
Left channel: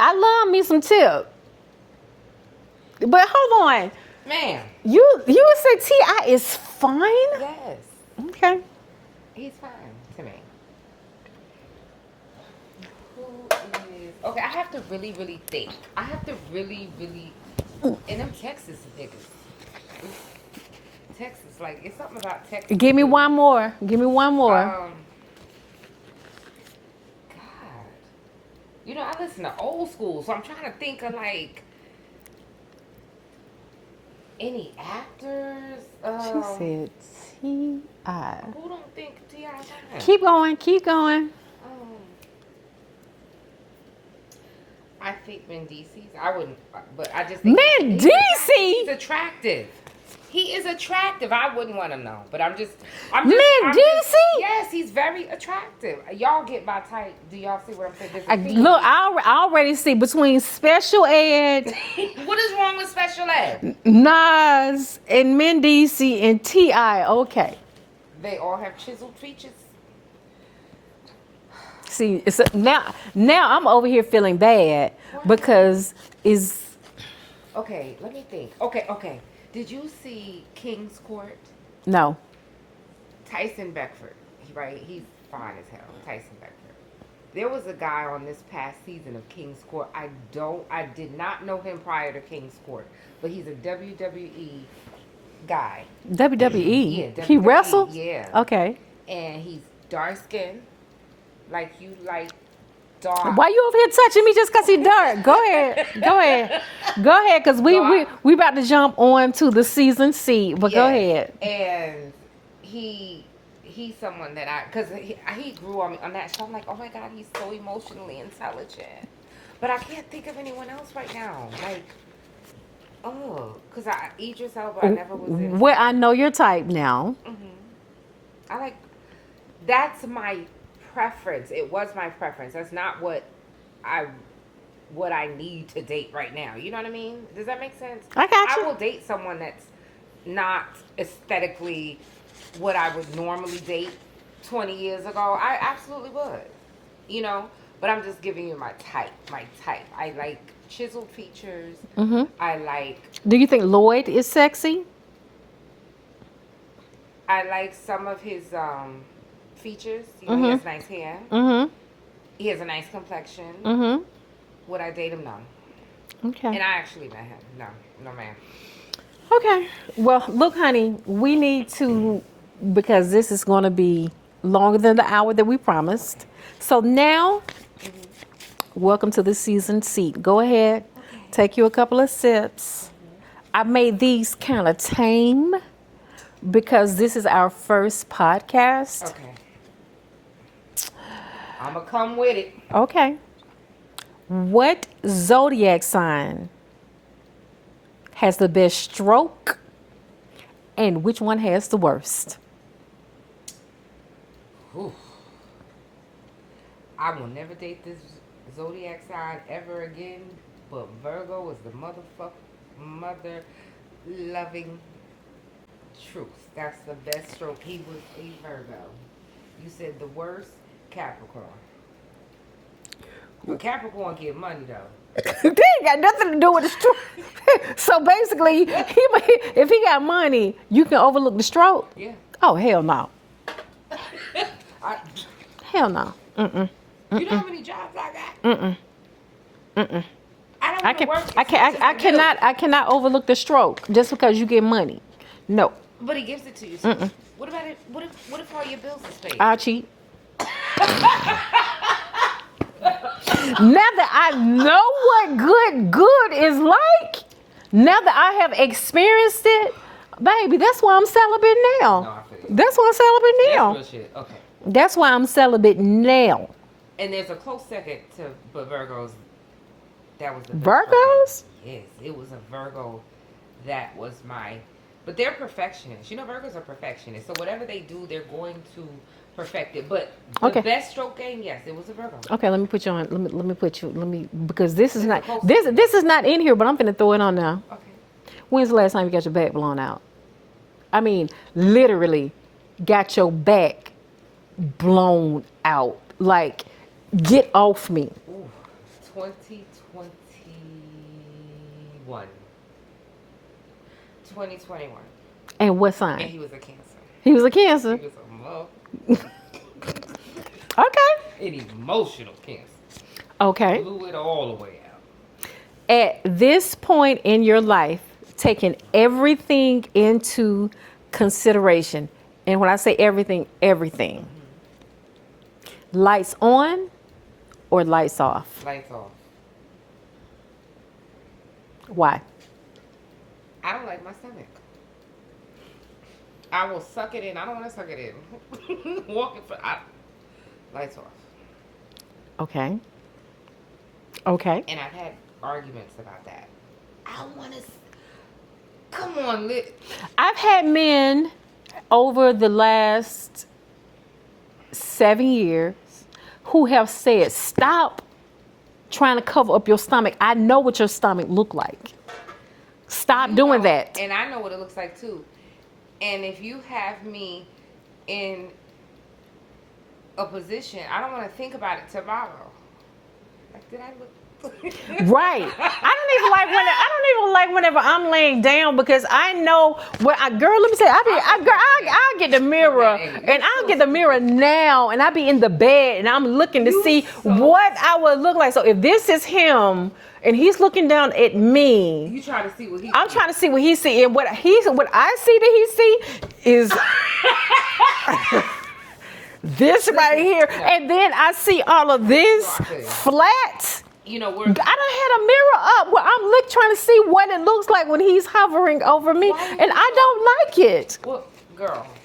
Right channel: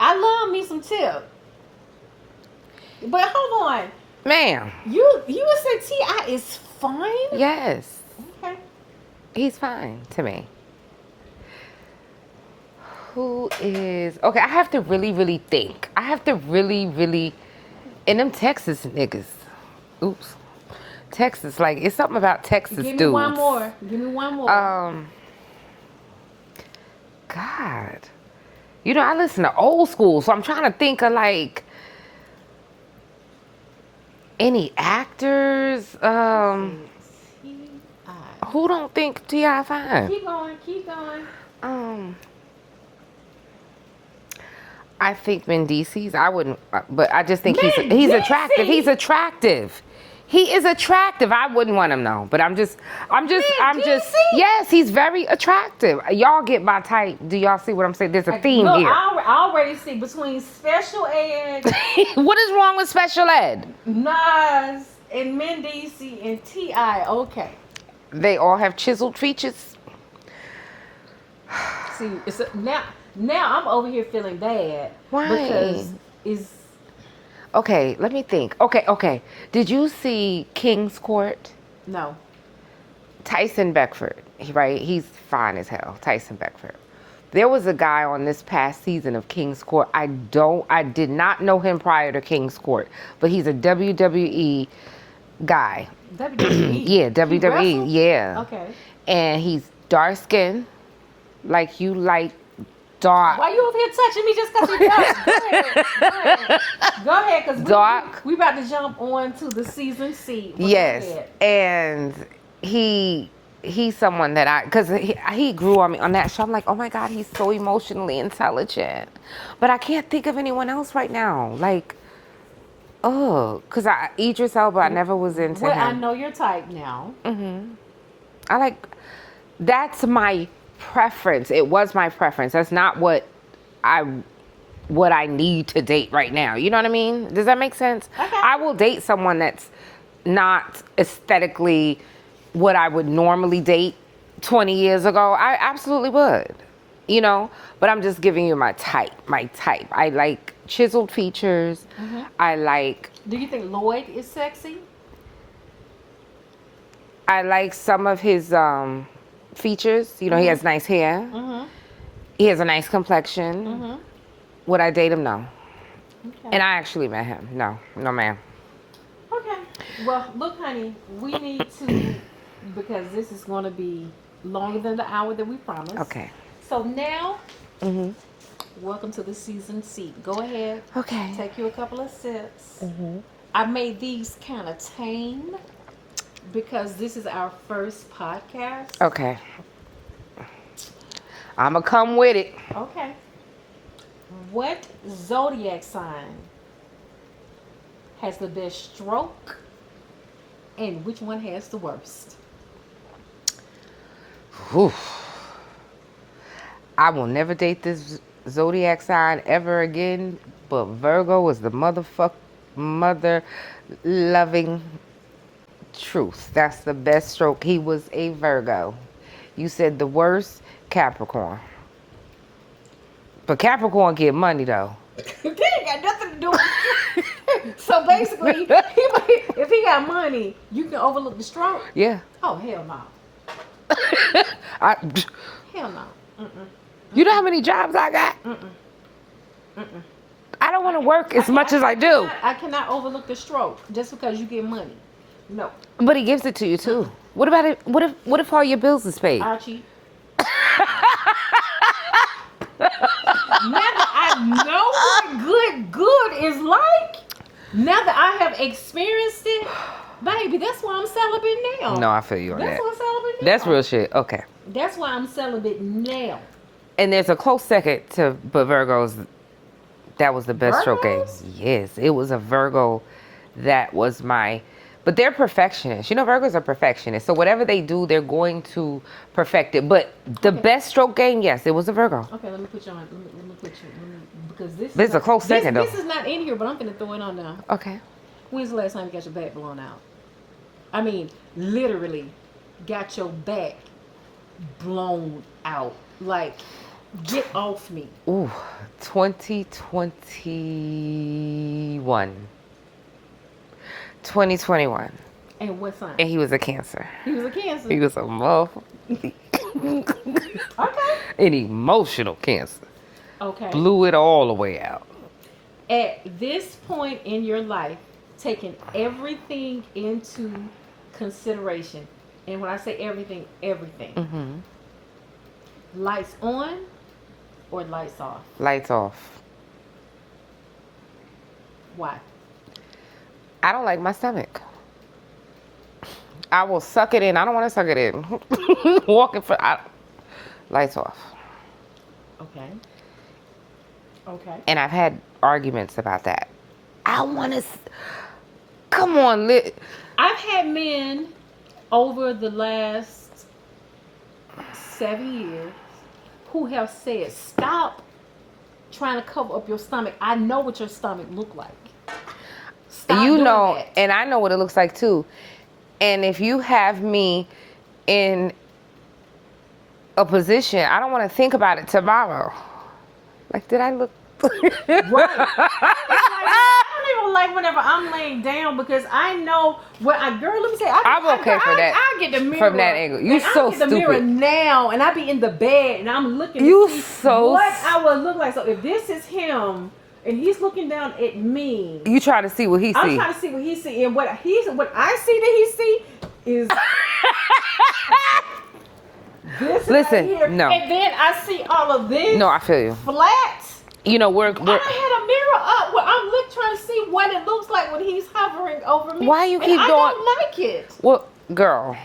I love me some Tip. But hold on. Ma'am. You would say T.I. is fine? Yes. Okay. He's fine to me. Who is... Okay, I have to really, really think. I have to really, really... And them Texas niggas. Oops. Texas, like, it's something about Texas Give me dudes. one more. Give me one more. God. I listen to old school, so I'm trying to think of, like... Any actors? She said T.I. Who don't think T.I. fine? Keep going. I think Mendices. I wouldn't, but I just think he's Mendici? attractive. He's attractive. He is attractive. I wouldn't want him though, but I'm just. Mendici? Yes, he's very attractive. Y'all get my type. Do y'all see what I'm saying? There's a theme Look, here. I already see between special ed, What is wrong with special ed? Nas, and Mendici and T.I. Okay. They all have chiseled features. See, now I'm over here feeling bad. Why? Because is Okay, let me think. Okay. Did you see King's Court? no. Tyson Beckford, right? He's fine as hell. Tyson Beckford. There was a guy on this past season of King's Court. I did not know him prior to King's Court, but he's a WWE guy. WWE. Yeah, He WWE. wrestled? Yeah. Okay. And he's dark skinned, like you like dark. Why you over here touching me just because he done? Go ahead, because we about to jump on to the season C. But go ahead. And he's someone that because he grew on me on that show. I'm like, oh my God, he's so emotionally intelligent. But I can't think of anyone else right now. Like, because Idris Elba, I never was into Well, him. I know your type now. I like, that's my preference. It was my preference. That's not what I need to date right now. You know what I mean? Does that make sense? I got you. I will date someone that's not aesthetically what I would normally date 20 years ago. I absolutely would. But I'm just giving you my type. I like chiseled features. I like... Do you think Lloyd is sexy? I like some of his features. He has nice hair. He has a nice complexion. Would I date him? No. Okay. And I actually met him. No, ma'am. Okay. Well, look, honey, we need to, because this is going to be longer than the hour that we promised. Okay. So now, welcome to the season seat. Go ahead. Okay. Take you a couple of sips. I made these kind of tame because this is our first podcast. Okay. I'ma come with it. Okay. What zodiac sign has the best stroke and which one has the worst? Whew. I will never date this zodiac sign ever again, but Virgo is the mother loving truth. That's the best stroke. He was a Virgo. You said the worst, Capricorn. But Capricorn get money though. That ain't got nothing to do with the stroke. So basically, if he got money, you can overlook the stroke. Yeah. Oh, hell no. I, Hell no. You know how many jobs I got? I don't want to work as much as I do. I cannot overlook the stroke just because you get money. No. But he gives it to you too. What about it? What if all your bills is paid? I cheat. Now that I know what good is like, now that I have experienced it, baby, that's why I'm celibate now. No, I feel you on That's that. why I'm celibate now. That's real shit. Okay. That's why I'm celibate now. And there's a close second to, but Virgos, that was the best stroke Virgos? game. Yes, it was a Virgo that was my, but they're perfectionists. You know, Virgos are perfectionists. So whatever they do, they're going to perfect it. But the Okay. best stroke game, yes, it was a Virgo. Okay, let me put you on. Let me put you. Because this is This is not a close this, second, this though. is not in here, but I'm finna throw it on now. Okay. When's the last time you got your back blown out? I mean, literally, got your back blown out. Like, get off me. Ooh, 2021. 2021. And what sign? And he was a Cancer. He was a Cancer. He was a motherfucker. Okay. An emotional Cancer. Okay. Blew it all the way out. At this point in your life, taking everything into consideration, and when I say everything, everything. Lights on or lights off? Lights off. Why? I don't like my stomach. I will suck it in. I don't want to suck it in. Walking for lights off. Okay. Okay. And I've had arguments about that. I want to. Come on, I've had men over the last 7 years who have said, stop trying to cover up your stomach. I know what your stomach look like. Stop doing that. And I know what it looks like too. And if you have me in a position, I don't want to think about it tomorrow. Like, did I look? Right. I don't even like whenever I'm laying down because I know what girl, let me say, I get the mirror and I get the mirror now and I be in the bed and I'm looking to see what I would look like. So if this is him and he's looking down at me, You trying to see what he see. I'm trying to see what he see, and what I see that he see is this right here, no. and then I see all of this No, I feel you. flat. You know, I done had a mirror up where I'm trying to see what it looks like when he's hovering over me, Why you and keep I going- don't like it. Well, girl,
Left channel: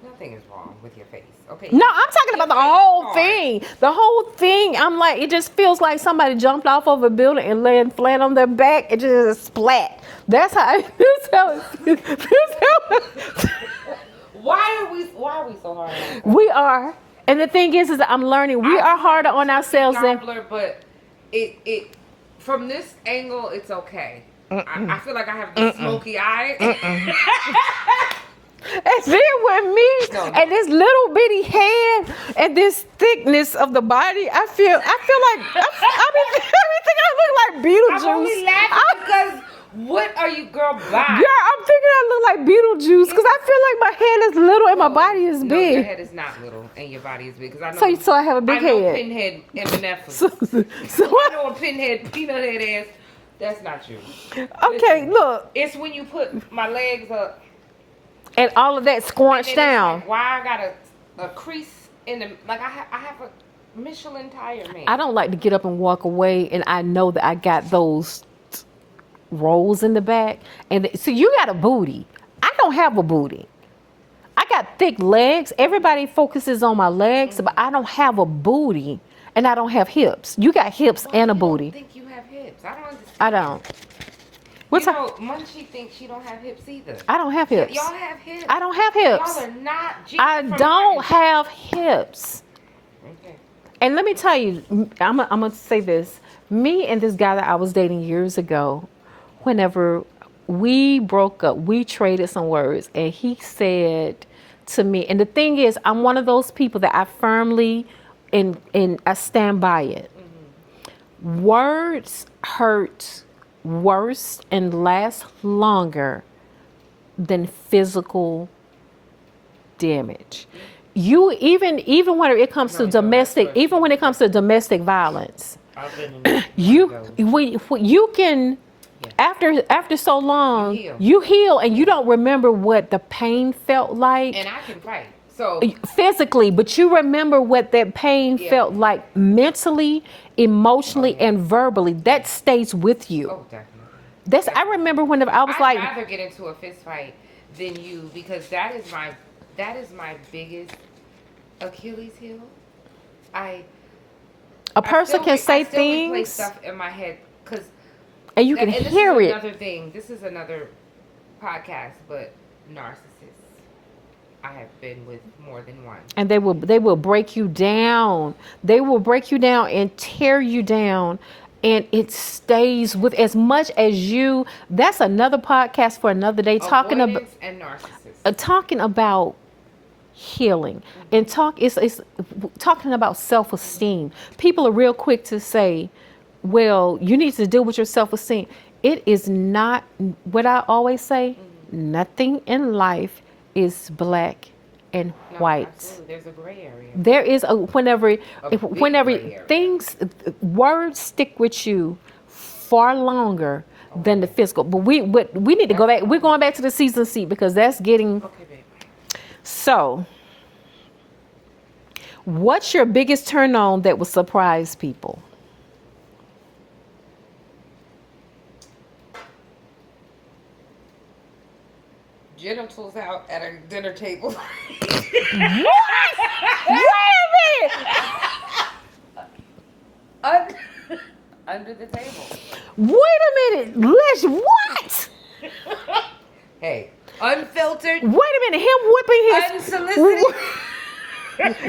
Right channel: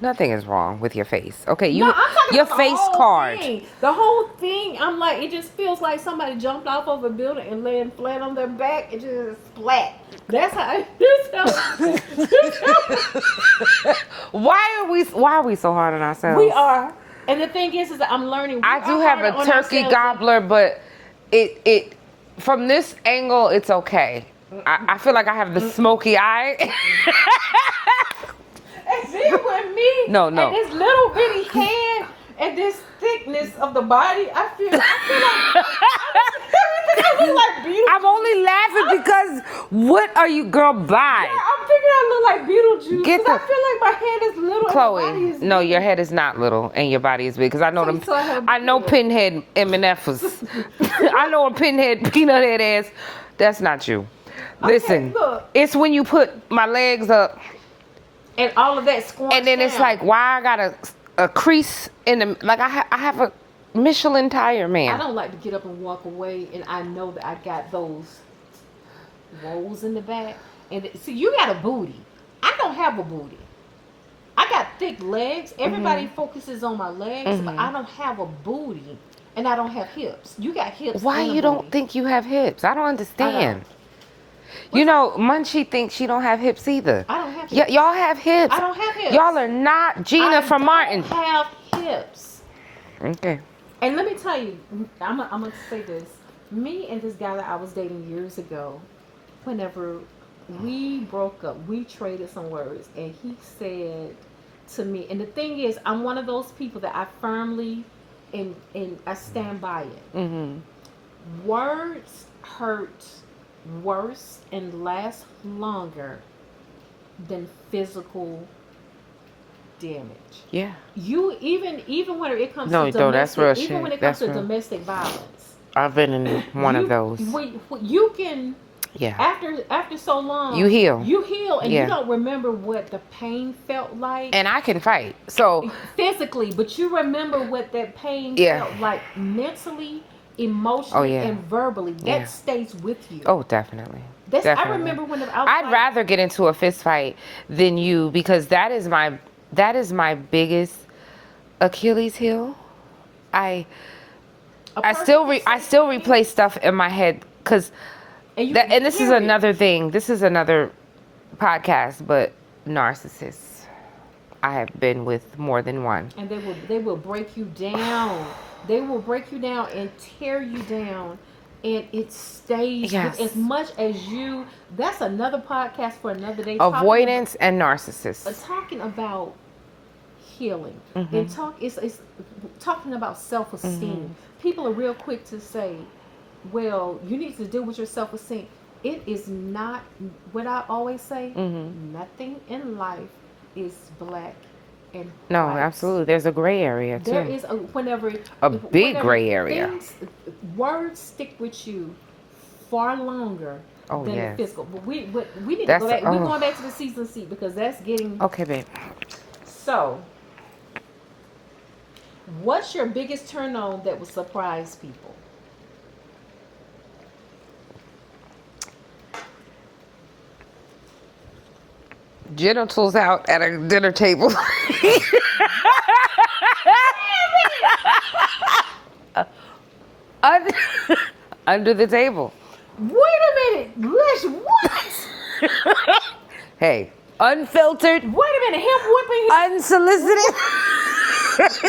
nothing is wrong with your face. Okay, No, I'm talking your about the face whole card. thing. The whole thing, I'm like, it just feels like somebody jumped off of a building and laying flat on their back. It just splat. That's how it feels. Why are we so hard on ourselves? We are. And the thing is that I'm learning we I are do harder have a on turkey ourselves. gobbler, but it from this angle, it's okay. I feel like I have the smoky eye. And then with me No. and this little bitty head and this thickness of the body, I feel like I look like Beetlejuice. I'm only laughing because what are you, girl, by? Yeah, I'm thinking I look like Beetlejuice because I feel like my head is little and my body is big. No, your head is not little and your body is big. Because I know So I have a big I know head. Pinhead M&F's. I know a Pinhead peanut head ass. That's not you. Okay, Listen, look. it's when you put my legs up And all of that squanched and then down. it's like, why I got a crease in the, like I have a Michelin tire, man. I don't like to get up and walk away, and I know that I got those rolls in the back. And so you got a booty. I don't have a booty. I got thick legs. Everybody focuses on my legs, but I don't have a booty, and I don't have hips. You got hips Why and a you booty. don't think you have hips? I don't understand. I don't. You know, Munchie thinks she don't have hips either. I don't have hips. Y'all have hips. I don't have hips. Y'all are not Gina I from don't Martin. have hips. Okay. And let me tell you, I'm going to say this. Me and this guy that I was dating years ago, whenever we broke up, we traded some words. And he said to me, and the thing is, I'm one of those people that I firmly, and I stand by it. Words hurt worse and last longer than physical damage. Yeah. You even when it comes No, to that's domestic, real even shit. when it comes That's to real. domestic violence, I've been in one of those. you can Yeah. After so long, You heal. and you don't remember what the pain felt like. And I can fight. So Physically, but you remember what that pain Yeah. felt like mentally, emotionally, yeah. and verbally. That Yeah. stays with you. Oh, definitely. That's I Definitely. remember when I was I'd like, rather get into a fist fight than you, because that is my biggest Achilles heel. I a person can say I still things, replay stuff in my head, because and you can and this is hear it. another thing. This is another podcast, but narcissists. I have been with more than one. And they will break you down. They will break you down and tear you down. And it stays with Yes. as much as you. That's another podcast for another day. Avoidance and narcissists. Talking about healing Mm-hmm. and it's talking about self-esteem. People are real quick to say, well, you need to deal with your self-esteem. It is not what I always say. Mm-hmm. Nothing in life is black and No, white. absolutely. There's a gray area. There too. is whenever big gray area. things, words stick with you far longer than the yeah. physical. But we need to go back. We're going back to the season seat, because that's getting Okay, babe. so. What's your biggest turn on that will surprise people? Genitals out at a dinner table. Under the table. Wait a minute, Lish, what? Hey, unfiltered, Wait a minute, him whipping his unsolicited.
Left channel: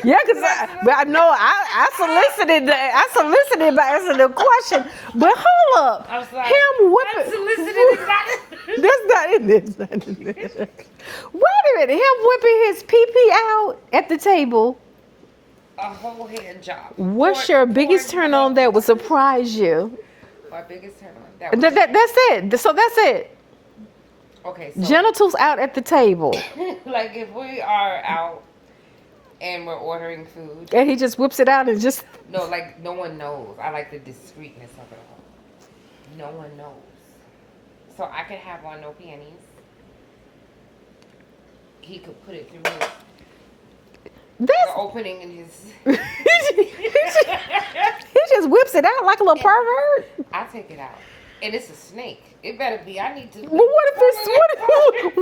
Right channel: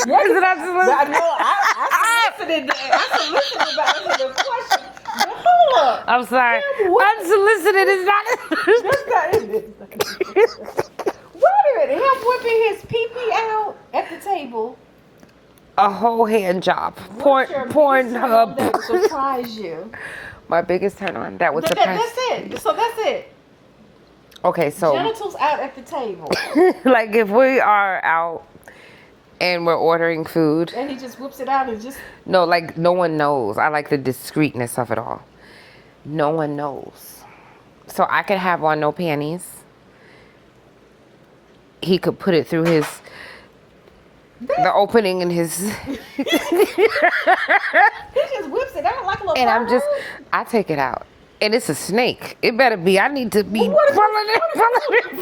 Yeah, because I know I solicited by answering the question. But hold up. I'm sorry. Him whipping, Unsolicited is not. that's not it. That's not it. Wait a minute, him whipping his pee out at the table. A whole hand job. What's your biggest turn on that would surprise you? My biggest turn on that was That's it. So that's it. Okay, so Genitals out at the table. like if we are out and we're ordering food, And he just whips it out and just... no, like no one knows. I like the discreetness of it all. No one knows. So I could have on no panties. He could put it through the opening in his. He just whips it out like a little And pervert. I take it out. And it's a snake. It better be. I need to be. Well, what if it's not a head?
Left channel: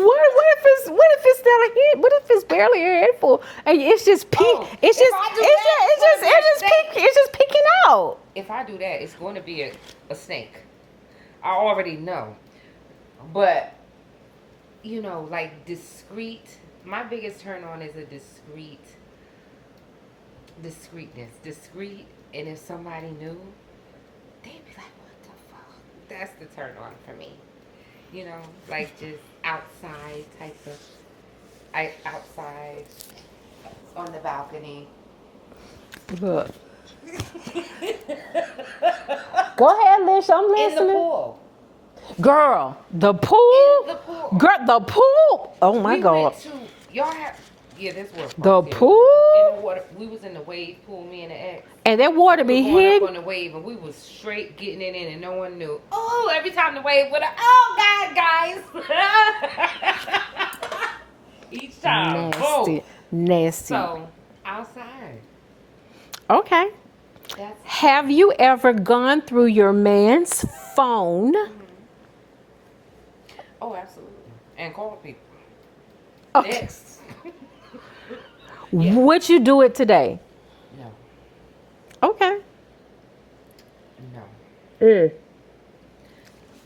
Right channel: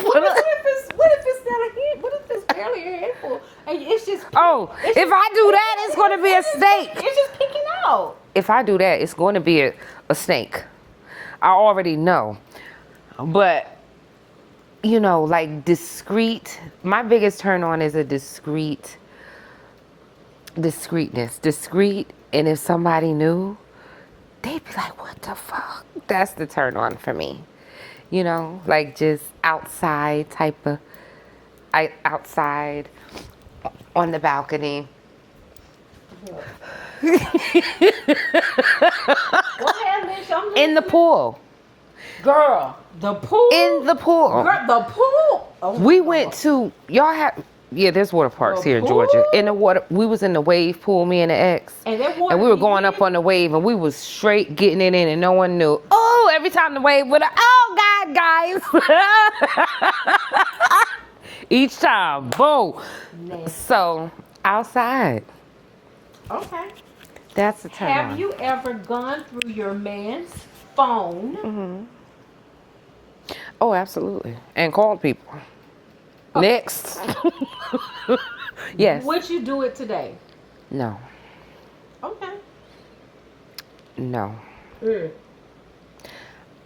What if it's barely a handful and it's just peek? Oh, if I do that, it's going to be a snake. It's just peeking out. If I do that, it's going to be a snake. I already know. But, you know, like discreet. My biggest turn on is a discreetness. Discreet. And if somebody knew, they'd be like, what the fuck? That's the turn on for me. You know, like just outside type of, outside on the balcony. Look. Go ahead, Lish. I'm listening. In the pool. Girl, the pool. In the pool. Girl, the pool. Oh my We God. went to, y'all have, yeah, there's water parks The here pool? in Georgia. In the water, we was in the wave pool, me and the ex. And that water And we were be going hid? up on the wave, and we was straight getting it in, and no one knew. Oh, every time the wave went up, oh God, guys. Each time, boom. Nasty. So, outside. Okay. That's a Have turn-on. you ever gone through your man's phone? Oh, absolutely. And called people. Okay. Next. Yes. Would you do it today? No. Okay. No.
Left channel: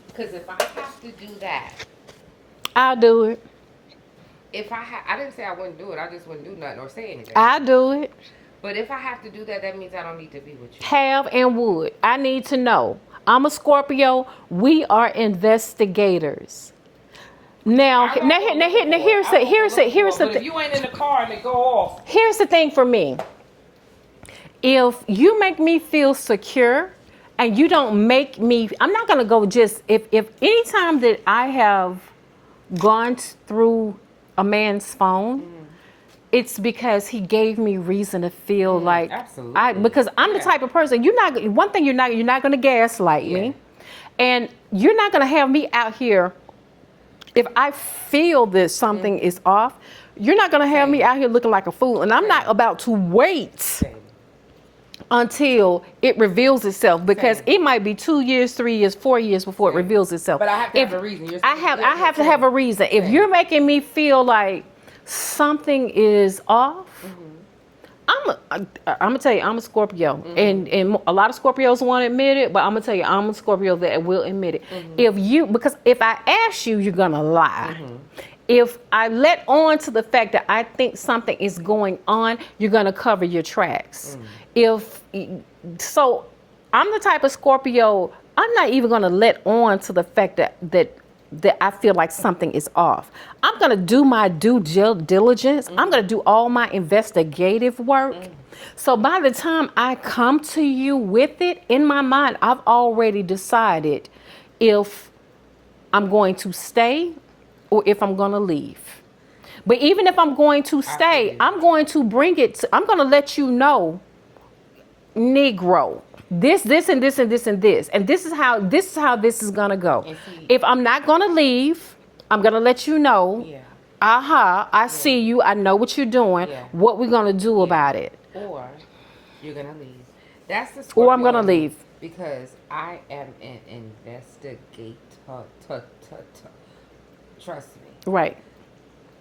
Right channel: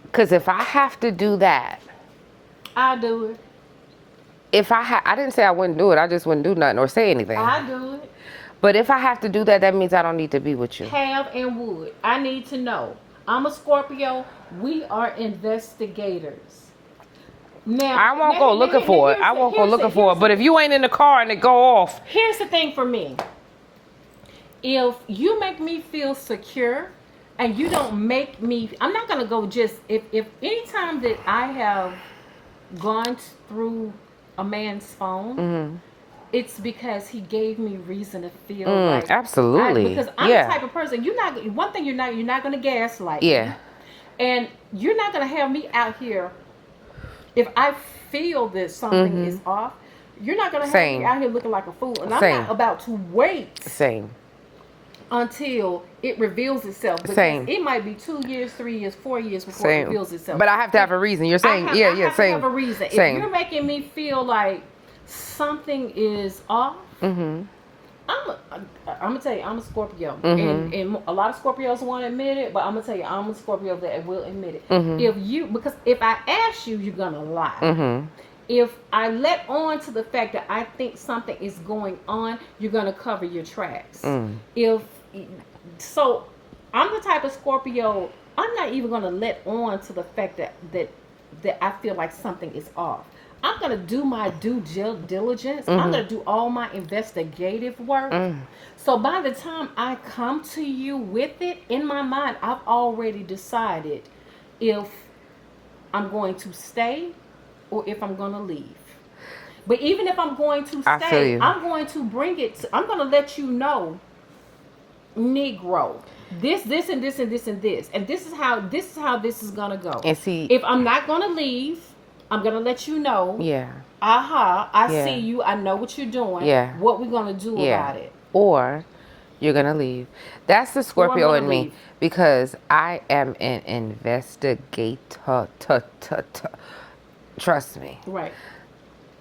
Because if I have to do that, I'll do it. I didn't say I wouldn't do it. I just wouldn't do nothing or say anything. I'll do it. But if I have to do that, that means I don't need to be with you. Have and would. I need to know. I'm a Scorpio. We are investigators. Now, I won't go looking for it. I won't go looking for it. But if you ain't in the car and it go off. Here's the thing for me. If you make me feel secure and you don't make me, I'm not going to go just, if any time that I have gone through a man's phone, it's because he gave me reason to feel like. Absolutely. Because I'm the type of person, one thing you're not going to gaslight me. And you're not going to have me out here. If I feel that something is off, you're not going to have me Same. out here looking like a fool. And I'm Same. not about to wait Same. until it reveals itself, because Same. it might be 2 years, 3 years, 4 years before it Same. reveals itself. But I have to have a reason. You're saying, I yeah, have to same. have a reason. If Same. you're making me feel like something is off, I'm gonna tell you, I'm a Scorpio, and a lot of Scorpios won't admit it, but I'm gonna tell you, I'm a Scorpio that will admit it. Because if I ask you, you're gonna lie. If I let on to the fact that I think something is going on, you're gonna cover your tracks. So I'm the type of Scorpio, I'm not even gonna let on to the fact that I feel like something is off. I'm going to do my due diligence. I'm going to do all my investigative work. So by the time I come to you with it, in my mind, I've already decided if I'm going to stay or if I'm going to leave. But even if I'm going to stay, I'm going to bring it I'm going to let you know, Negro, this, and this, and this, and this. And this is how this is going to go. And see, if I'm not going to leave, I'm going to let you know. Yeah. I see you. I know what you're doing. Yeah. What we're going to do about it. Or you're going to leave. That's the Scorpio Or I'm in gonna me. leave. Because I am an investigator. Trust me. Right.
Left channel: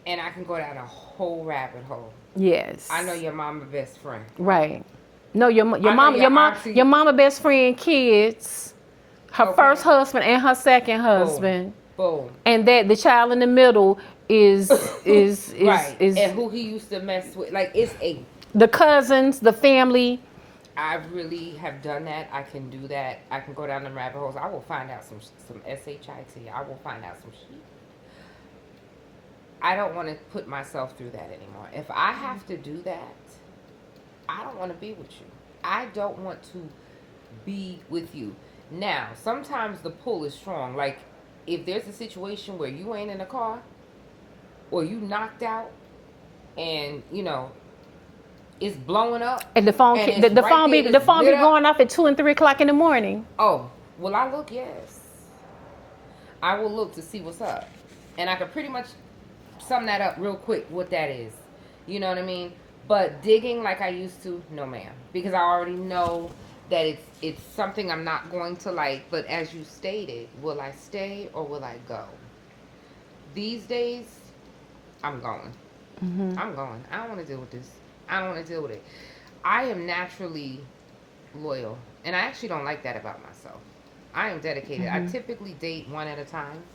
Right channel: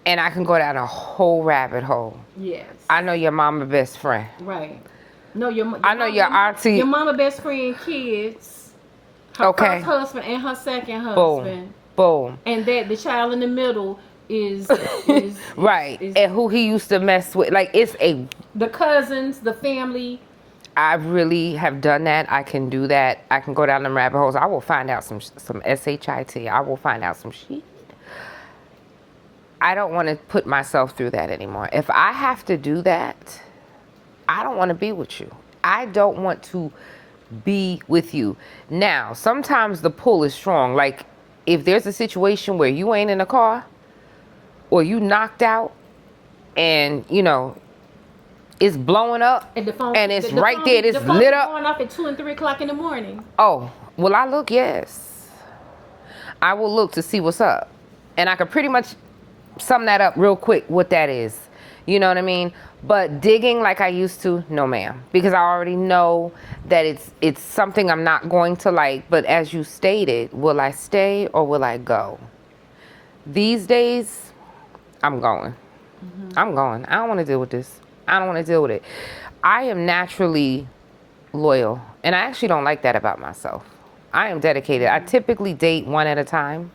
And I can go down a whole rabbit hole. Yes. I know your mama best friend. Right. No, your I know your auntie- your mama best friend kids, her first husband and her second husband. Boom. And that the child in the middle is right. And who he used to mess with. Like, it's the cousins, the family. I really have done that. I can do that. I can go down them rabbit holes. I will find out some shit. I will find out some shit. I don't want to put myself through that anymore. If I have to do that, I don't want to be with you. I don't want to be with you. Now, sometimes the pull is strong. Like, if there's a situation where you ain't in a car or you knocked out and, you know, it's blowing up And the phone, and the it's phone right be, there, the it's phone lit be up. going off at 2 and 3 o'clock in the morning. Oh, will I look? Yes. I will look to see what's up. And I could pretty much sum that up real quick, what that is. You know what I mean? But digging like I used to, no ma'am. Because I already know that it's something I'm not going to like. But as you stated, will I stay or will I go? These days, I'm going. I'm going. I don't want to deal with this. I don't want to deal with it. I am naturally loyal. And I actually don't like that about myself. I am dedicated. I typically date one at a time.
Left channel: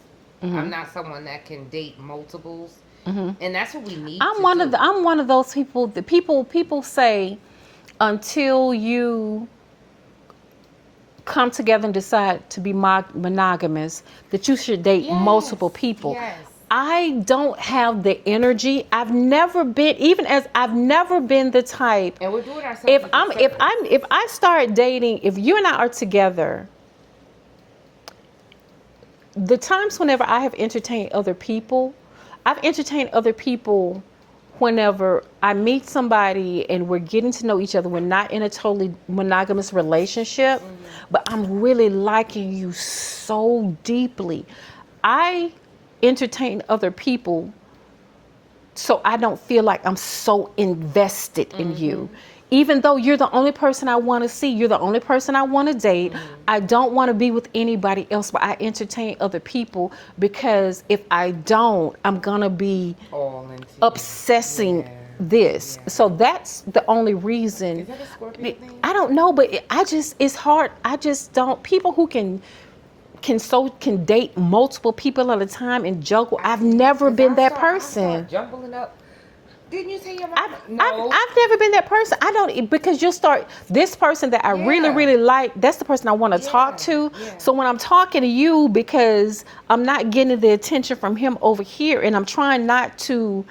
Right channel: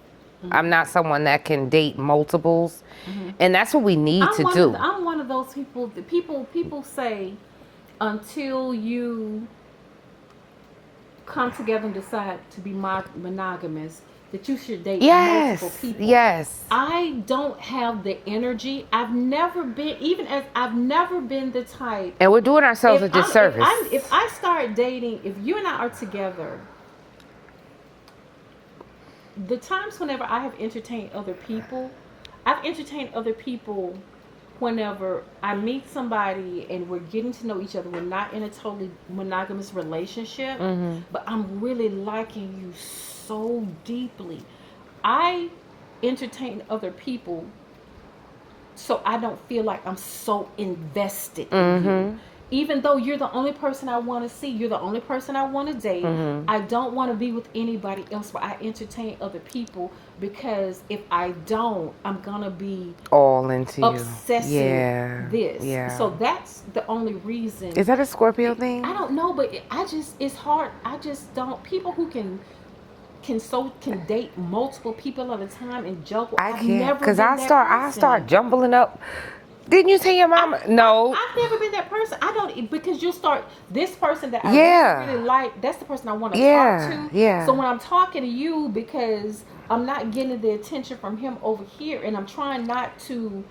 I'm not someone that can date multiples. And that's what we need to do. I'm one of those people that people say until you come together and decide to be monogamous, that you should date multiple people. Yes. I don't have the energy. I've never been the type. And we're doing ourselves a disservice. If I start dating, if you and I are together, the times whenever I have entertained other people, I've entertained other people whenever I meet somebody and we're getting to know each other. We're not in a totally monogamous relationship, but I'm really liking you so deeply. I entertain other people so I don't feel like I'm so invested in you. Even though you're the only person I want to see, you're the only person I want to date, I don't want to be with anybody else, but I entertain other people, because if I don't, I'm going to be all into obsessing this. Yeah. So that's the only reason. Is that a Scorpio thing? I don't know, but it's hard. I just don't. People who can date multiple people at a time and juggle. I've never been that person. I start jumbling up. Didn't you say your mama? No. I've never been that person. I don't, because you'll start, this person that I really, really like, that's the person I want to talk to. Yeah. So when I'm talking to you, because I'm not getting the attention from him over here, and I'm trying not to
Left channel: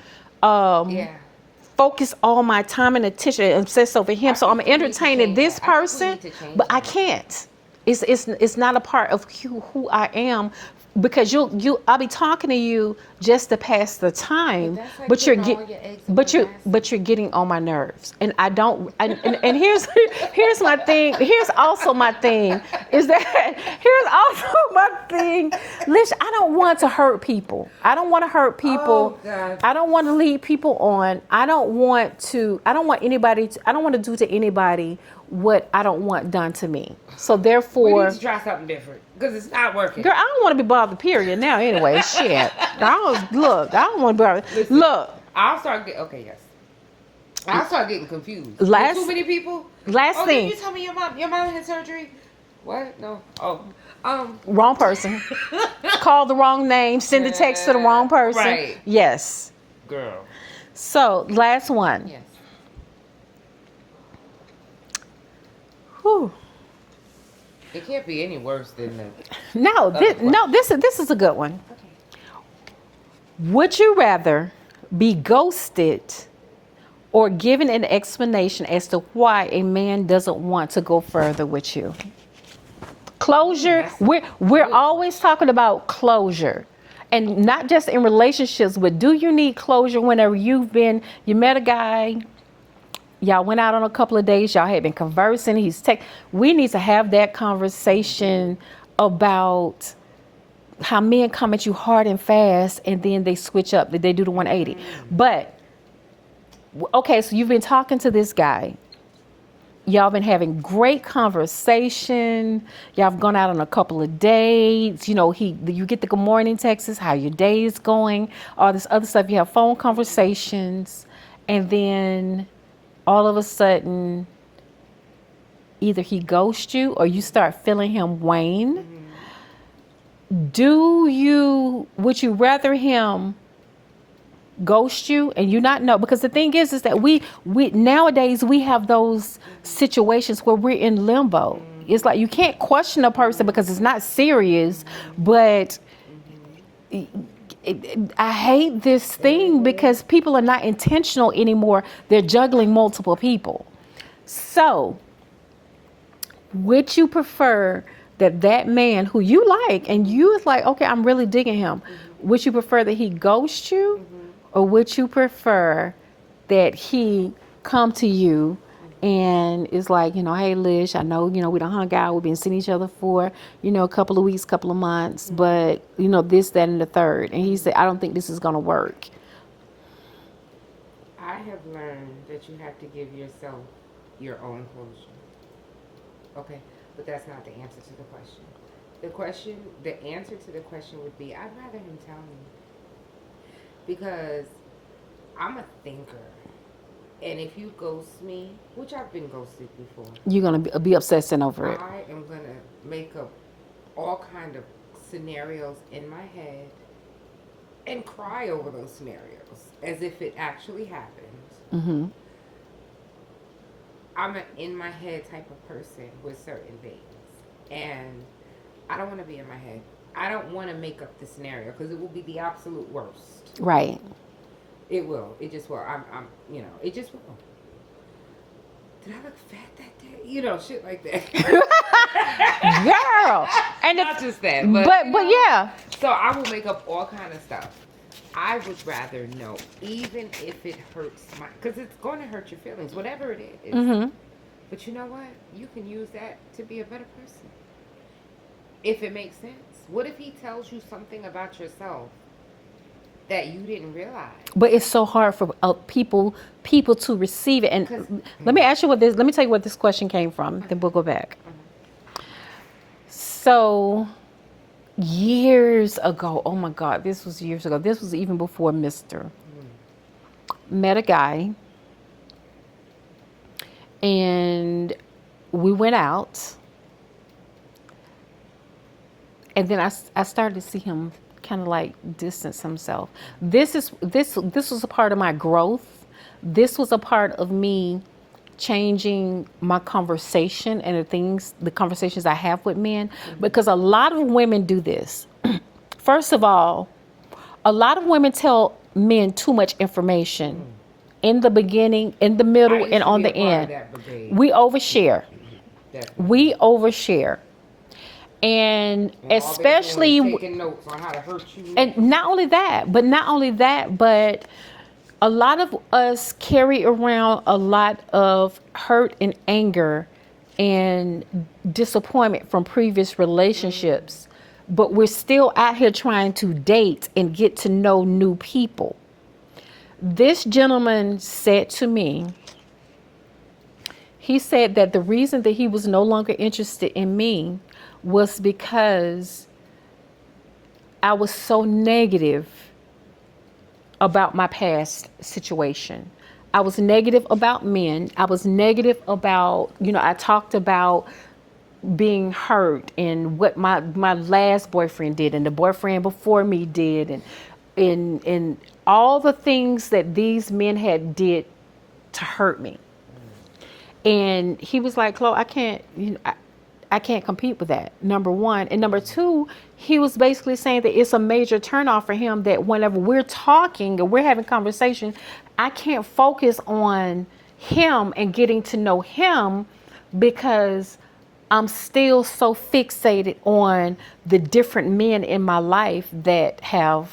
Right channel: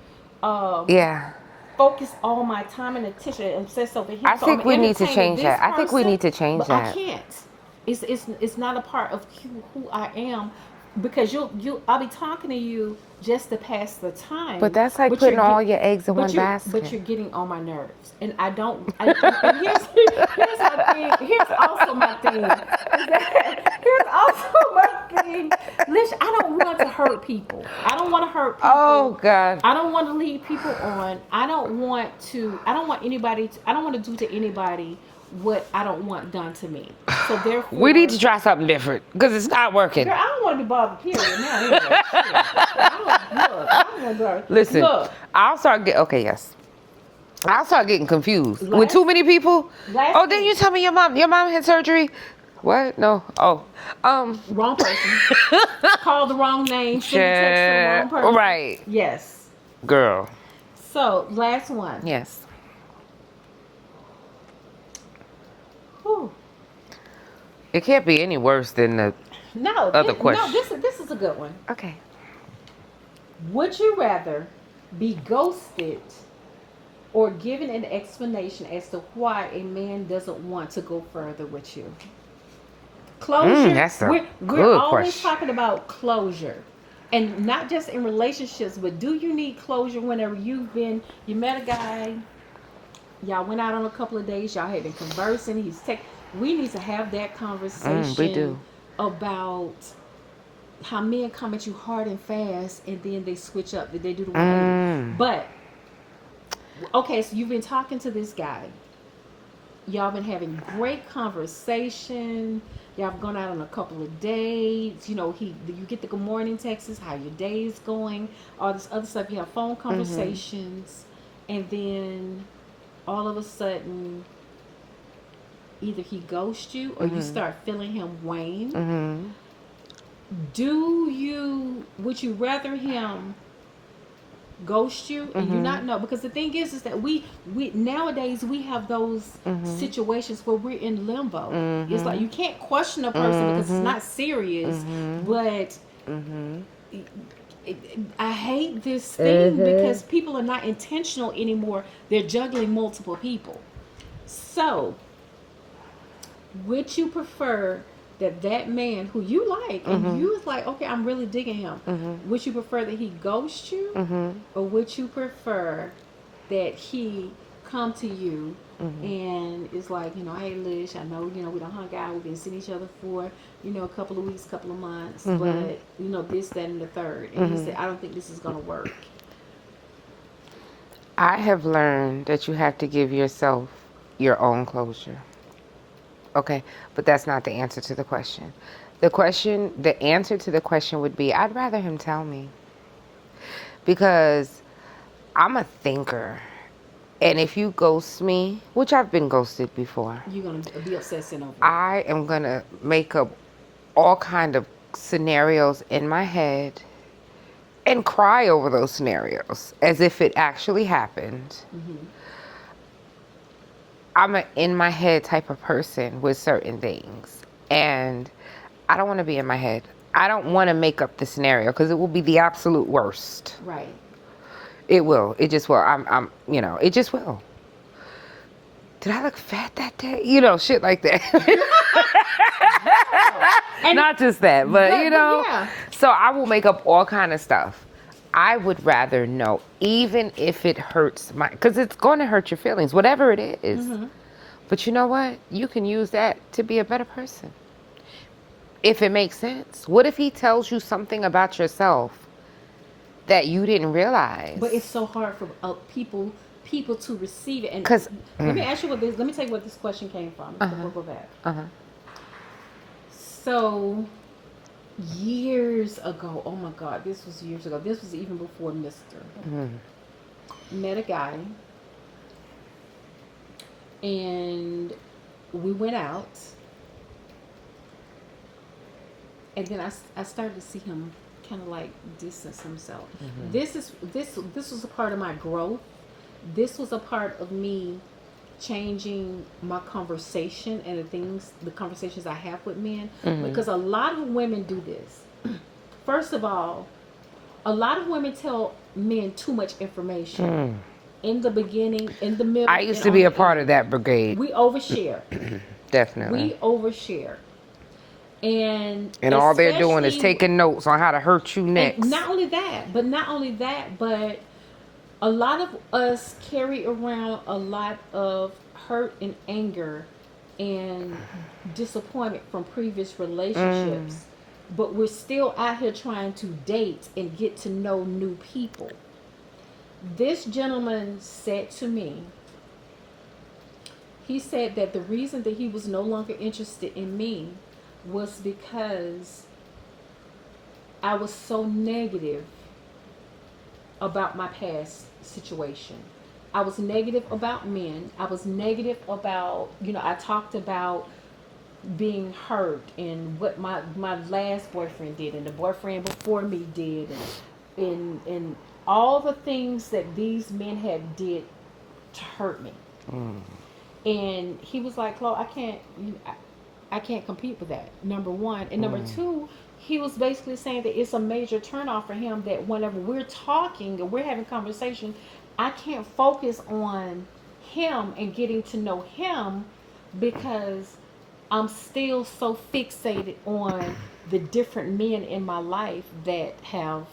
focus all my time and attention and obsess over him. So I'm entertaining this person. I think we need to change but that. I can't. It's not a part of who I am. because I'll be talking to you just to pass the time. But that's like putting all your eggs in one basket. But you're getting on my nerves, and I don't. And here's my thing. Here's also my thing is that here's also my thing. Lish, I don't want to hurt people. I don't want to hurt people. Oh God. I don't want to lead people on. I don't want anybody. I don't want to do to anybody what I don't want done to me. So therefore, We need to try something different because it's not working. girl, I don't want to be bothered. Period. Now, anyway, shit. I don't want to be bothered. Listen, Look, I'll start getting. Okay, yes. I'll start getting confused. With Last- too many people. last Oh, thing. didn't you tell me your mom had surgery? What? No. Oh. wrong person. Called the wrong name. Send the text to the wrong person. Right. Yes. Girl. So last one. Yes. Whew. It can't be any worse than the. No, question. this is a good one. Okay. Would you rather be ghosted or given an explanation as to why a man doesn't want to go further with you? Closure. That's a We're good always question. talking about closure. And not just in relationships, but do you need closure whenever you met a guy, y'all went out on a couple of days, y'all had been conversing, we need to have that conversation about how men come at you hard and fast and then they switch up, they do the 180. But, okay, so you've been talking to this guy. Y'all been having great conversation. Y'all have gone out on a couple of dates. You know, you get the good morning texts, how your day is going, all this other stuff. You have phone conversations, and then all of a sudden, either he ghosts you or you start feeling him wane. Would you rather him ghost you and you not know? Because the thing is that we nowadays we have those situations where we're in limbo. It's like you can't question a person because it's not serious, but I hate this thing because people are not intentional anymore. They're juggling multiple people. So would you prefer that man who you like and you is like, okay, I'm really digging him, would you prefer that he ghost you or would you prefer that he come to you and is like, hey Lish, I know, we done hung out, we've been seeing each other for, a couple of weeks, couple of months, but this, that, and the third. And he said, I don't think this is gonna work. I have learned that you have to give yourself your own closure. Okay, but that's not the answer to the question. The answer to the question would be, I'd rather him tell me. Because I'm a thinker. And if you ghost me, which I've been ghosted before. You're going to be obsessing over it. I am going to make up all kind of scenarios in my head and cry over those scenarios as if it actually happened. I'm an in my head type of person with certain things. And I don't want to be in my head. I don't want to make up the scenario because it will be the absolute worst. Right. It will. It just will. It just will. Did I look fat that day? Shit like that. Girl. And not just that, but yeah. So I will make up all kind of stuff. I would rather know, even if it hurts because it's going to hurt your feelings, whatever it is. But you know what? You can use that to be a better person. If it makes sense. What if he tells you something about yourself that you didn't realize? But it's so hard for people to receive it. And let me ask you let me tell you what this question came from. Then we'll go back. So years ago, oh my God, this was years ago. This was even before Mr. Met a guy and we went out and then I started to see him kind of like distance himself. This was a part of my growth. This was a part of me changing my conversation and the conversations I have with men, because a lot of women do this. First of all, a lot of women tell men too much information in the beginning, in the middle, and on the end. I used to be a part of that brigade. We overshare. Definitely. We overshare. And And all they're doing is especially, taking notes on how to hurt you and next. not only that, but a lot of us carry around a lot of hurt and anger and disappointment from previous relationships, but we're still out here trying to date and get to know new people. This gentleman said to me, he said that the reason that he was no longer interested in me was because I was so negative about my past situation. I was negative about men. I was negative about, I talked about being hurt and what my last boyfriend did and the boyfriend before me did, and all the things that these men had did to hurt me. And he was like, Chloe, I can't, I can't compete with that. Number one. And number two, he was basically saying that it's a major turnoff for him that whenever we're talking or we're having conversation, I can't focus on him and getting to know him because I'm still so fixated on the different men in my life that have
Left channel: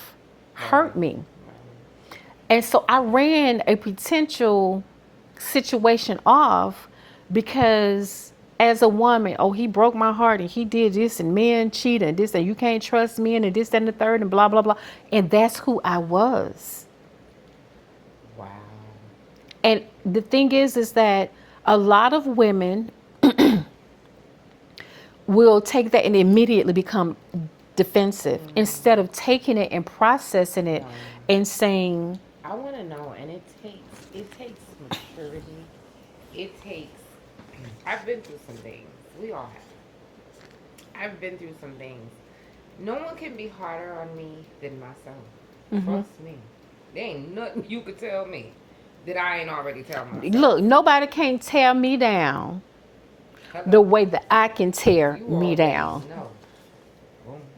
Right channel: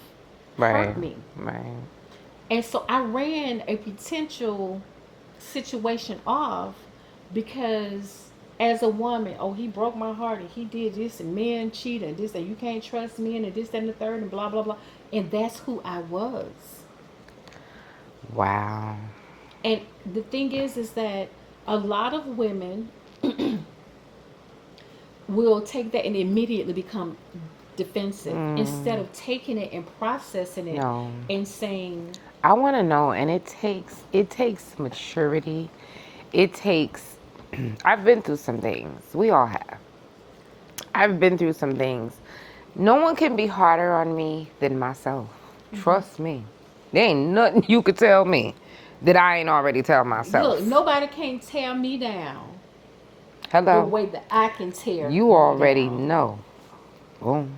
hurt me. Right. And so I ran a potential situation off because as a woman, oh, he broke my heart and he did this and men cheat and this and you can't trust men and this, that, and the third and blah, blah, blah. And that's who I was. Wow. And the thing is that a lot of women will take that and immediately become defensive instead of taking it and processing it and saying, I want to know, and it takes maturity. It takes. I've been through some things. We all have. I've been through some things. No one can be harder on me than myself. Trust me. There ain't nothing you could tell me that I ain't already tell myself. look, nobody can tear me down Hello. the way that I can tear You me already down. know. Boom.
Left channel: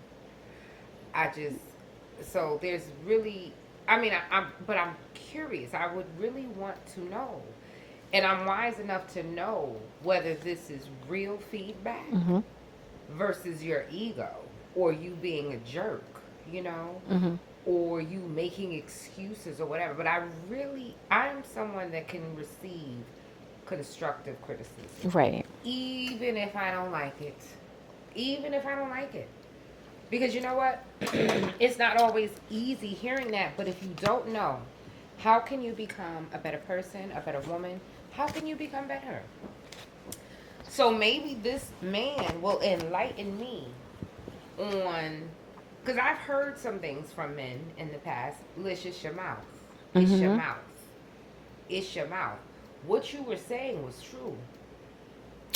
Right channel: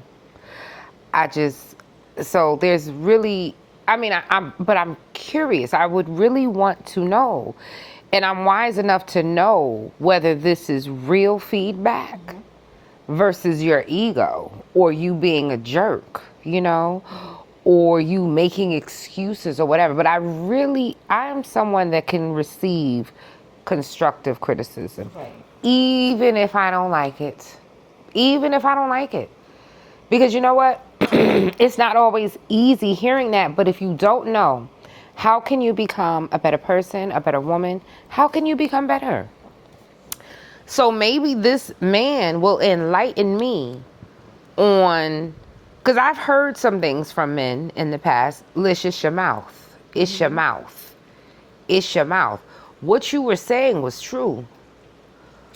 So there's really, but I'm curious. I would really want to know, and I'm wise enough to know whether this is real feedback versus your ego or you being a jerk, or you making excuses or whatever. But I'm someone that can receive constructive criticism. Right. Even if I don't like it. Even if I don't like it. Because you know what? It's not always easy hearing that, but if you don't know, how can you become a better person, a better woman? How can you become better? So maybe this man will enlighten me on, because I've heard some things from men in the past. Lish, it's your mouth. It's your mouth. It's your mouth. What you were saying was true.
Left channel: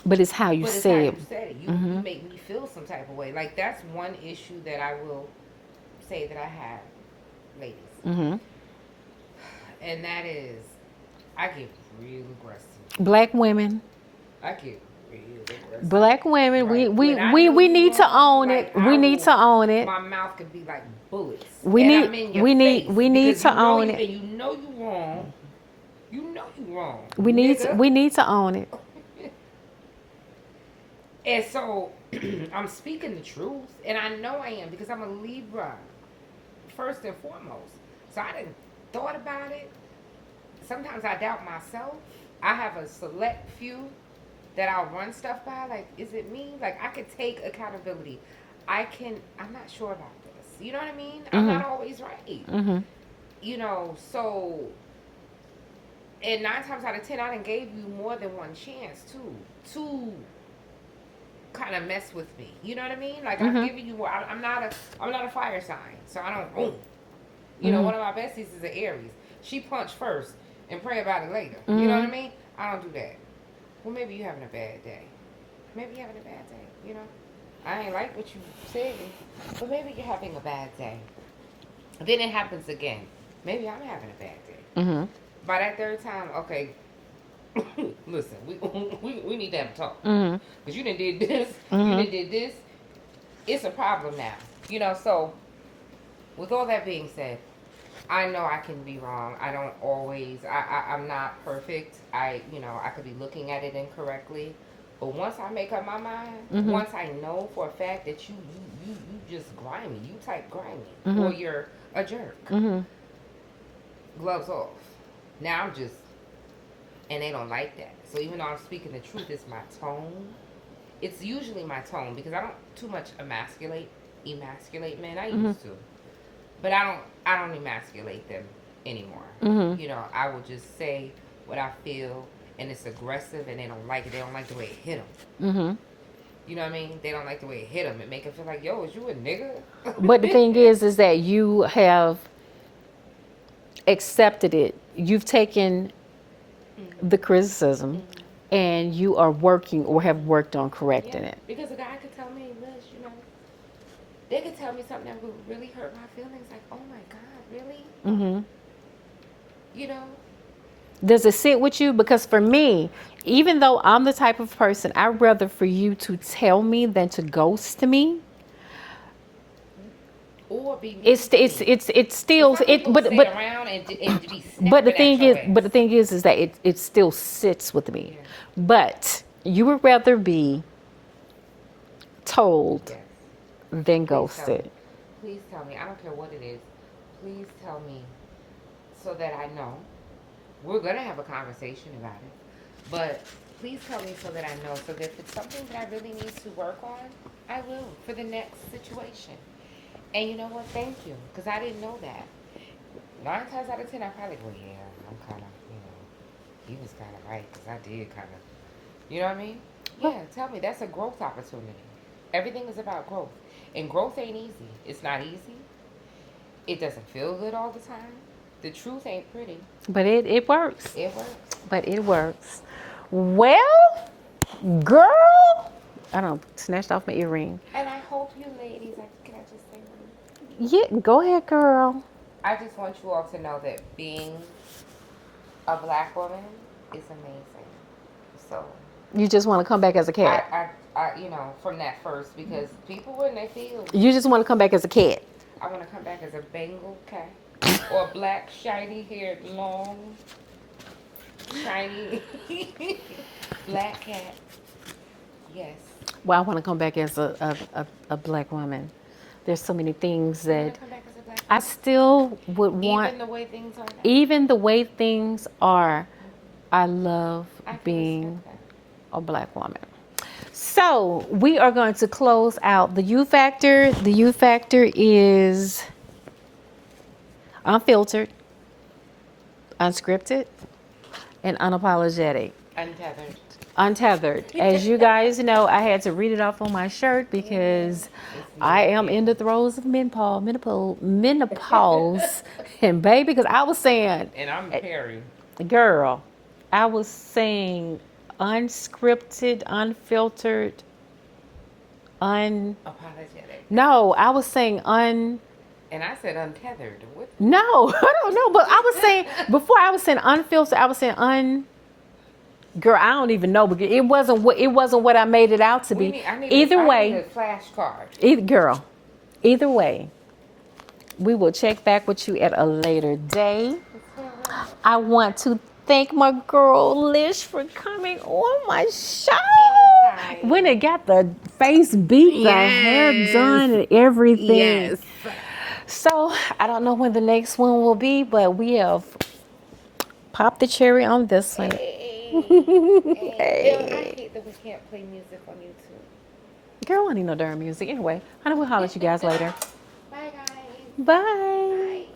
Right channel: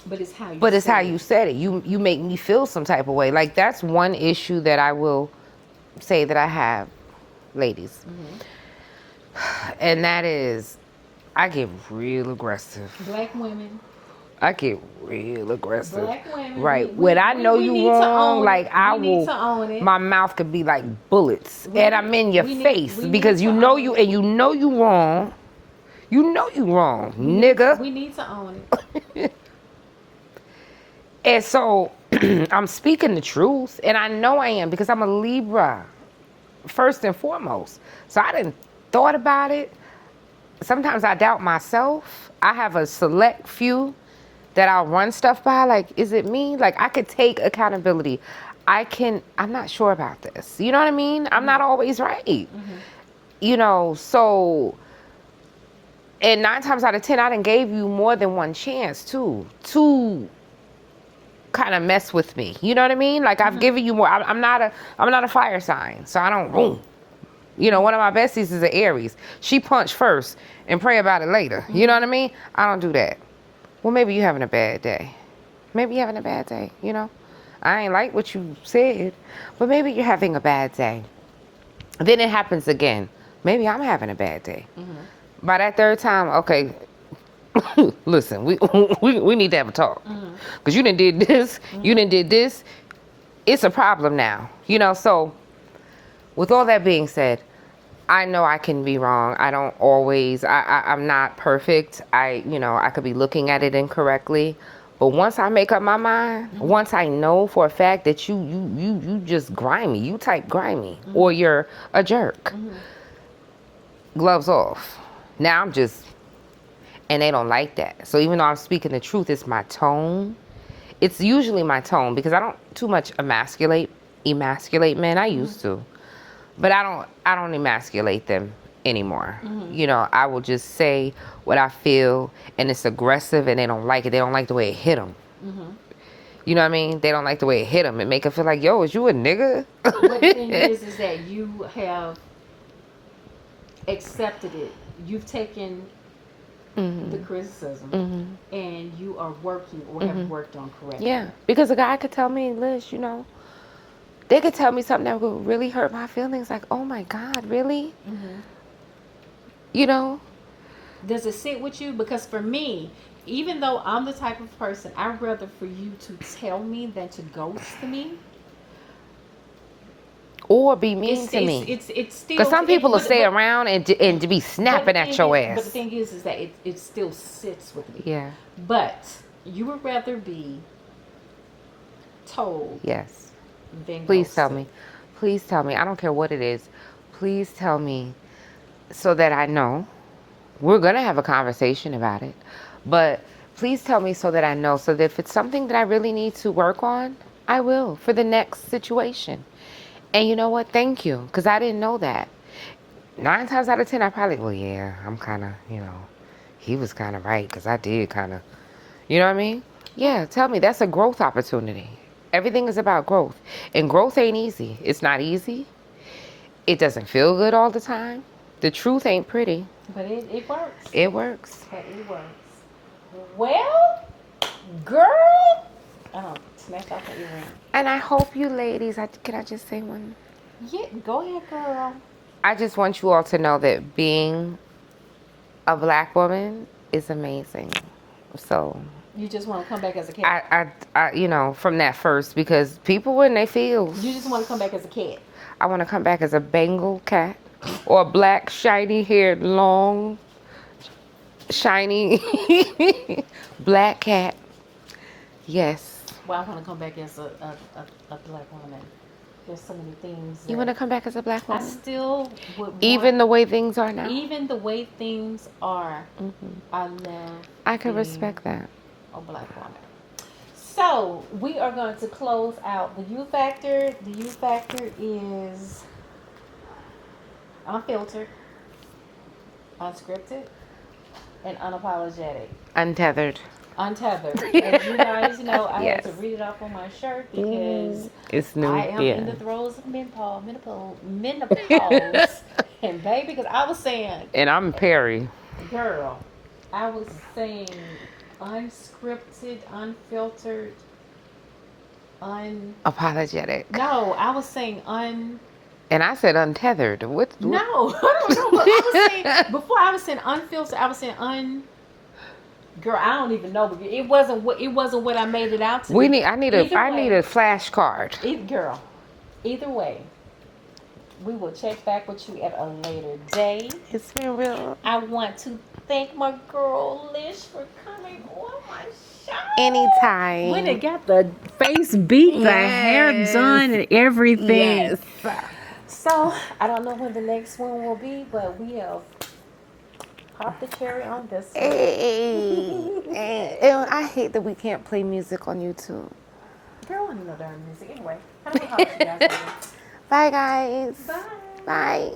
But it's how you But it's say how it. you said it. You make me feel some type of way. Like, that's one issue that I will say that I have, ladies. And that is, I get real aggressive. Black women. I get real aggressive. Black women, Right. we When I know we you need to wrong, own like, it. We need to own it. My mouth could be like bullets. We and need- I'm in your we need- face. we need because to you know own you it. and you know you wrong. You know you wrong, We need nigga. we need to own it. And so I'm speaking the truth, and I know I am because I'm a Libra, first and foremost. So I didn't thought about it. Sometimes I doubt myself. I have a select few that I'll run stuff by. Like, is it me? Like, I could take accountability. I'm not sure about this. You know what I mean? I'm not always right. So, and 9 times out of 10, I done gave you more than one chance to kind of mess with me. You know what I mean? Like, I've given you more. I'm not a fire sign, so I don't boom. One of my besties is an Aries. She punched first and pray about it later. You know what I mean? I don't do that. Well, maybe you're having a bad day. Maybe you're having a bad day, I ain't like what you said, but maybe you're having a bad day. Then it happens again. Maybe I'm having a bad day. By that third time, okay, listen, we need to have a talk. Because you done did this, you done did this. It's a problem now. So with all that being said, I know I can be wrong. I don't always, I'm not perfect. I could be looking at it incorrectly. But once I make up my mind, once I know for a fact that you just grimy, you type grimy, or you're a jerk, gloves off. Now I'm just, and they don't like that. So even though I'm speaking the truth, it's my tone. It's usually my tone because I don't too much emasculate men. I used to, but I don't emasculate them anymore. You know, I will just say what I feel, and it's aggressive, and they don't like it. They don't like the way it hit them. You know what I mean? They don't like the way it hit them. It make them feel like, yo, is you a nigga? But the thing is that you have accepted it. You've taken the criticism, and you are working or have worked on correcting it. Because a guy could tell me, Lish, you know, they could tell me something that would really hurt my feelings. Like, oh my God, really? You know? Does it sit with you? Because for me, even though I'm the type of person, I'd rather for you to tell me than to ghost me. Or be mean to me. It's still. Because some people will stay around and to be snapping at your ass. But the thing is that it still sits with me. Yeah. But you would rather be told. Yes. Than Please ghosted. tell me. Please tell me. I don't care what it is. Please tell me so that I know. We're going to have a conversation about it. But please tell me so that I know. So that if it's something that I really need to work on, I will for the next situation. And you know what? Thank you. Because I didn't know that. 9 times out of 10, I probably, well, yeah, I'm kind of, you know, he was kind of right. Because I did kind of, you know what I mean? Yeah, tell me. That's a growth opportunity. Everything is about growth. And growth ain't easy. It's not easy. It doesn't feel good all the time. The truth ain't pretty. But it works. It works. But it works. Well, girl. I don't snatched off my earring. And I hope you ladies, can I just say one? Yeah, go ahead, girl. I just want you all to know that being a black woman is amazing. So you just want to come back as a cat. I you know, from that first, because people when they feel. You just want to come back as a cat. I want to come back as a Bengal cat or a black, shiny-haired, long, shiny black cat. Yes. Well, I want to come back as a black woman. There's so many things that... You want to come back as a black woman? I still would want... Even the way things are now? Even the way things are, I love I can being respect that. a black woman. So, we are going to close out the U Factor. The U Factor is unfiltered, unscripted, and unapologetic. Untethered. Untethered. As you guys know, I had to read it off on my shirt because I am in the throes of menopause. And baby, because I was saying... And I'm Perry. Girl, I was saying unscripted, unfiltered, Apologetic. No, I was saying And I said untethered. What? No, I don't know. But I was saying, before I was saying unfiltered, I was saying Girl, I don't even know because it wasn't what I made it out to be. I need a flashcard. Girl, either way, we will check back with you at a later day. It's been real. I want to thank my girl Lish for coming on my show. Anytime. When I got the face beat, the hair done, and everything. Yes. So I don't know when the next one will be, but we have popped the cherry on this one. Hey. I hate that we can't play music on YouTube. Girl, I don't need no darn music. Anyway, I know we'll holler at you guys later. Bye, guys. Bye. Bye.